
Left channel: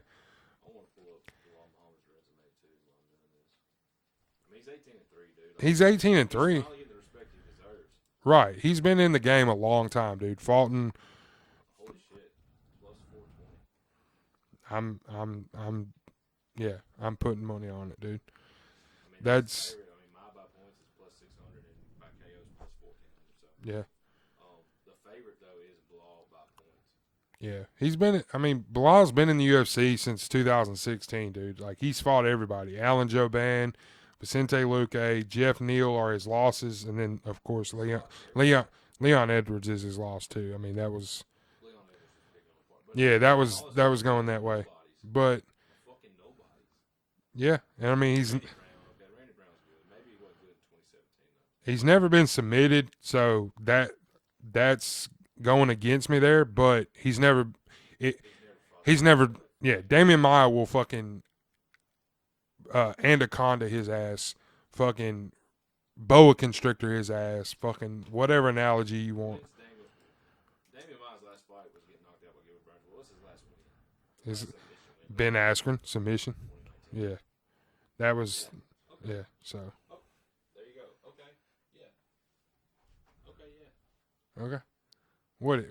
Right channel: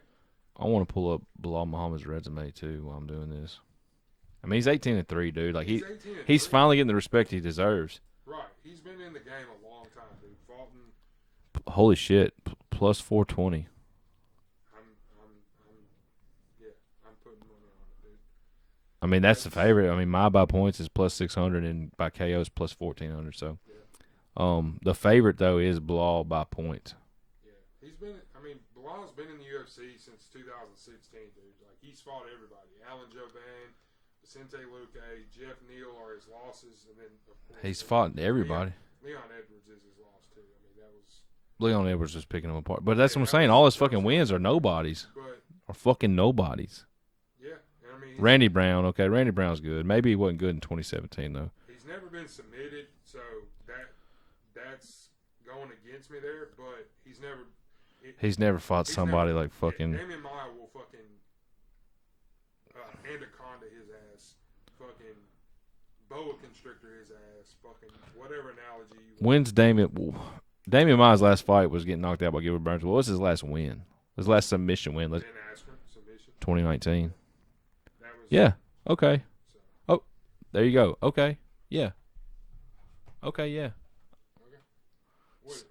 I want to pull up Bilal Muhammad's resume too while I'm doing this. I mean, he's 18-3, dude. Like he's 18-3. He's finally getting the respect he deserves. Right. He's been in the game a long time, dude. Fought in. Holy shit! Plus 420. I'm putting money on it, dude. I mean, that's the favorite. I mean, my by points is plus 600 and by KO is plus 1400. So yeah. The favorite though is Bilal by points. Yeah, Bilal's been in the UFC since 2016, dude. Like, he's fought everybody. Alan Jouban, Vicente Luque, Jeff Neal are his losses, and then, of course, he's fought everybody. Leon Edwards is his loss, too. I mean, that was... Leon Edwards was picking him apart. But that's what I'm saying. All his fucking wins are nobodies. Are fucking nobodies. Yeah, and I mean... Randy Brown, okay, Randy Brown's good. Maybe he wasn't good in 2017, though. He's never been submitted, so that's... going against me there, but he's never he's never fought somebody like fucking. Yeah, Damian Maia will fucking anaconda his ass, fucking boa constrictor his ass, fucking whatever analogy you want. When's Damian Maia's last fight was getting knocked out by Gilbert Burns. What was his last win? His last submission win? Ben Askren submission. 2019. Yeah, that was. Yeah. Okay. Yeah, so. Oh, there you go. Okay. Yeah. Okay. Yeah. Okay. What?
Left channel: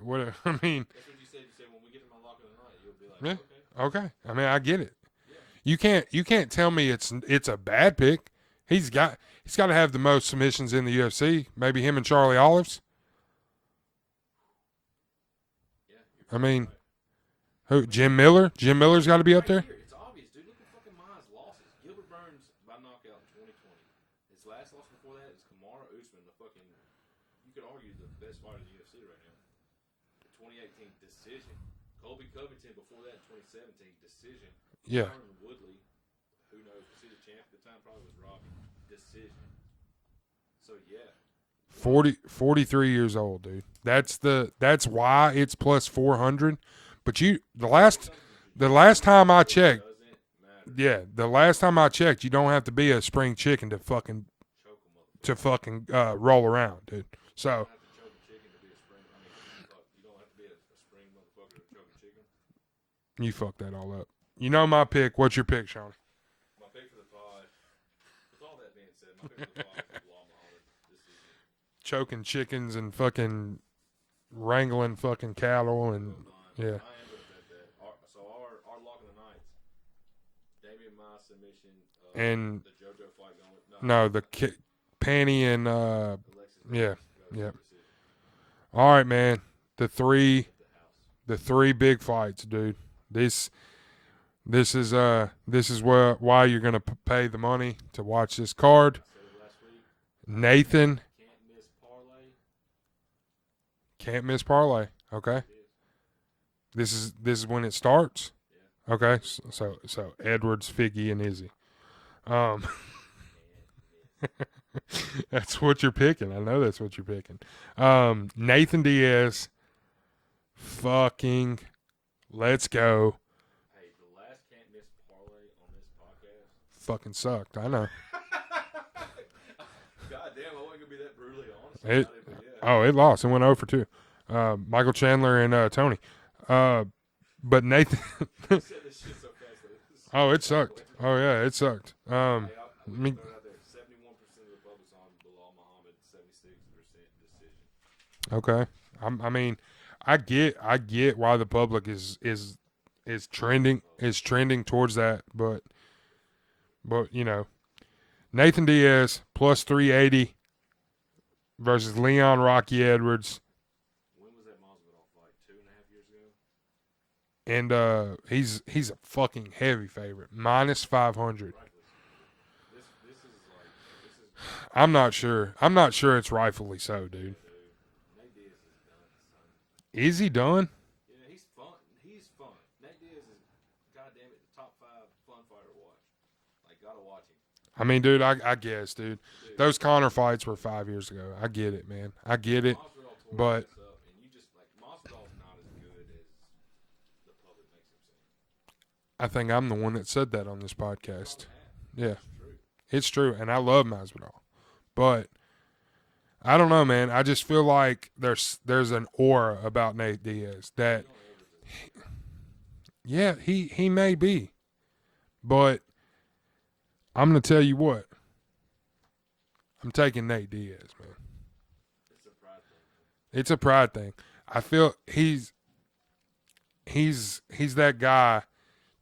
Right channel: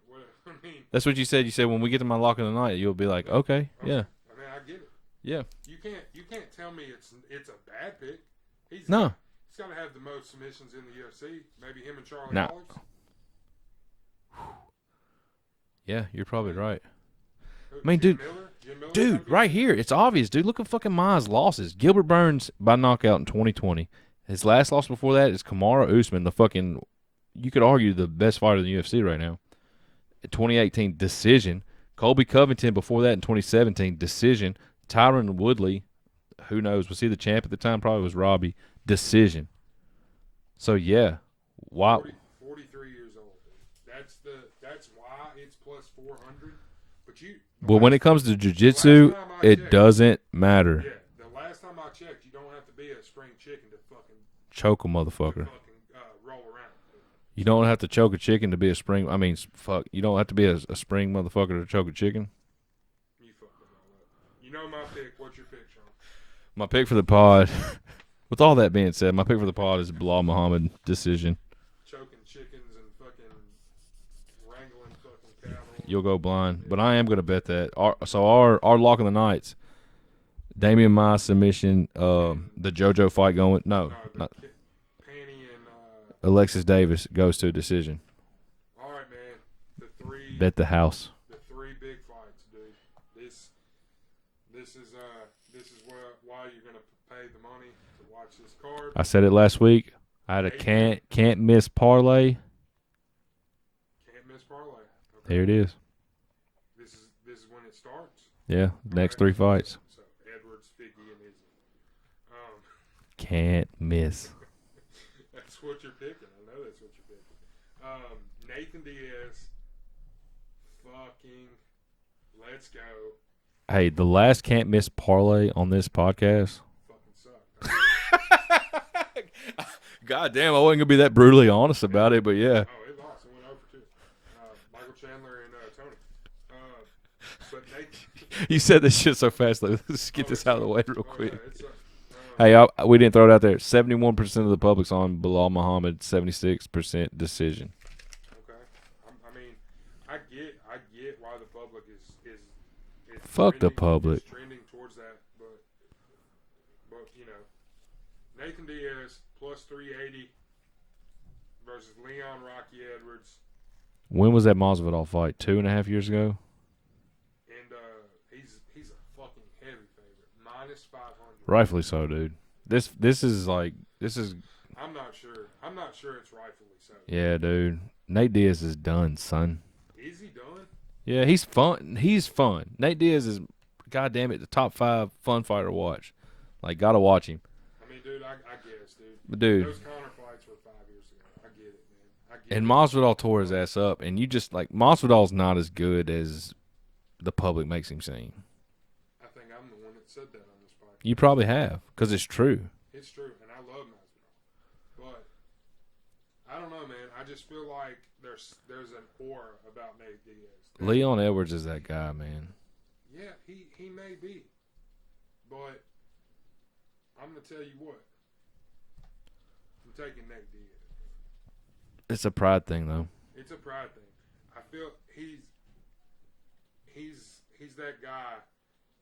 I mean. That's what you said. You said when we get to my lock of the night, you'll be like, okay. Okay. Yeah. I mean, I get it. Yeah. You can't tell me it's a bad pick. He's got to have the most submissions in the UFC. Maybe him and Charlie Olives. Yeah, you're probably right. Who? Jim Miller? Jim Miller's got to be right up there? here. It's obvious, dude. Look at fucking Maia's losses. Gilbert Burns by knockout in 2020. His last loss before that is Kamaru Usman, the fucking, you could argue, the best fighter in the UFC right now. 2018 decision. Colby Covington before that in 2017 decision. Tyron Woodley, who knows, was he the champ at the time? Probably was Robbie. Decision. So yeah, wow. 43 years old, dude. That's why it's plus 400. But when it comes to jiu-jitsu, the last time I checked, it doesn't matter. Yeah, the last time I checked, you don't have to be a spring chicken to fucking choke a motherfucker. To fucking roll around, dude. You don't have to choke a chicken to be a spring. I mean, fuck. You don't have to be a spring motherfucker to choke a chicken. You fucked that all up. You know my pick. What's your pick, Sean? My pick for the pod. With all that being said, my pick for the pod is Bilal Muhammad decision. Choking chickens and fucking wrangling fucking cattle. You'll go blind. Yeah. But I am going to bet that. Our lock of the nights, Damian Maia submission, and the JoJo fight going. No, Panny and Alexis Davis goes to a decision. All right, man. Bet the house. The three big fights, dude. This is why you're gonna pay the money to watch this card. I said it last week. Nathan can't miss parlay. Can't miss parlay. Okay, there it is. This is when it starts. Yeah. Okay. Next three fights. So Edwards, Figgy, and Izzy. Can't miss. That's what you're picking. I know that's what you're picking. Nathan Diaz. Fucking let's go. Hey, the last can't miss parlay on this podcast fucking sucked. I know. God damn, I wasn't gonna be that brutally honest about it, but yeah. Oh, it lost. It went 0 for 2. Michael Chandler and Tony. But Nathan, you said this shit so fast. Like, it sucked. It sucked. Hey, we didn't throw it out there. 71% of the public's on Bilal Muhammad. 76% decision. Okay. I mean, I get why the public is trending towards that, but you know, Nathan Diaz plus 380 versus Leon Rocky Edwards. When was that Masvidal fight? 2.5 years ago. And he's a fucking heavy favorite, minus 500. Rightfully so, dude. This is. I'm not sure. I'm not sure it's rightfully so. Dude. Yeah, dude. Nate Diaz is done, son. Is he done? Yeah, he's fun. He's fun. Nate Diaz is, goddamn it, the top 5 fun fighter to watch. Like, gotta watch him. I mean, dude, I guess, dude. Dude. Those Conor fights were 5 years ago. I get it, man. I get it. And Masvidal tore his ass up. And you just, like, Masvidal's not as good as the public makes him seem. I think I'm the one that said that on this podcast. You probably have, because it's true. It's true, and I love Masvidal. But I don't know, man. I just feel like there's an aura about Nate Diaz. Leon Edwards is that guy, man. Yeah, he may be. But I'm going to tell you what. I'm taking Nate Diaz, man. It's a pride thing, though. It's a pride thing. I feel he's that guy.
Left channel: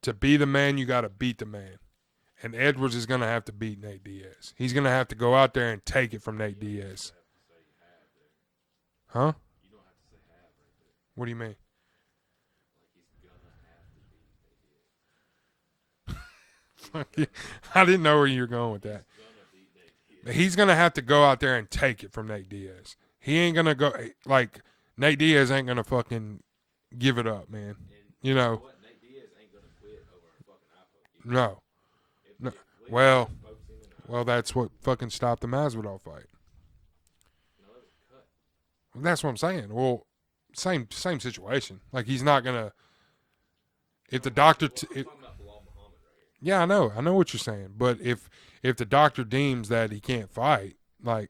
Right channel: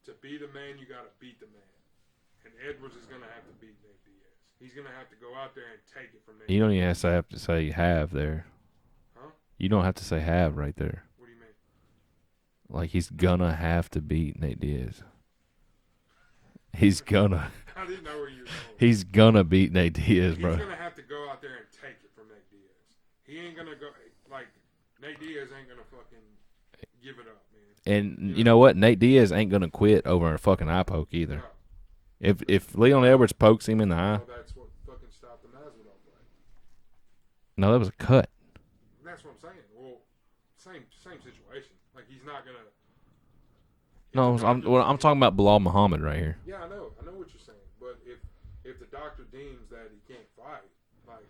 To be the man, you got to beat the man. And Edwards is going to have to beat Nate Diaz. He's going to have to go out there and take it from Nate Diaz. You don't even have to say have there. Huh? You don't have to say have right there. What do you mean? Like, he's going to have to beat Nate Diaz. He's gonna. I didn't know where you were going with that. He's gonna beat Nate Diaz. He's going to have to go out there and take it from Nate Diaz. He ain't going to go – like, Nate Diaz ain't going to fucking – give it up, man. And you know what? Nate Diaz ain't gonna quit over a fucking eye poke either. No. If Leon Edwards pokes him in the eye. Well, that's what fucking stopped the Masvidal fight. No, that was a cut. That's what I'm saying. Well, same situation. Like, he's not gonna if the doctor, I'm talking about Bilal Muhammad right here. Yeah, I know what you're saying. But if the doctor deems that he can't fight, like,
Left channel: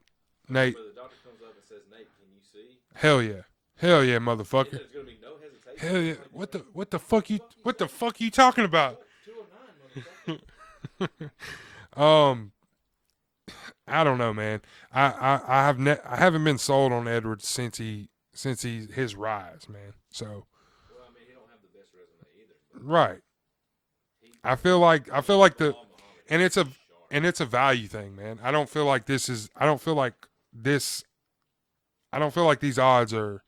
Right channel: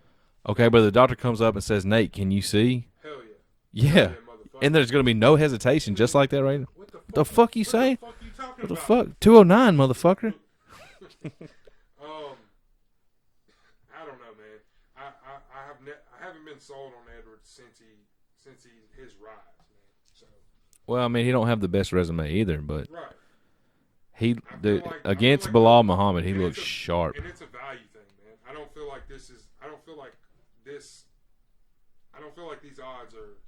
okay, Nate, but the doctor comes up and says, "Nate, can you see?" Hell yeah. Hell yeah, motherfucker. And there's gonna be no hesitation, Hell just yeah. like that, right? What the fuck? The fuck you what saying? the fuck you talking about? Fuck 209, motherfucker. I don't know, man. I haven't been sold on Edwards since his rise, man. So, well, I mean, he don't have the best resume either, but right. I feel like Bilal Muhammad, he looks sharp, and it's a value thing, man. I don't feel like these odds are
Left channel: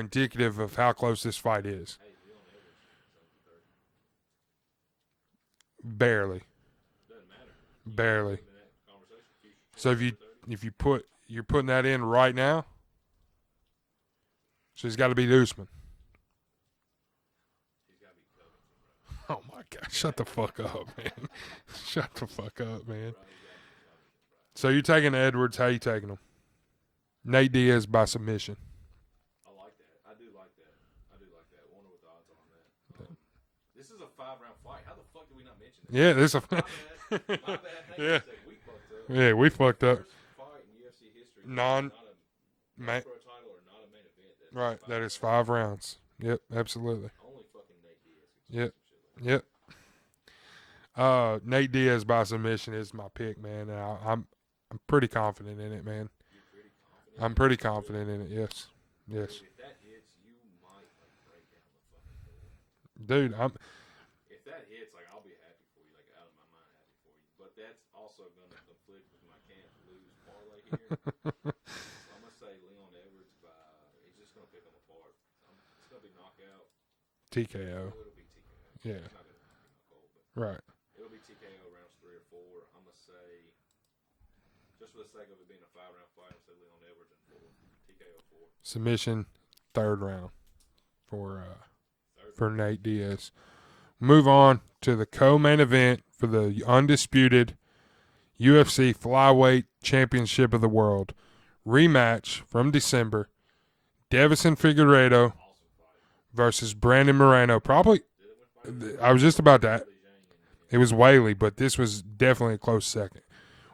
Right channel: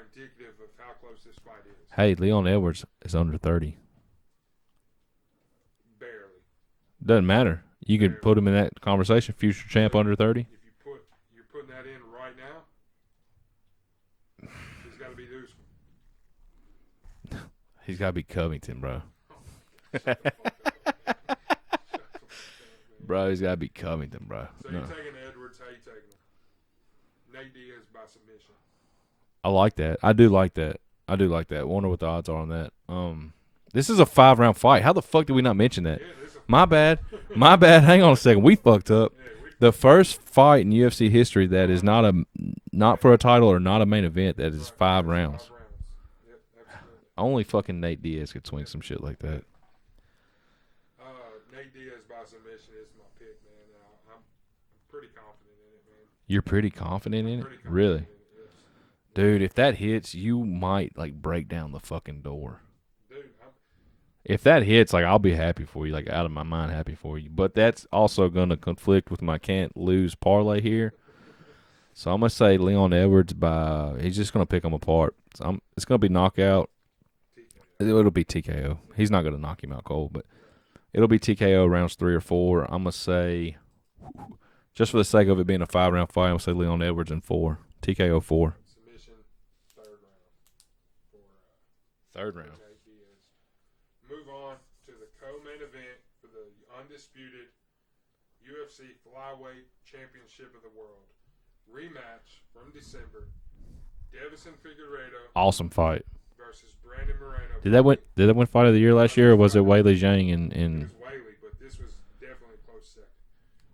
indicative of how close this fight is. Hey, Leon Edwards is under 30. Barely. Doesn't matter. You can put him in that conversation. Future champ under 30. If you're putting that in right now, so he's got to beat Usman. He's got to be Covington, bro. Oh my God! Shut the fuck up, man. Shut the fuck up, man. Bro, he's got to be Covington, bro. So you're taking Edwards? How you taking him? Nate Diaz by submission. I like that. I do like that. Wonder what the odds are on that. This is a 5-round fight. How the fuck did we not mention that? Yeah, this is my bad. My bad. Hang on a second. We fucked up. Yeah, we fucked up. The first fight in UFC history that is not for a title or not a main event that is 5 rounds. 5 rounds. Yep, absolutely. Only fucking Nate Diaz could swing some shit like that. Yep. Nate Diaz by submission is my pick, man. And I'm pretty confident in it, man. You're pretty confident in it? I'm pretty confident in it, yes. Dude, if that hits, you might break down the fucking door. Dude, if that hits, I'll be happy for you, out of my mind happy for you. But that's also going to conflict with my can't lose parlay here. So I'm going to say Leon Edwards he's just going to pick him apart. So it's going to be knockout. TKO. It'll be TKO. Yeah. He's not going to knock him out cold, but right. It'll be TKO rounds 3 or 4. I'm going to say, just for the sake of it being a 5-round fight, I'm going to say Leon Edwards in 4. TKO 4. Submission, 3rd round for for Nate Diaz. Move on to the co-main event for the undisputed UFC Flyweight Championship of the World. Rematch from December. Deiveson Figueiredo. Awesome fight. Versus Brandon Moreno. Did they win Fight of the Year last year, or was it Weili Zhang? And it was Weili, but this was definitely a close second.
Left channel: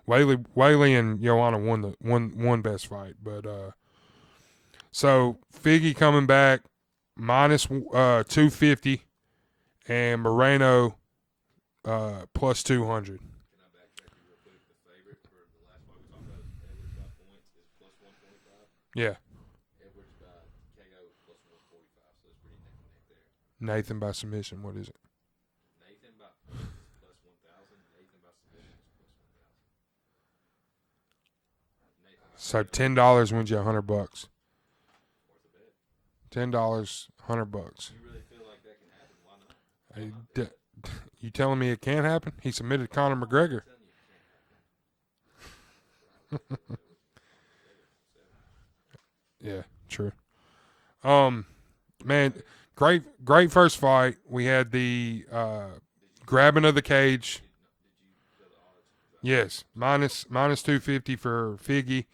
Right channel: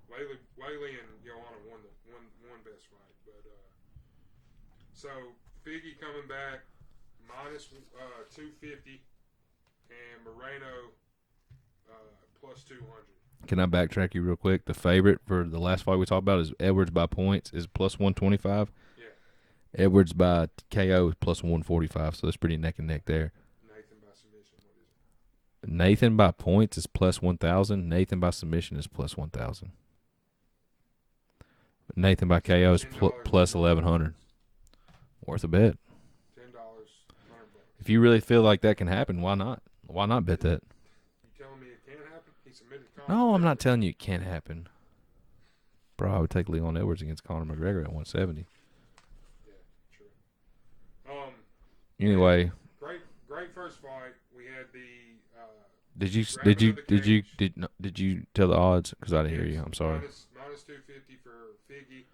Weili and Joanna won best fight. But so Figgy coming back minus 250 and Moreno plus 200. Can I backtrack you real quick? The favorite for the last fight we talked about is Edwards by points is plus 125. Yeah. Edwards by KO is plus 145, so it's pretty neck and neck there. Nathan by submission, what is it? Nathan by points is plus 1,000. Nathan by submission is plus 1,000. Nathan by KO is $10 plus 1,100. Worth a bet. $10, $100. If you really feel like that can happen, why not? Why not bet that? You telling me it can't happen? He submitted Conor No, McGregor. I'm not telling you it can't happen. Bro, I would take Leon Edwards against Conor McGregor at 170. Yeah, true. Anyway, man, great first fight. We had the grabbing of the cage. Did you tell the odds? Because I didn't hear you. I'm sorry. Minus 250 for Figgy,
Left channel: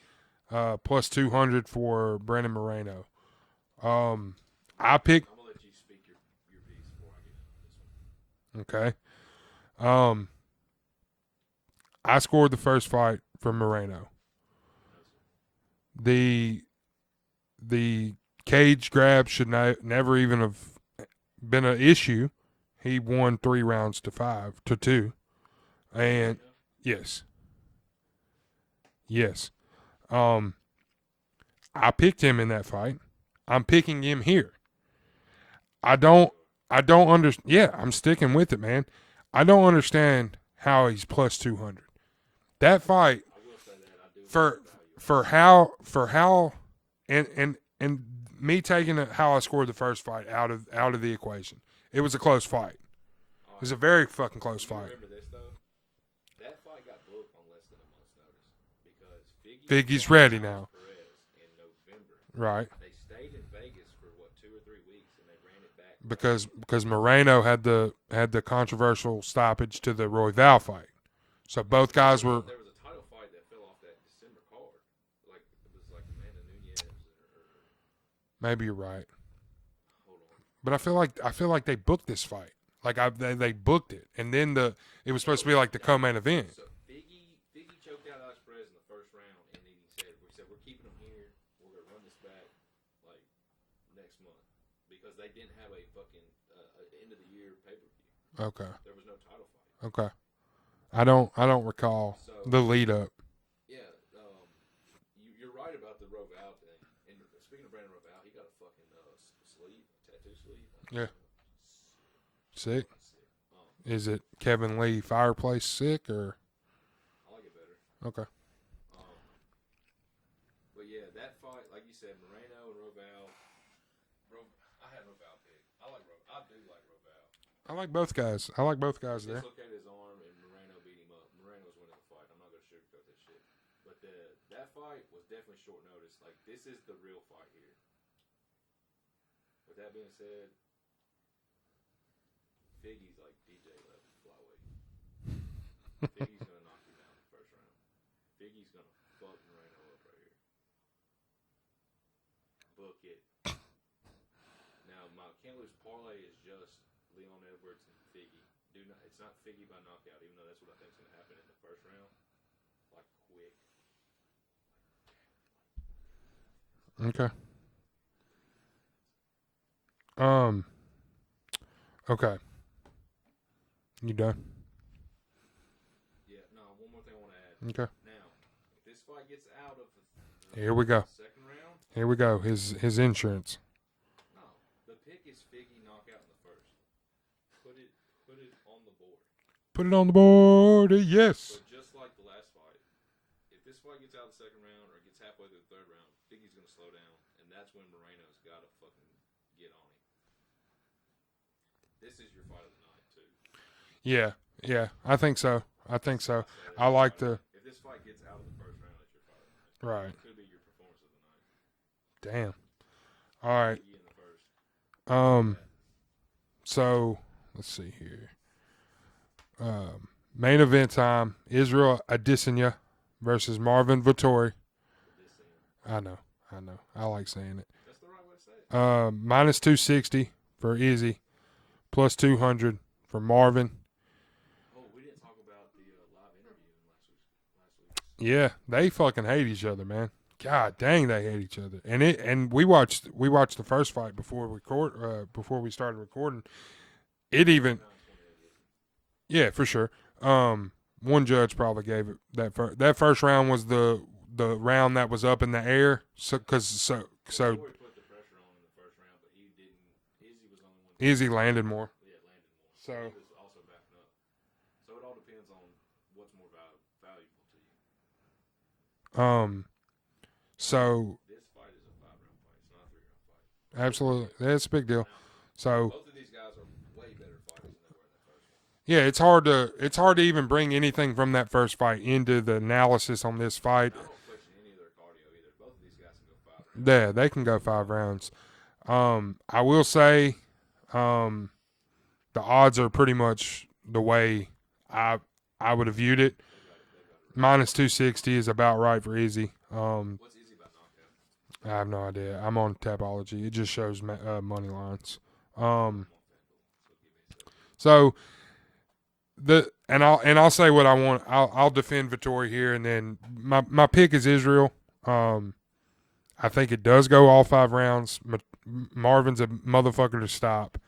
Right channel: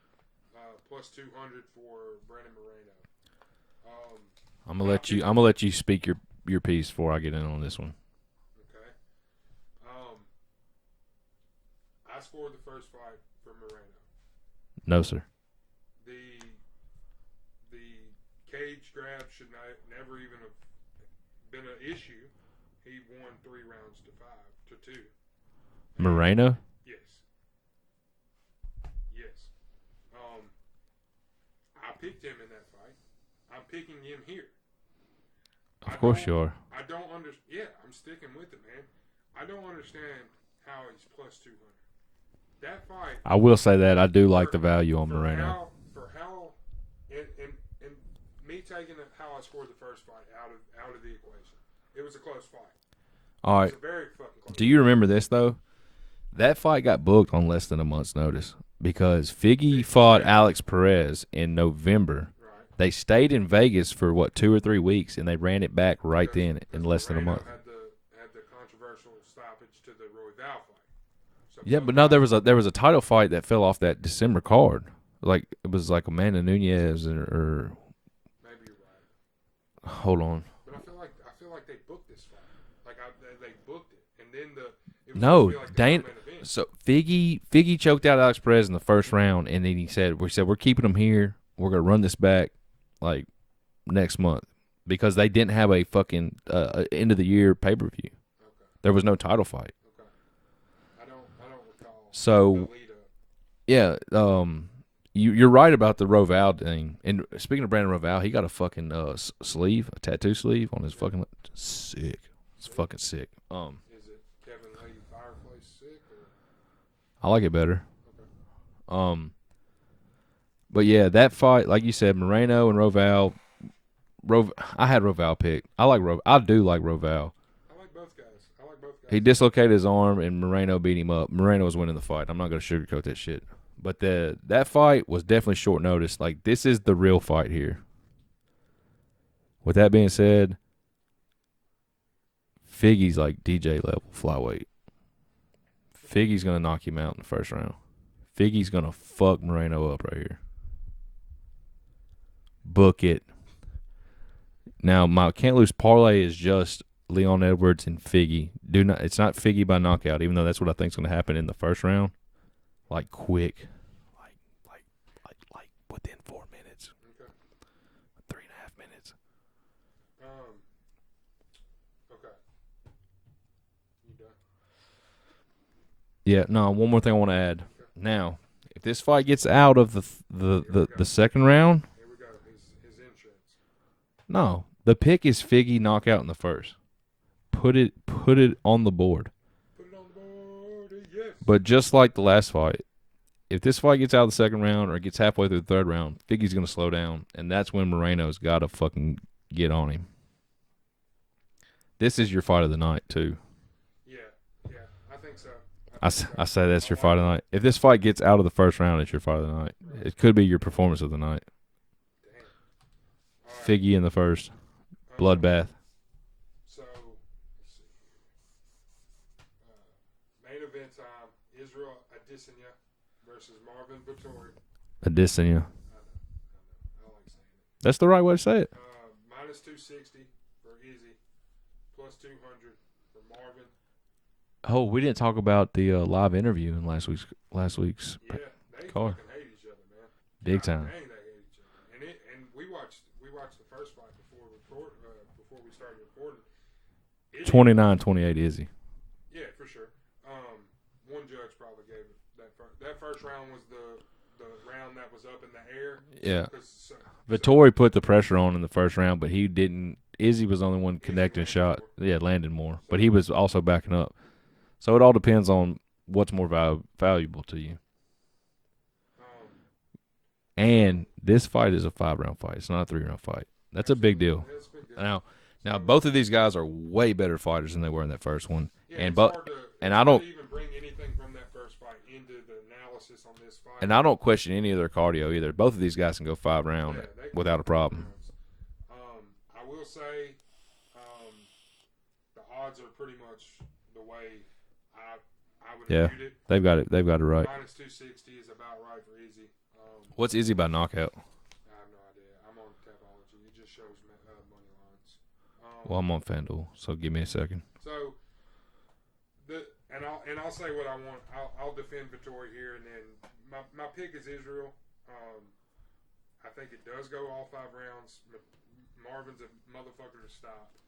plus 200 for Brandon Moreno. I'm gonna let you speak your piece before I get in on this one. Okay. I scored the first fight for Moreno. No, sir. The cage grab should never even have been an issue. He won 3 rounds to 2. Moreno? Yes. I picked him in that fight. I'm picking him here. I don't understand. Yeah, I'm sticking with it, man. I don't understand how he's plus 200. That fight. I will say that I do like the value on how and me taking how I scored the first fight out of the equation. It was a close fight. All right. It was a very fucking close. Do you remember this though? That fight got booked on less than a month's notice because Figgy fought Alex Perez in November. Right. They stayed in Vegas for 2 or 3 weeks and they ran it back then because Moreno had the controversial stoppage to the Royval fight. So there was a title fight that fell off that December card. It was Amanda Nunes or maybe you're right. Hold on. But I feel like they booked this fight. Like they booked it, and then it was supposed to be like the co-main event. So Figgy choked out Alex Perez in the first round, and then we said we're keeping him here. We're gonna run this back like next month because they didn't have a fucking end of the year pay-per-view. Okay. There was no title fight. Okay. I don't recall the lead up. Yeah. You're right about the Roval thing. And speaking of Brandon Roval, he got a fucking sleeve, a tattoo sleeve on his fucking sick. Fucking sick. Is it Kevin Lee Fireplace sick or? I like it better. Okay. But yeah, that fight, like you said, Moreno and Roval. I had Roval pick. I do like Roval. I like both guys. He dislocated his arm, and Moreno beat him up. Moreno was winning the fight. I'm not going to sugarcoat that shit. But that fight was definitely short notice. Like, this is the real fight here. With that being said, Figgy's like DJ level flyweight. Figgy's going to knock him out in the first round. Figgy's going to fuck Moreno up right here. Book it. Now, my can't lose parlay is just Leon Edwards and Figgy. It's not Figgy by knockout, even though that's what I think is going to happen in the first round. Like quick, like within 4 minutes. Okay. 3.5 minutes. Okay. You done? Yeah. No. One more thing I want to add. Okay. Now, if this fight gets out of the second round, here we go. His insurance. No, the pick is Figgy knockout in the first. Put it on the board. Put it on the board, yes. But just like the last fight, if this fight gets out of the second round or gets halfway through the third round, Figgy's going to slow down, and that's when Moreno's got to fucking get on him. This is your fight of the night, too. Yeah, I think so. I say that's your fight of the night. If this fight gets out of the first round, it's your fight of the night. Right. It could be your performance of the night. Damn. All right. Figgy in the first. Bloodbath. So, let's see here. Main event time: Israel Adesanya versus Marvin Vettori. Adesanya. I know. I like saying it. That's the right way to say it. Minus 260 for Izzy, plus 200 for Marvin. Oh, we didn't talk about the live interview in last week's. Yeah, they fucking hate each other, man. God dang, they hate each other. And we watched the first fight before we started recording. 29-28 Izzy. Yeah, for sure. One judge probably gave it that first round was the round that was up in the air. Yeah. Vettori put the pressure on in the first round, but he didn't. Izzy was the only one connecting the shot. More. Yeah, landed more. So, but he was also backing up. So it all depends on what's more valuable to you. And this fight is a 5-round fight. It's not a 3-round fight. That's absolutely a big deal. That's a big deal. Now, both of these guys are way better fighters than they were in that first one. Yeah, it's hard to even bring anything from that first fight into the analysis on this fight. And I don't question any of their cardio either. Both of these guys can go 5 rounds. Yeah, they can go 5 rounds. I will say the odds are pretty much the way I would have viewed it. They've got it right. Minus 260 is about right for Izzy. What's Izzy by knockout? I have no idea. I'm on Tapology. It just shows money lines. Well, I'm on FanDuel, so give me a second. So I'll say what I want. I'll defend Vettori here, and then my pick is Israel. I think it does go all 5 rounds. Marvin's a motherfucker to stop.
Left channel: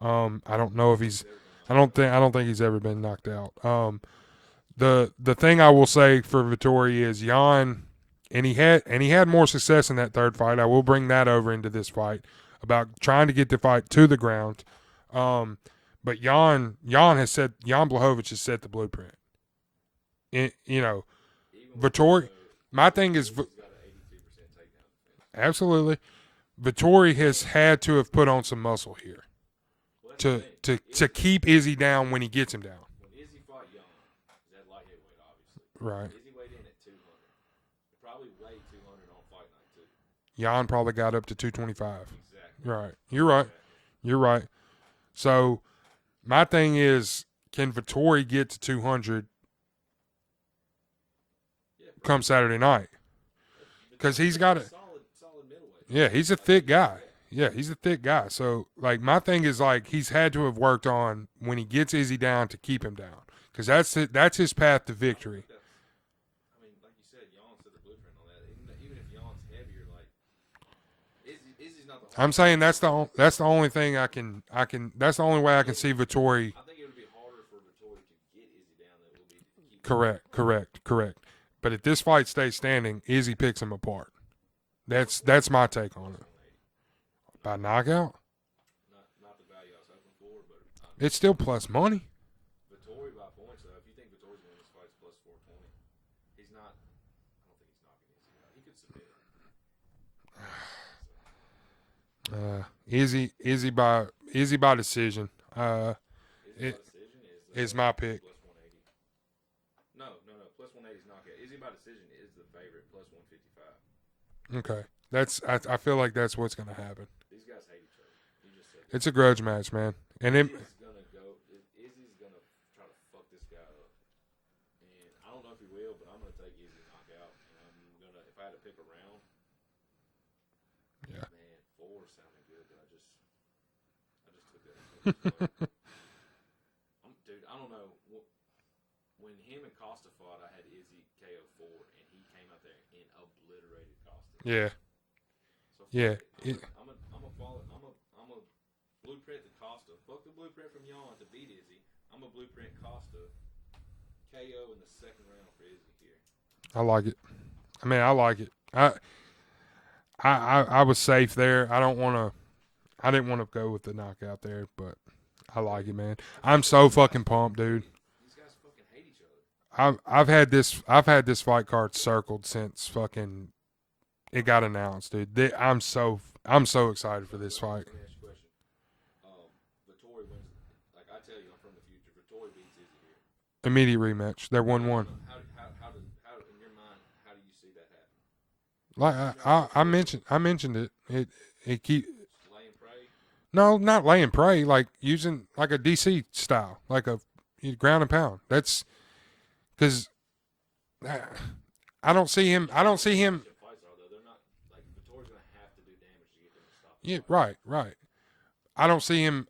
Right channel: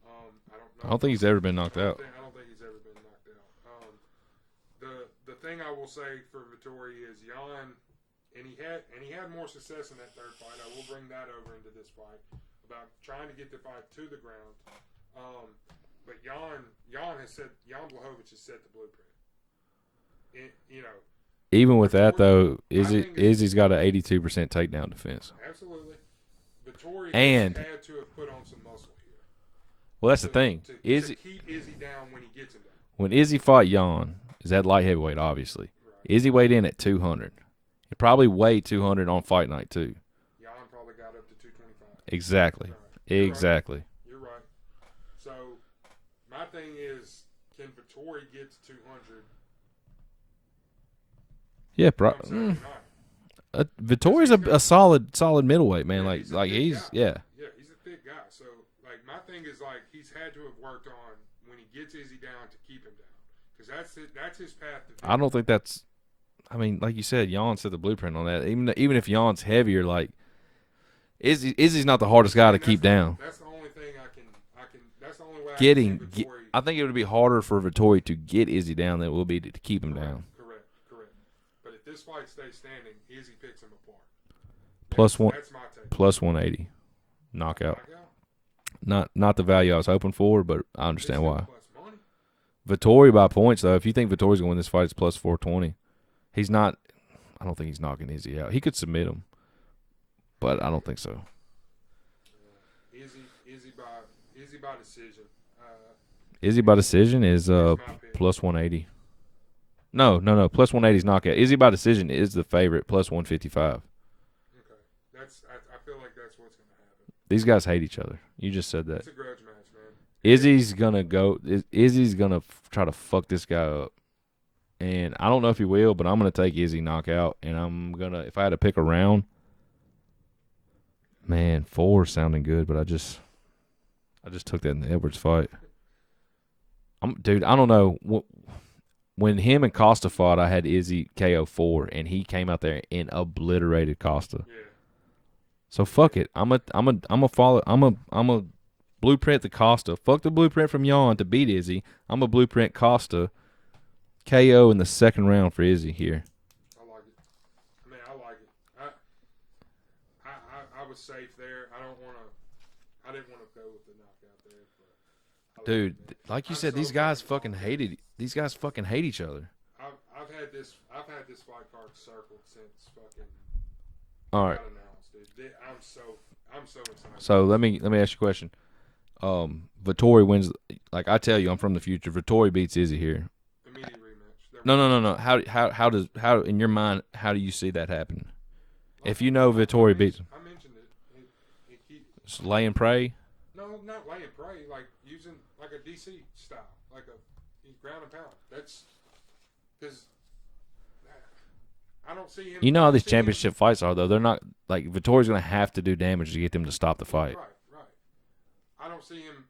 I don't know if he's ever been knocked out. I don't think he's ever been knocked out. The thing I will say for Vettori is Jan, and he had more success in that third fight. I will bring that over into this fight about trying to get the fight to the ground. But Jan Blachowicz has set the blueprint. Even with Vettori, that though, Izzy's got an 82% takedown defense. Absolutely. Vettori has had to have put on some muscle here. Well, that's the thing. To keep Izzy down when he gets him down. When Izzy fought Jan, is that light heavyweight, obviously. Right. Izzy weighed in at 200. He probably weighed 200 on fight night, too. Jan probably got up to 225. Exactly. Right. You're right. So, my thing is, can Vettori get to 200 come Saturday night? Vittori's a solid middleweight, man. Yeah, he's a thick guy. Yeah, he's a thick guy. So, like, my thing is, like, he's had to have worked on when he gets Izzy down to keep him down. Because that's his path to victory. I don't think that's – I mean, like you said, Jan set the blueprint on that. Even if Jan's heavier, like, Izzy's not the hardest guy to keep down. That's the only thing I can – that's the only way I can see Vettori. I think it would be harder for Vettori to get Izzy down than it will be to keep him down. Correct. But if this fight stays standing, Izzy picks him apart. That's my take. Plus 180. Knockout? Not the value I was hoping for, but I understand it's still why. Plus money. Vettori by points, though. If you think Vettori's going to win this fight, it's plus 420. He's not – I don't think he's knocking Izzy out. He could submit him, but I don't think so. Izzy by decision. Izzy by decision is my pick. Plus 180. No. Plus 180 is knockout. Izzy by decision is the favorite, plus 155. Okay. I feel like that's what's going to happen. These guys hate each other. You just said that. It's a grudge match, man. And Izzy's going to try to fuck this guy up. And I don't know if he will, but I'm going to take Izzy knockout. And I'm going to, if I had to pick a round, man, 4 sounding good, but I just took that in the Edwards fight. Dude, I don't know. When him and Costa fought, I had Izzy KO 4, and he came out there and obliterated Costa. Yeah. So fuck it. I'm a blueprint the Costa. Fuck the blueprint from Jan to beat Izzy. I'm a blueprint Costa. KO in the second round for Izzy here. I like it. I like it. I was safe there. I didn't want to go with the knockout there, but I like it, man. Like I'm said, so fucking pumped, dude. These guys fucking hate each other. I've had this fight card circled since fucking it got announced, dude. I'm so excited. So let me ask you a question. Vittori wins. Like I tell you, I'm from the future. Vittori beats Izzy here. Immediate rematch. No. How in your mind? How do you see that happen? Like, if you know Vittori beats, I mentioned it. It keeps lay and pray. No, not lay and pray. Like using like a DC style, like a ground and pound. That's because I don't see him. You know how these championship fights are, though. They're not like Vittori's going to have to do damage to get them to stop the fight. Right. I don't see him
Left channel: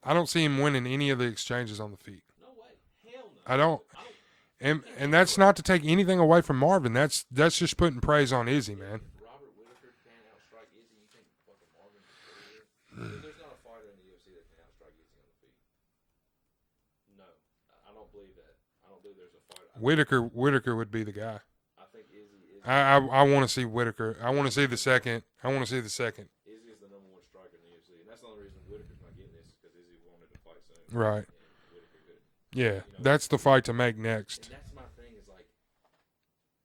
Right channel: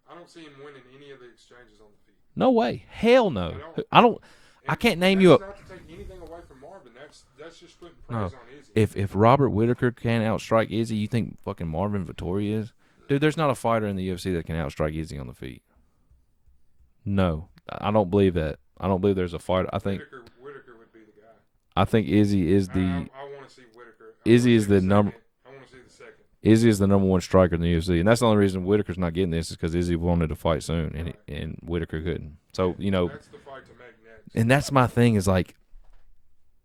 winning any of the exchanges on the feet. No way. Hell no. I don't. I can't name you. That's you. Not to take anything away from Marvin. That's just putting praise on Izzy. If Robert Whitaker can't outstrike Izzy, you think fucking Marvin Vittori is? Dude, there's not a fighter in the UFC that can outstrike Izzy on the feet. No, I don't believe that. I don't believe there's a fighter. I think Whitaker would be the guy. I think Izzy is the. I want to see Whitaker. I want to see the second. I want to see the second. Izzy is the number one striker in the UFC, and that's the only reason Whitaker's not getting this is because Izzy wanted to fight soon, right? And Whitaker couldn't. So that's the fight to make next. And that's my thing is like,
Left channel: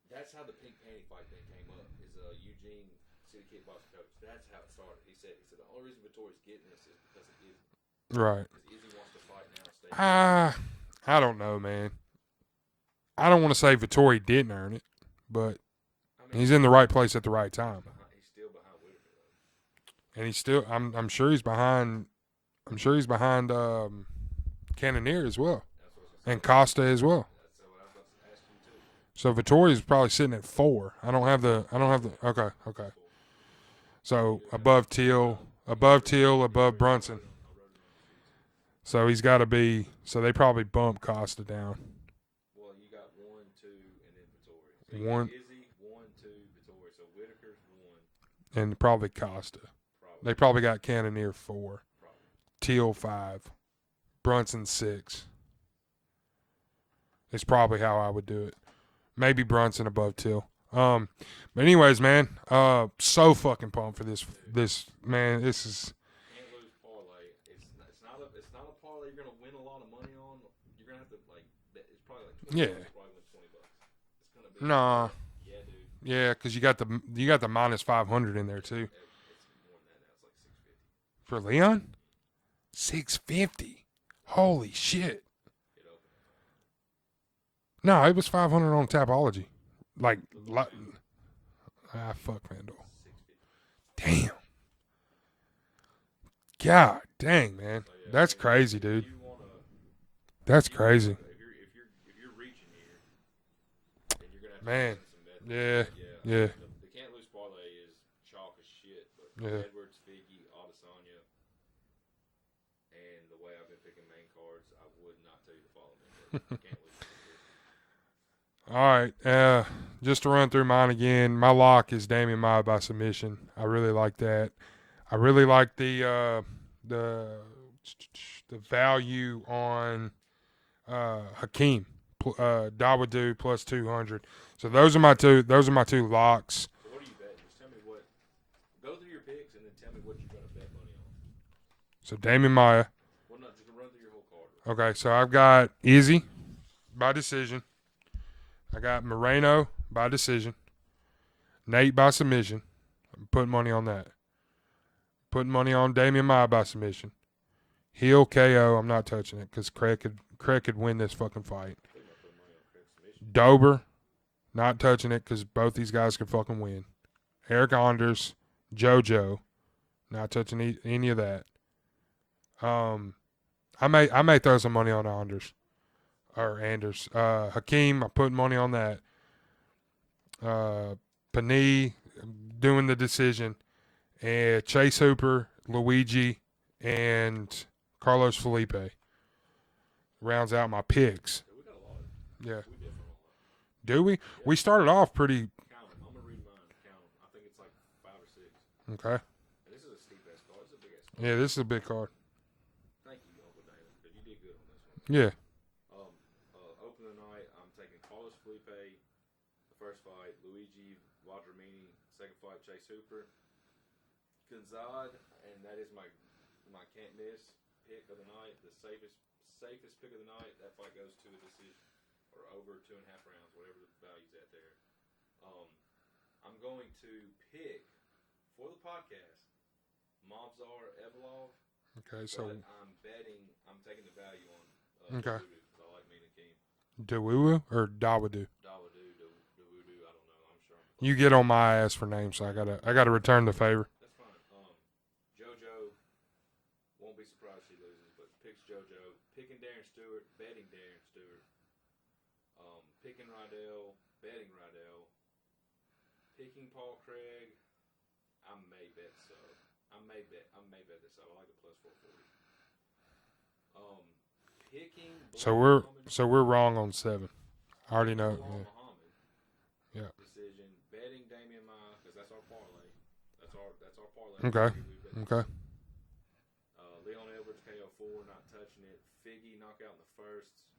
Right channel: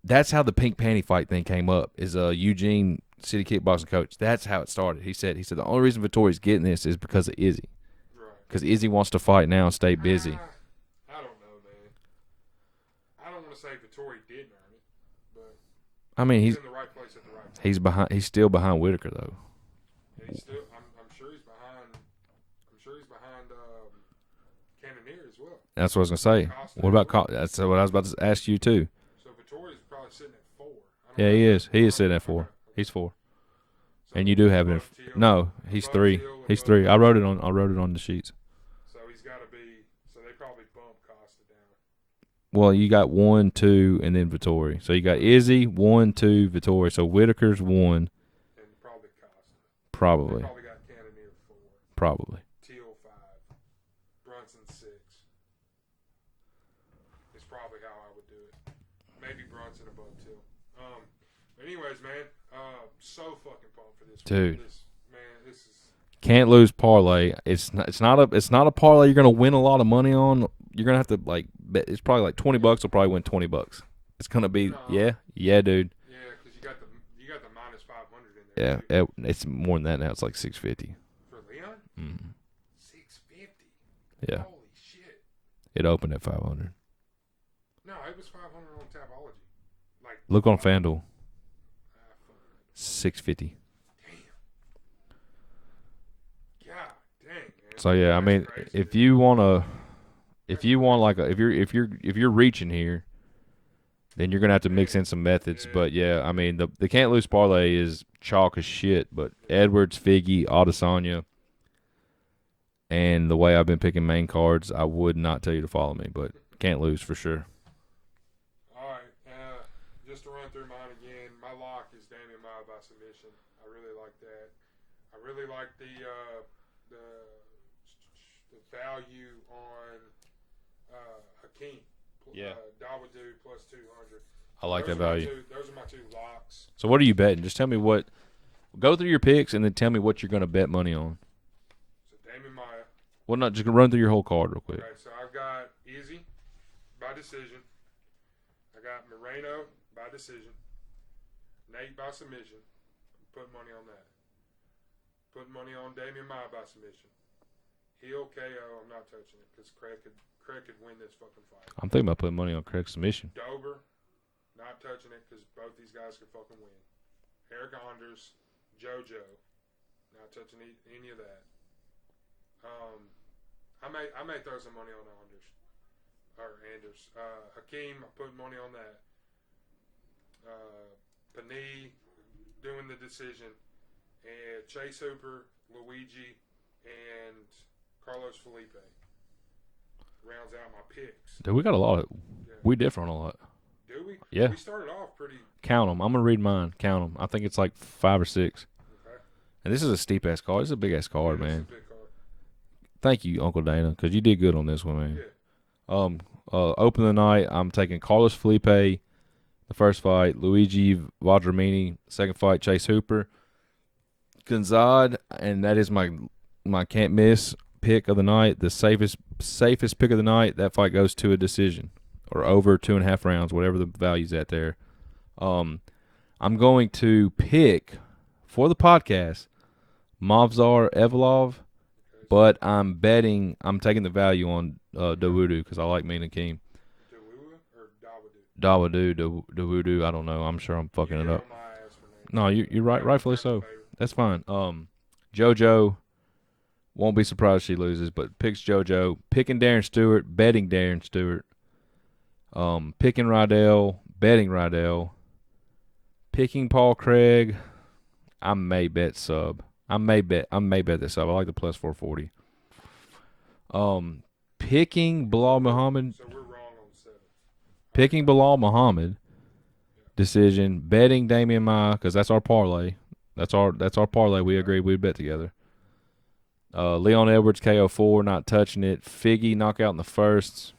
that's how the pink panty fight thing came up. Is Eugene City kickboxing coach? That's how it started. He said the only reason Vittori's getting this is because of Izzy, right? Because Izzy wants to fight now and stay busy. I don't know, man. I don't want to say Vittori didn't earn it, but I mean he's in the right place at the right time. He's still behind Whitaker though, and he's still. I'm sure he's behind. I'm sure he's behind Cannonier as well. That's what I was gonna say. And Costa as well. That's what I was about to ask you too. So Vittori's probably sitting at 4. I don't have he the. Is. He is sitting at 4. Okay. He's 4. So and you do have above Teal. No, he's above 3. Teal, he's above 3. Brunson. I wrote it on the sheets. So he's got to be. So they probably bump Costa down. Well, you got 1, 2, and then Vittori. So you got Izzy, 1, 2, Vittori. So Whitaker's 1. And probably Costa. Probably. They probably got Cannonier 4. Probably. Teal 5. Brunson 6. It's probably how I would do it. Maybe Brunson above Teal. But anyways, man, so fucking pumped for this. Dude. This is can't lose parlay. It's not a parlay you're gonna win a lot of money on. You're gonna have to like bet. It's probably like $20 will probably win $20. It's gonna be yeah, dude. Yeah, because you got the minus 500 in there too. Yeah, it's more than that now. It's like 650 for Leon. 650. Yeah. Holy shit! It opened at 500. No, it was 500 on Tapology. Like look on FanDuel. Fuck FanDuel. 650. Damn. God dang, man. So yeah, that's I mean, crazy. If dude. you want to, that's if you crazy. want like if you're reaching here, then you're gonna have to mix in some methods. Yeah. But I mean the can't lose parlay is chalk as shit. But Edwards, Figgy, Adesanya, and the way I've been picking main cards, I would not tell you to follow me, but can't lose for sure. All right, just to run through mine again, my lock is Damian Maia by submission. I really like that. I really like the value on Hakeem, Dawodu plus 200. So those are my two. Those are my two locks. So what are you betting? Just tell me what. Go through your picks and then tell me what you're going to bet money on. So Damian Maia. Well, not just run through your whole card real quick. Okay, so I've got Izzy by decision. I got Moreno by decision. Nate by submission. I'm putting money on that. Putting money on Damian Maia by submission. Heel KO. I'm not touching it because Craig could win this fucking fight. I'm thinking about putting money on Craig's submission. Dober. Not touching it because both these guys could fucking win. Eric Anders. JoJo. Not touching any of that. I may throw some money on Anders. Hakeem, I'm putting money on that. Panay, doing the decision. And Chase Hooper, Luigi, and Carlos Felipe rounds out my picks. Dude, we got a lot. We differ on a lot. Do we? Yeah. We started off pretty. Count them. I'm going to read mine. Count them. I think it's like 5 or 6. Okay. And this is a steep-ass card. This is a big-ass card, Yeah, this is a big card. Thank you, Uncle Dana, because you did good on this one, man. Yeah. Open the night, I'm taking Carlos Felipe, the first fight, Luigi Vadramini, second fight, Chase Hooper, Gonzad, and that is my can't miss pick of the night, the safest pick of the night. That fight goes to a decision or over 2.5 rounds, whatever the value's at there. I'm going to pick for the podcast Movsar Evlov. But I'm taking the value on Dawodu because I like Mina Keem. Dawodu or Dawodu? Dawodu, I don't know. I'm sure I'm fucking. You get on my ass for names. No, you're right. I got to return the favor. That's fine. JoJo, won't be surprised if she loses, but picks JoJo. Picking Darren Stewart, betting Darren Stewart. Picking Rydell, betting Rydell. Picking Paul Craig, I may bet sub. I may bet this up. I like the plus 440. Picking Bilal Muhammad. So we're wrong on 7. Picking Bilal Muhammad. Yeah. Decision. Betting Damian Maia because that's our parlay. That's our parlay. We agreed we'd bet together. Leon Edwards KO4, not touching it. Figgy knockout in the first,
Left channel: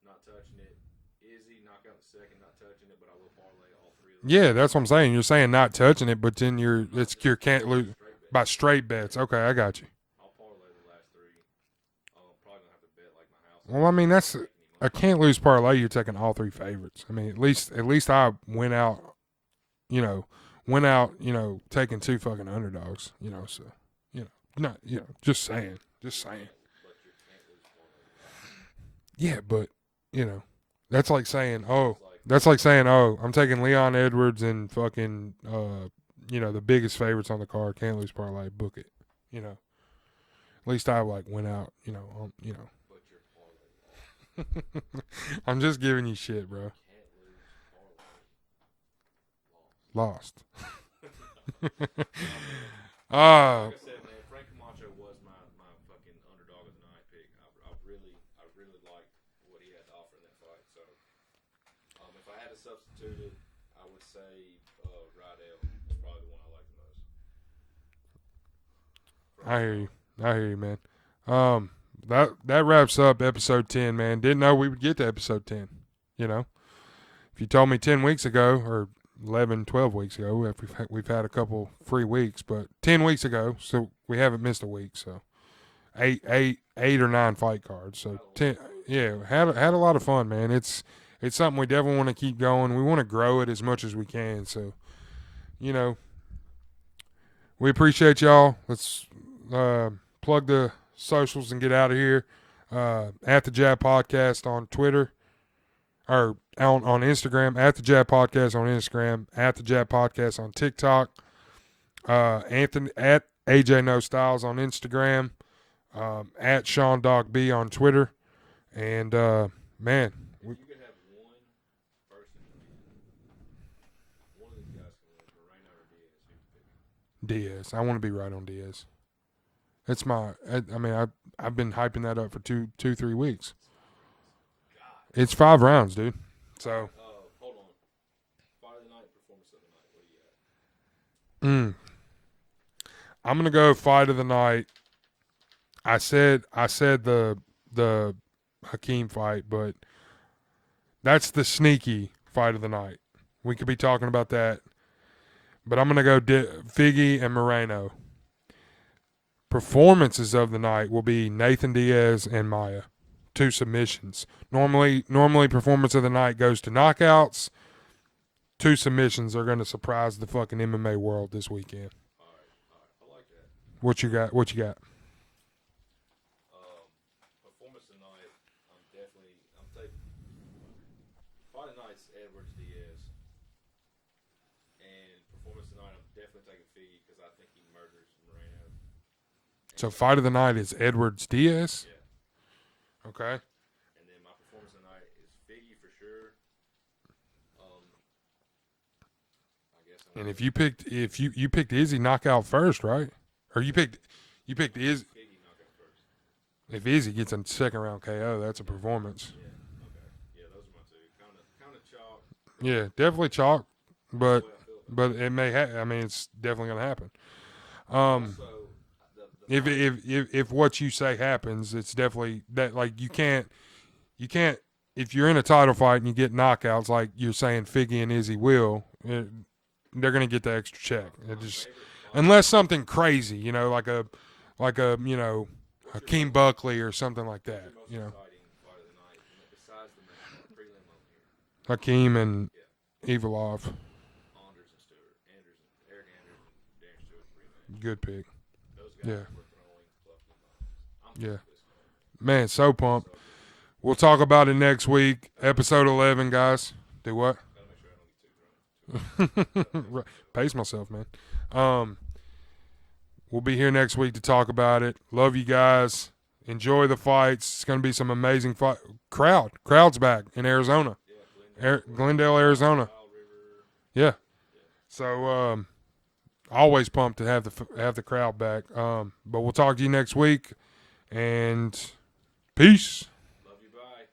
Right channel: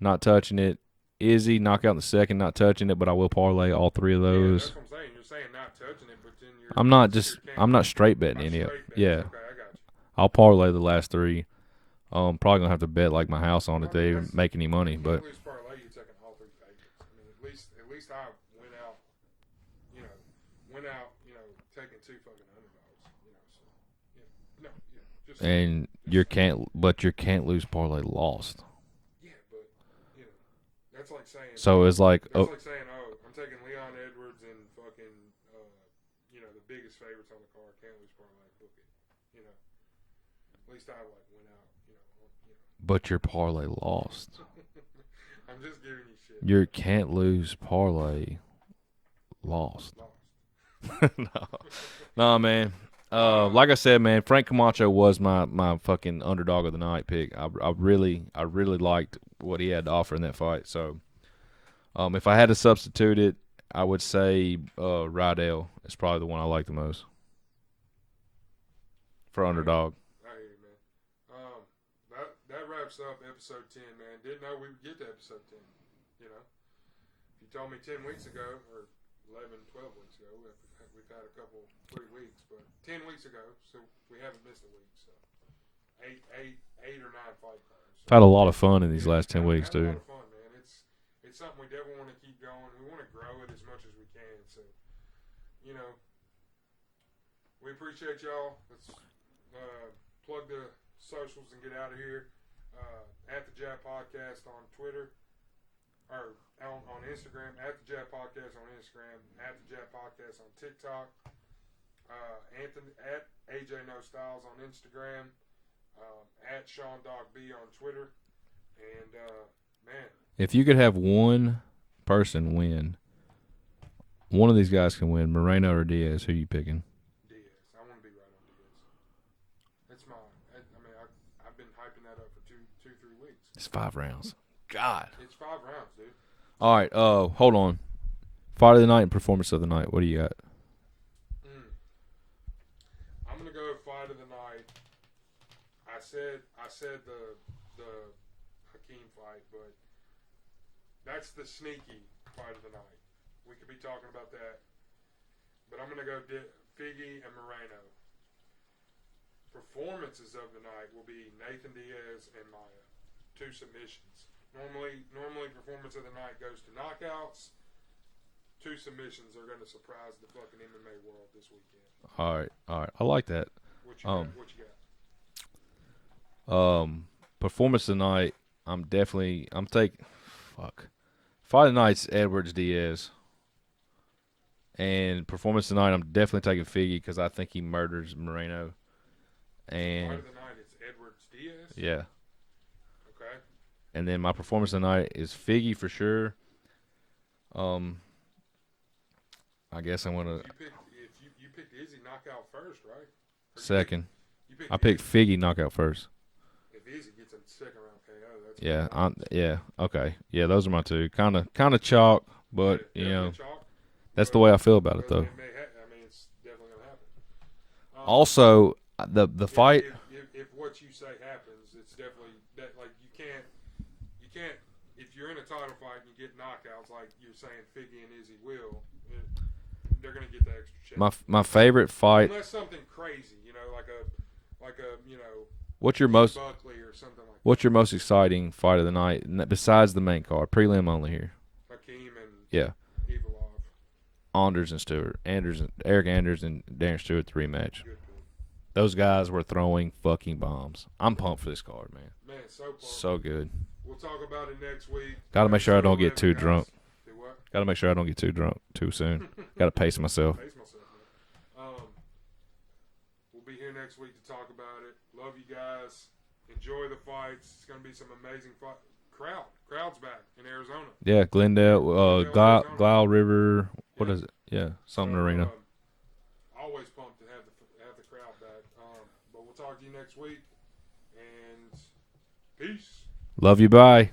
not touching it. Izzy knockout in the second, not touching it, but I will parlay all 3 of those. Yeah, that's what I'm saying. You're saying not touching it, but then I'm not straight betting. By straight bets. Yeah. Okay, I got you. I'll parlay the last 3. Probably gonna have to bet like my house on. Well, I mean, that's make any money. I can't lose parlay. You're taking all 3 favorites. I mean, at least I went out. Taking 2 fucking underdogs. Just saying. And you can't lose parlay lost. Yeah, but that's like saying. So it's like that's like saying, I'm taking Leon Edwards and fucking, the biggest favorites on the card. Can't lose parlay. Book it. At least I went out. But your parlay lost. I'm just giving you shit. Your can't lose parlay lost. No, man. Like I said, man, Frank Camacho was my fucking underdog of the night pick. I really liked what he had to offer in that fight. So, if I had to substitute it, I would say Rydell is probably the one I like the most for underdog. I hear you, man. That wraps up episode 10, man. Didn't know we would get to episode 10. If you told me 10 weeks ago or 11, 12 weeks ago. We've had a couple free weeks, but 10 weeks ago, so we haven't missed a week. So eight or 9 fight cards. So had a lot of fun in these last 10 weeks. Had a lot of fun, man. It's something we definitely want to keep going. We want to grow it as much as we can. So, we appreciate y'all. Let's plug the socials and get out of here. At the Jab Podcast on Twitter. Or on Instagram, at the Jab Podcast on Instagram, at the Jab Podcast on TikTok, Anthony at AJ No Styles on Instagram, at Sean Dog B on Twitter, and man, if you could have one person win. One of these guys can win, Moreno or Diaz. Who you picking? Diaz. I want to be right on Diaz. It's my. I mean, I've been hyping that up for 3 weeks. It's 5 rounds. God. It's 5 rounds, dude. So, all right. Hold on. Fight of the night and performance of the night. What do you got? I'm gonna go fight of the night. I said the Hakeem fight, but that's the sneaky fight of the night. We could be talking about that, but I'm gonna go Figgy and Moreno. Performances of the night will be Nathan Diaz and Maia, 2 submissions. Normally performance of the night goes to knockouts. 2 submissions are gonna surprise the fucking MMA world this weekend. All right. I like that. What you got? What you got? Performance tonight. I'm taking. Fuck. Fight of the night's Edwards Diaz. And performance tonight, I'm definitely taking Figgy because I think he murders Moreno. So fight of the night is Edwards Diaz. Yeah. Okay. And then my performance tonight is Figgy for sure. I guess I'm gonna. If you picked Izzy knockout first, right? Or second. You picked. I picked Figgy knockout first. If Izzy gets a second round KO, that's a performance. Yeah. Okay. Yeah, those are my 2. Kind of chalk, but yeah, definitely chalk. That's the way I feel about it. Though. But it may. I mean, it's definitely gonna happen. Also, the fight. If what you say happens, it's definitely that. Like you can't. If you're in a title fight and you get knockouts, like you're saying, Figgy and Izzy will. They're gonna get the extra check. My favorite fight, unless something crazy, like a what's your Keith Buckley or something like that. What's your most exciting fight of the night besides the main card, prelim only here? Hakeem and Evolov. Eric Anders and Darren Stewart, the rematch. Good pick. Those guys were throwing fucking bombs. I'm pumped for this card, man. Man, so pumped. So good. We'll talk about it next week. Episode 11, guys. Do what? Got to make sure I don't get too drunk too soon. Got to pace myself. Pace myself, man. We'll be here next week to talk about it. Love you guys. Enjoy the fights. It's going to be some amazing fight. Crowd's back in Arizona. Yeah, Glendale, Arizona. Wild River. Yeah. What is it? Yeah. So, always pumped to have the crowd back. But we'll talk to you next week. And peace. Love you. Bye.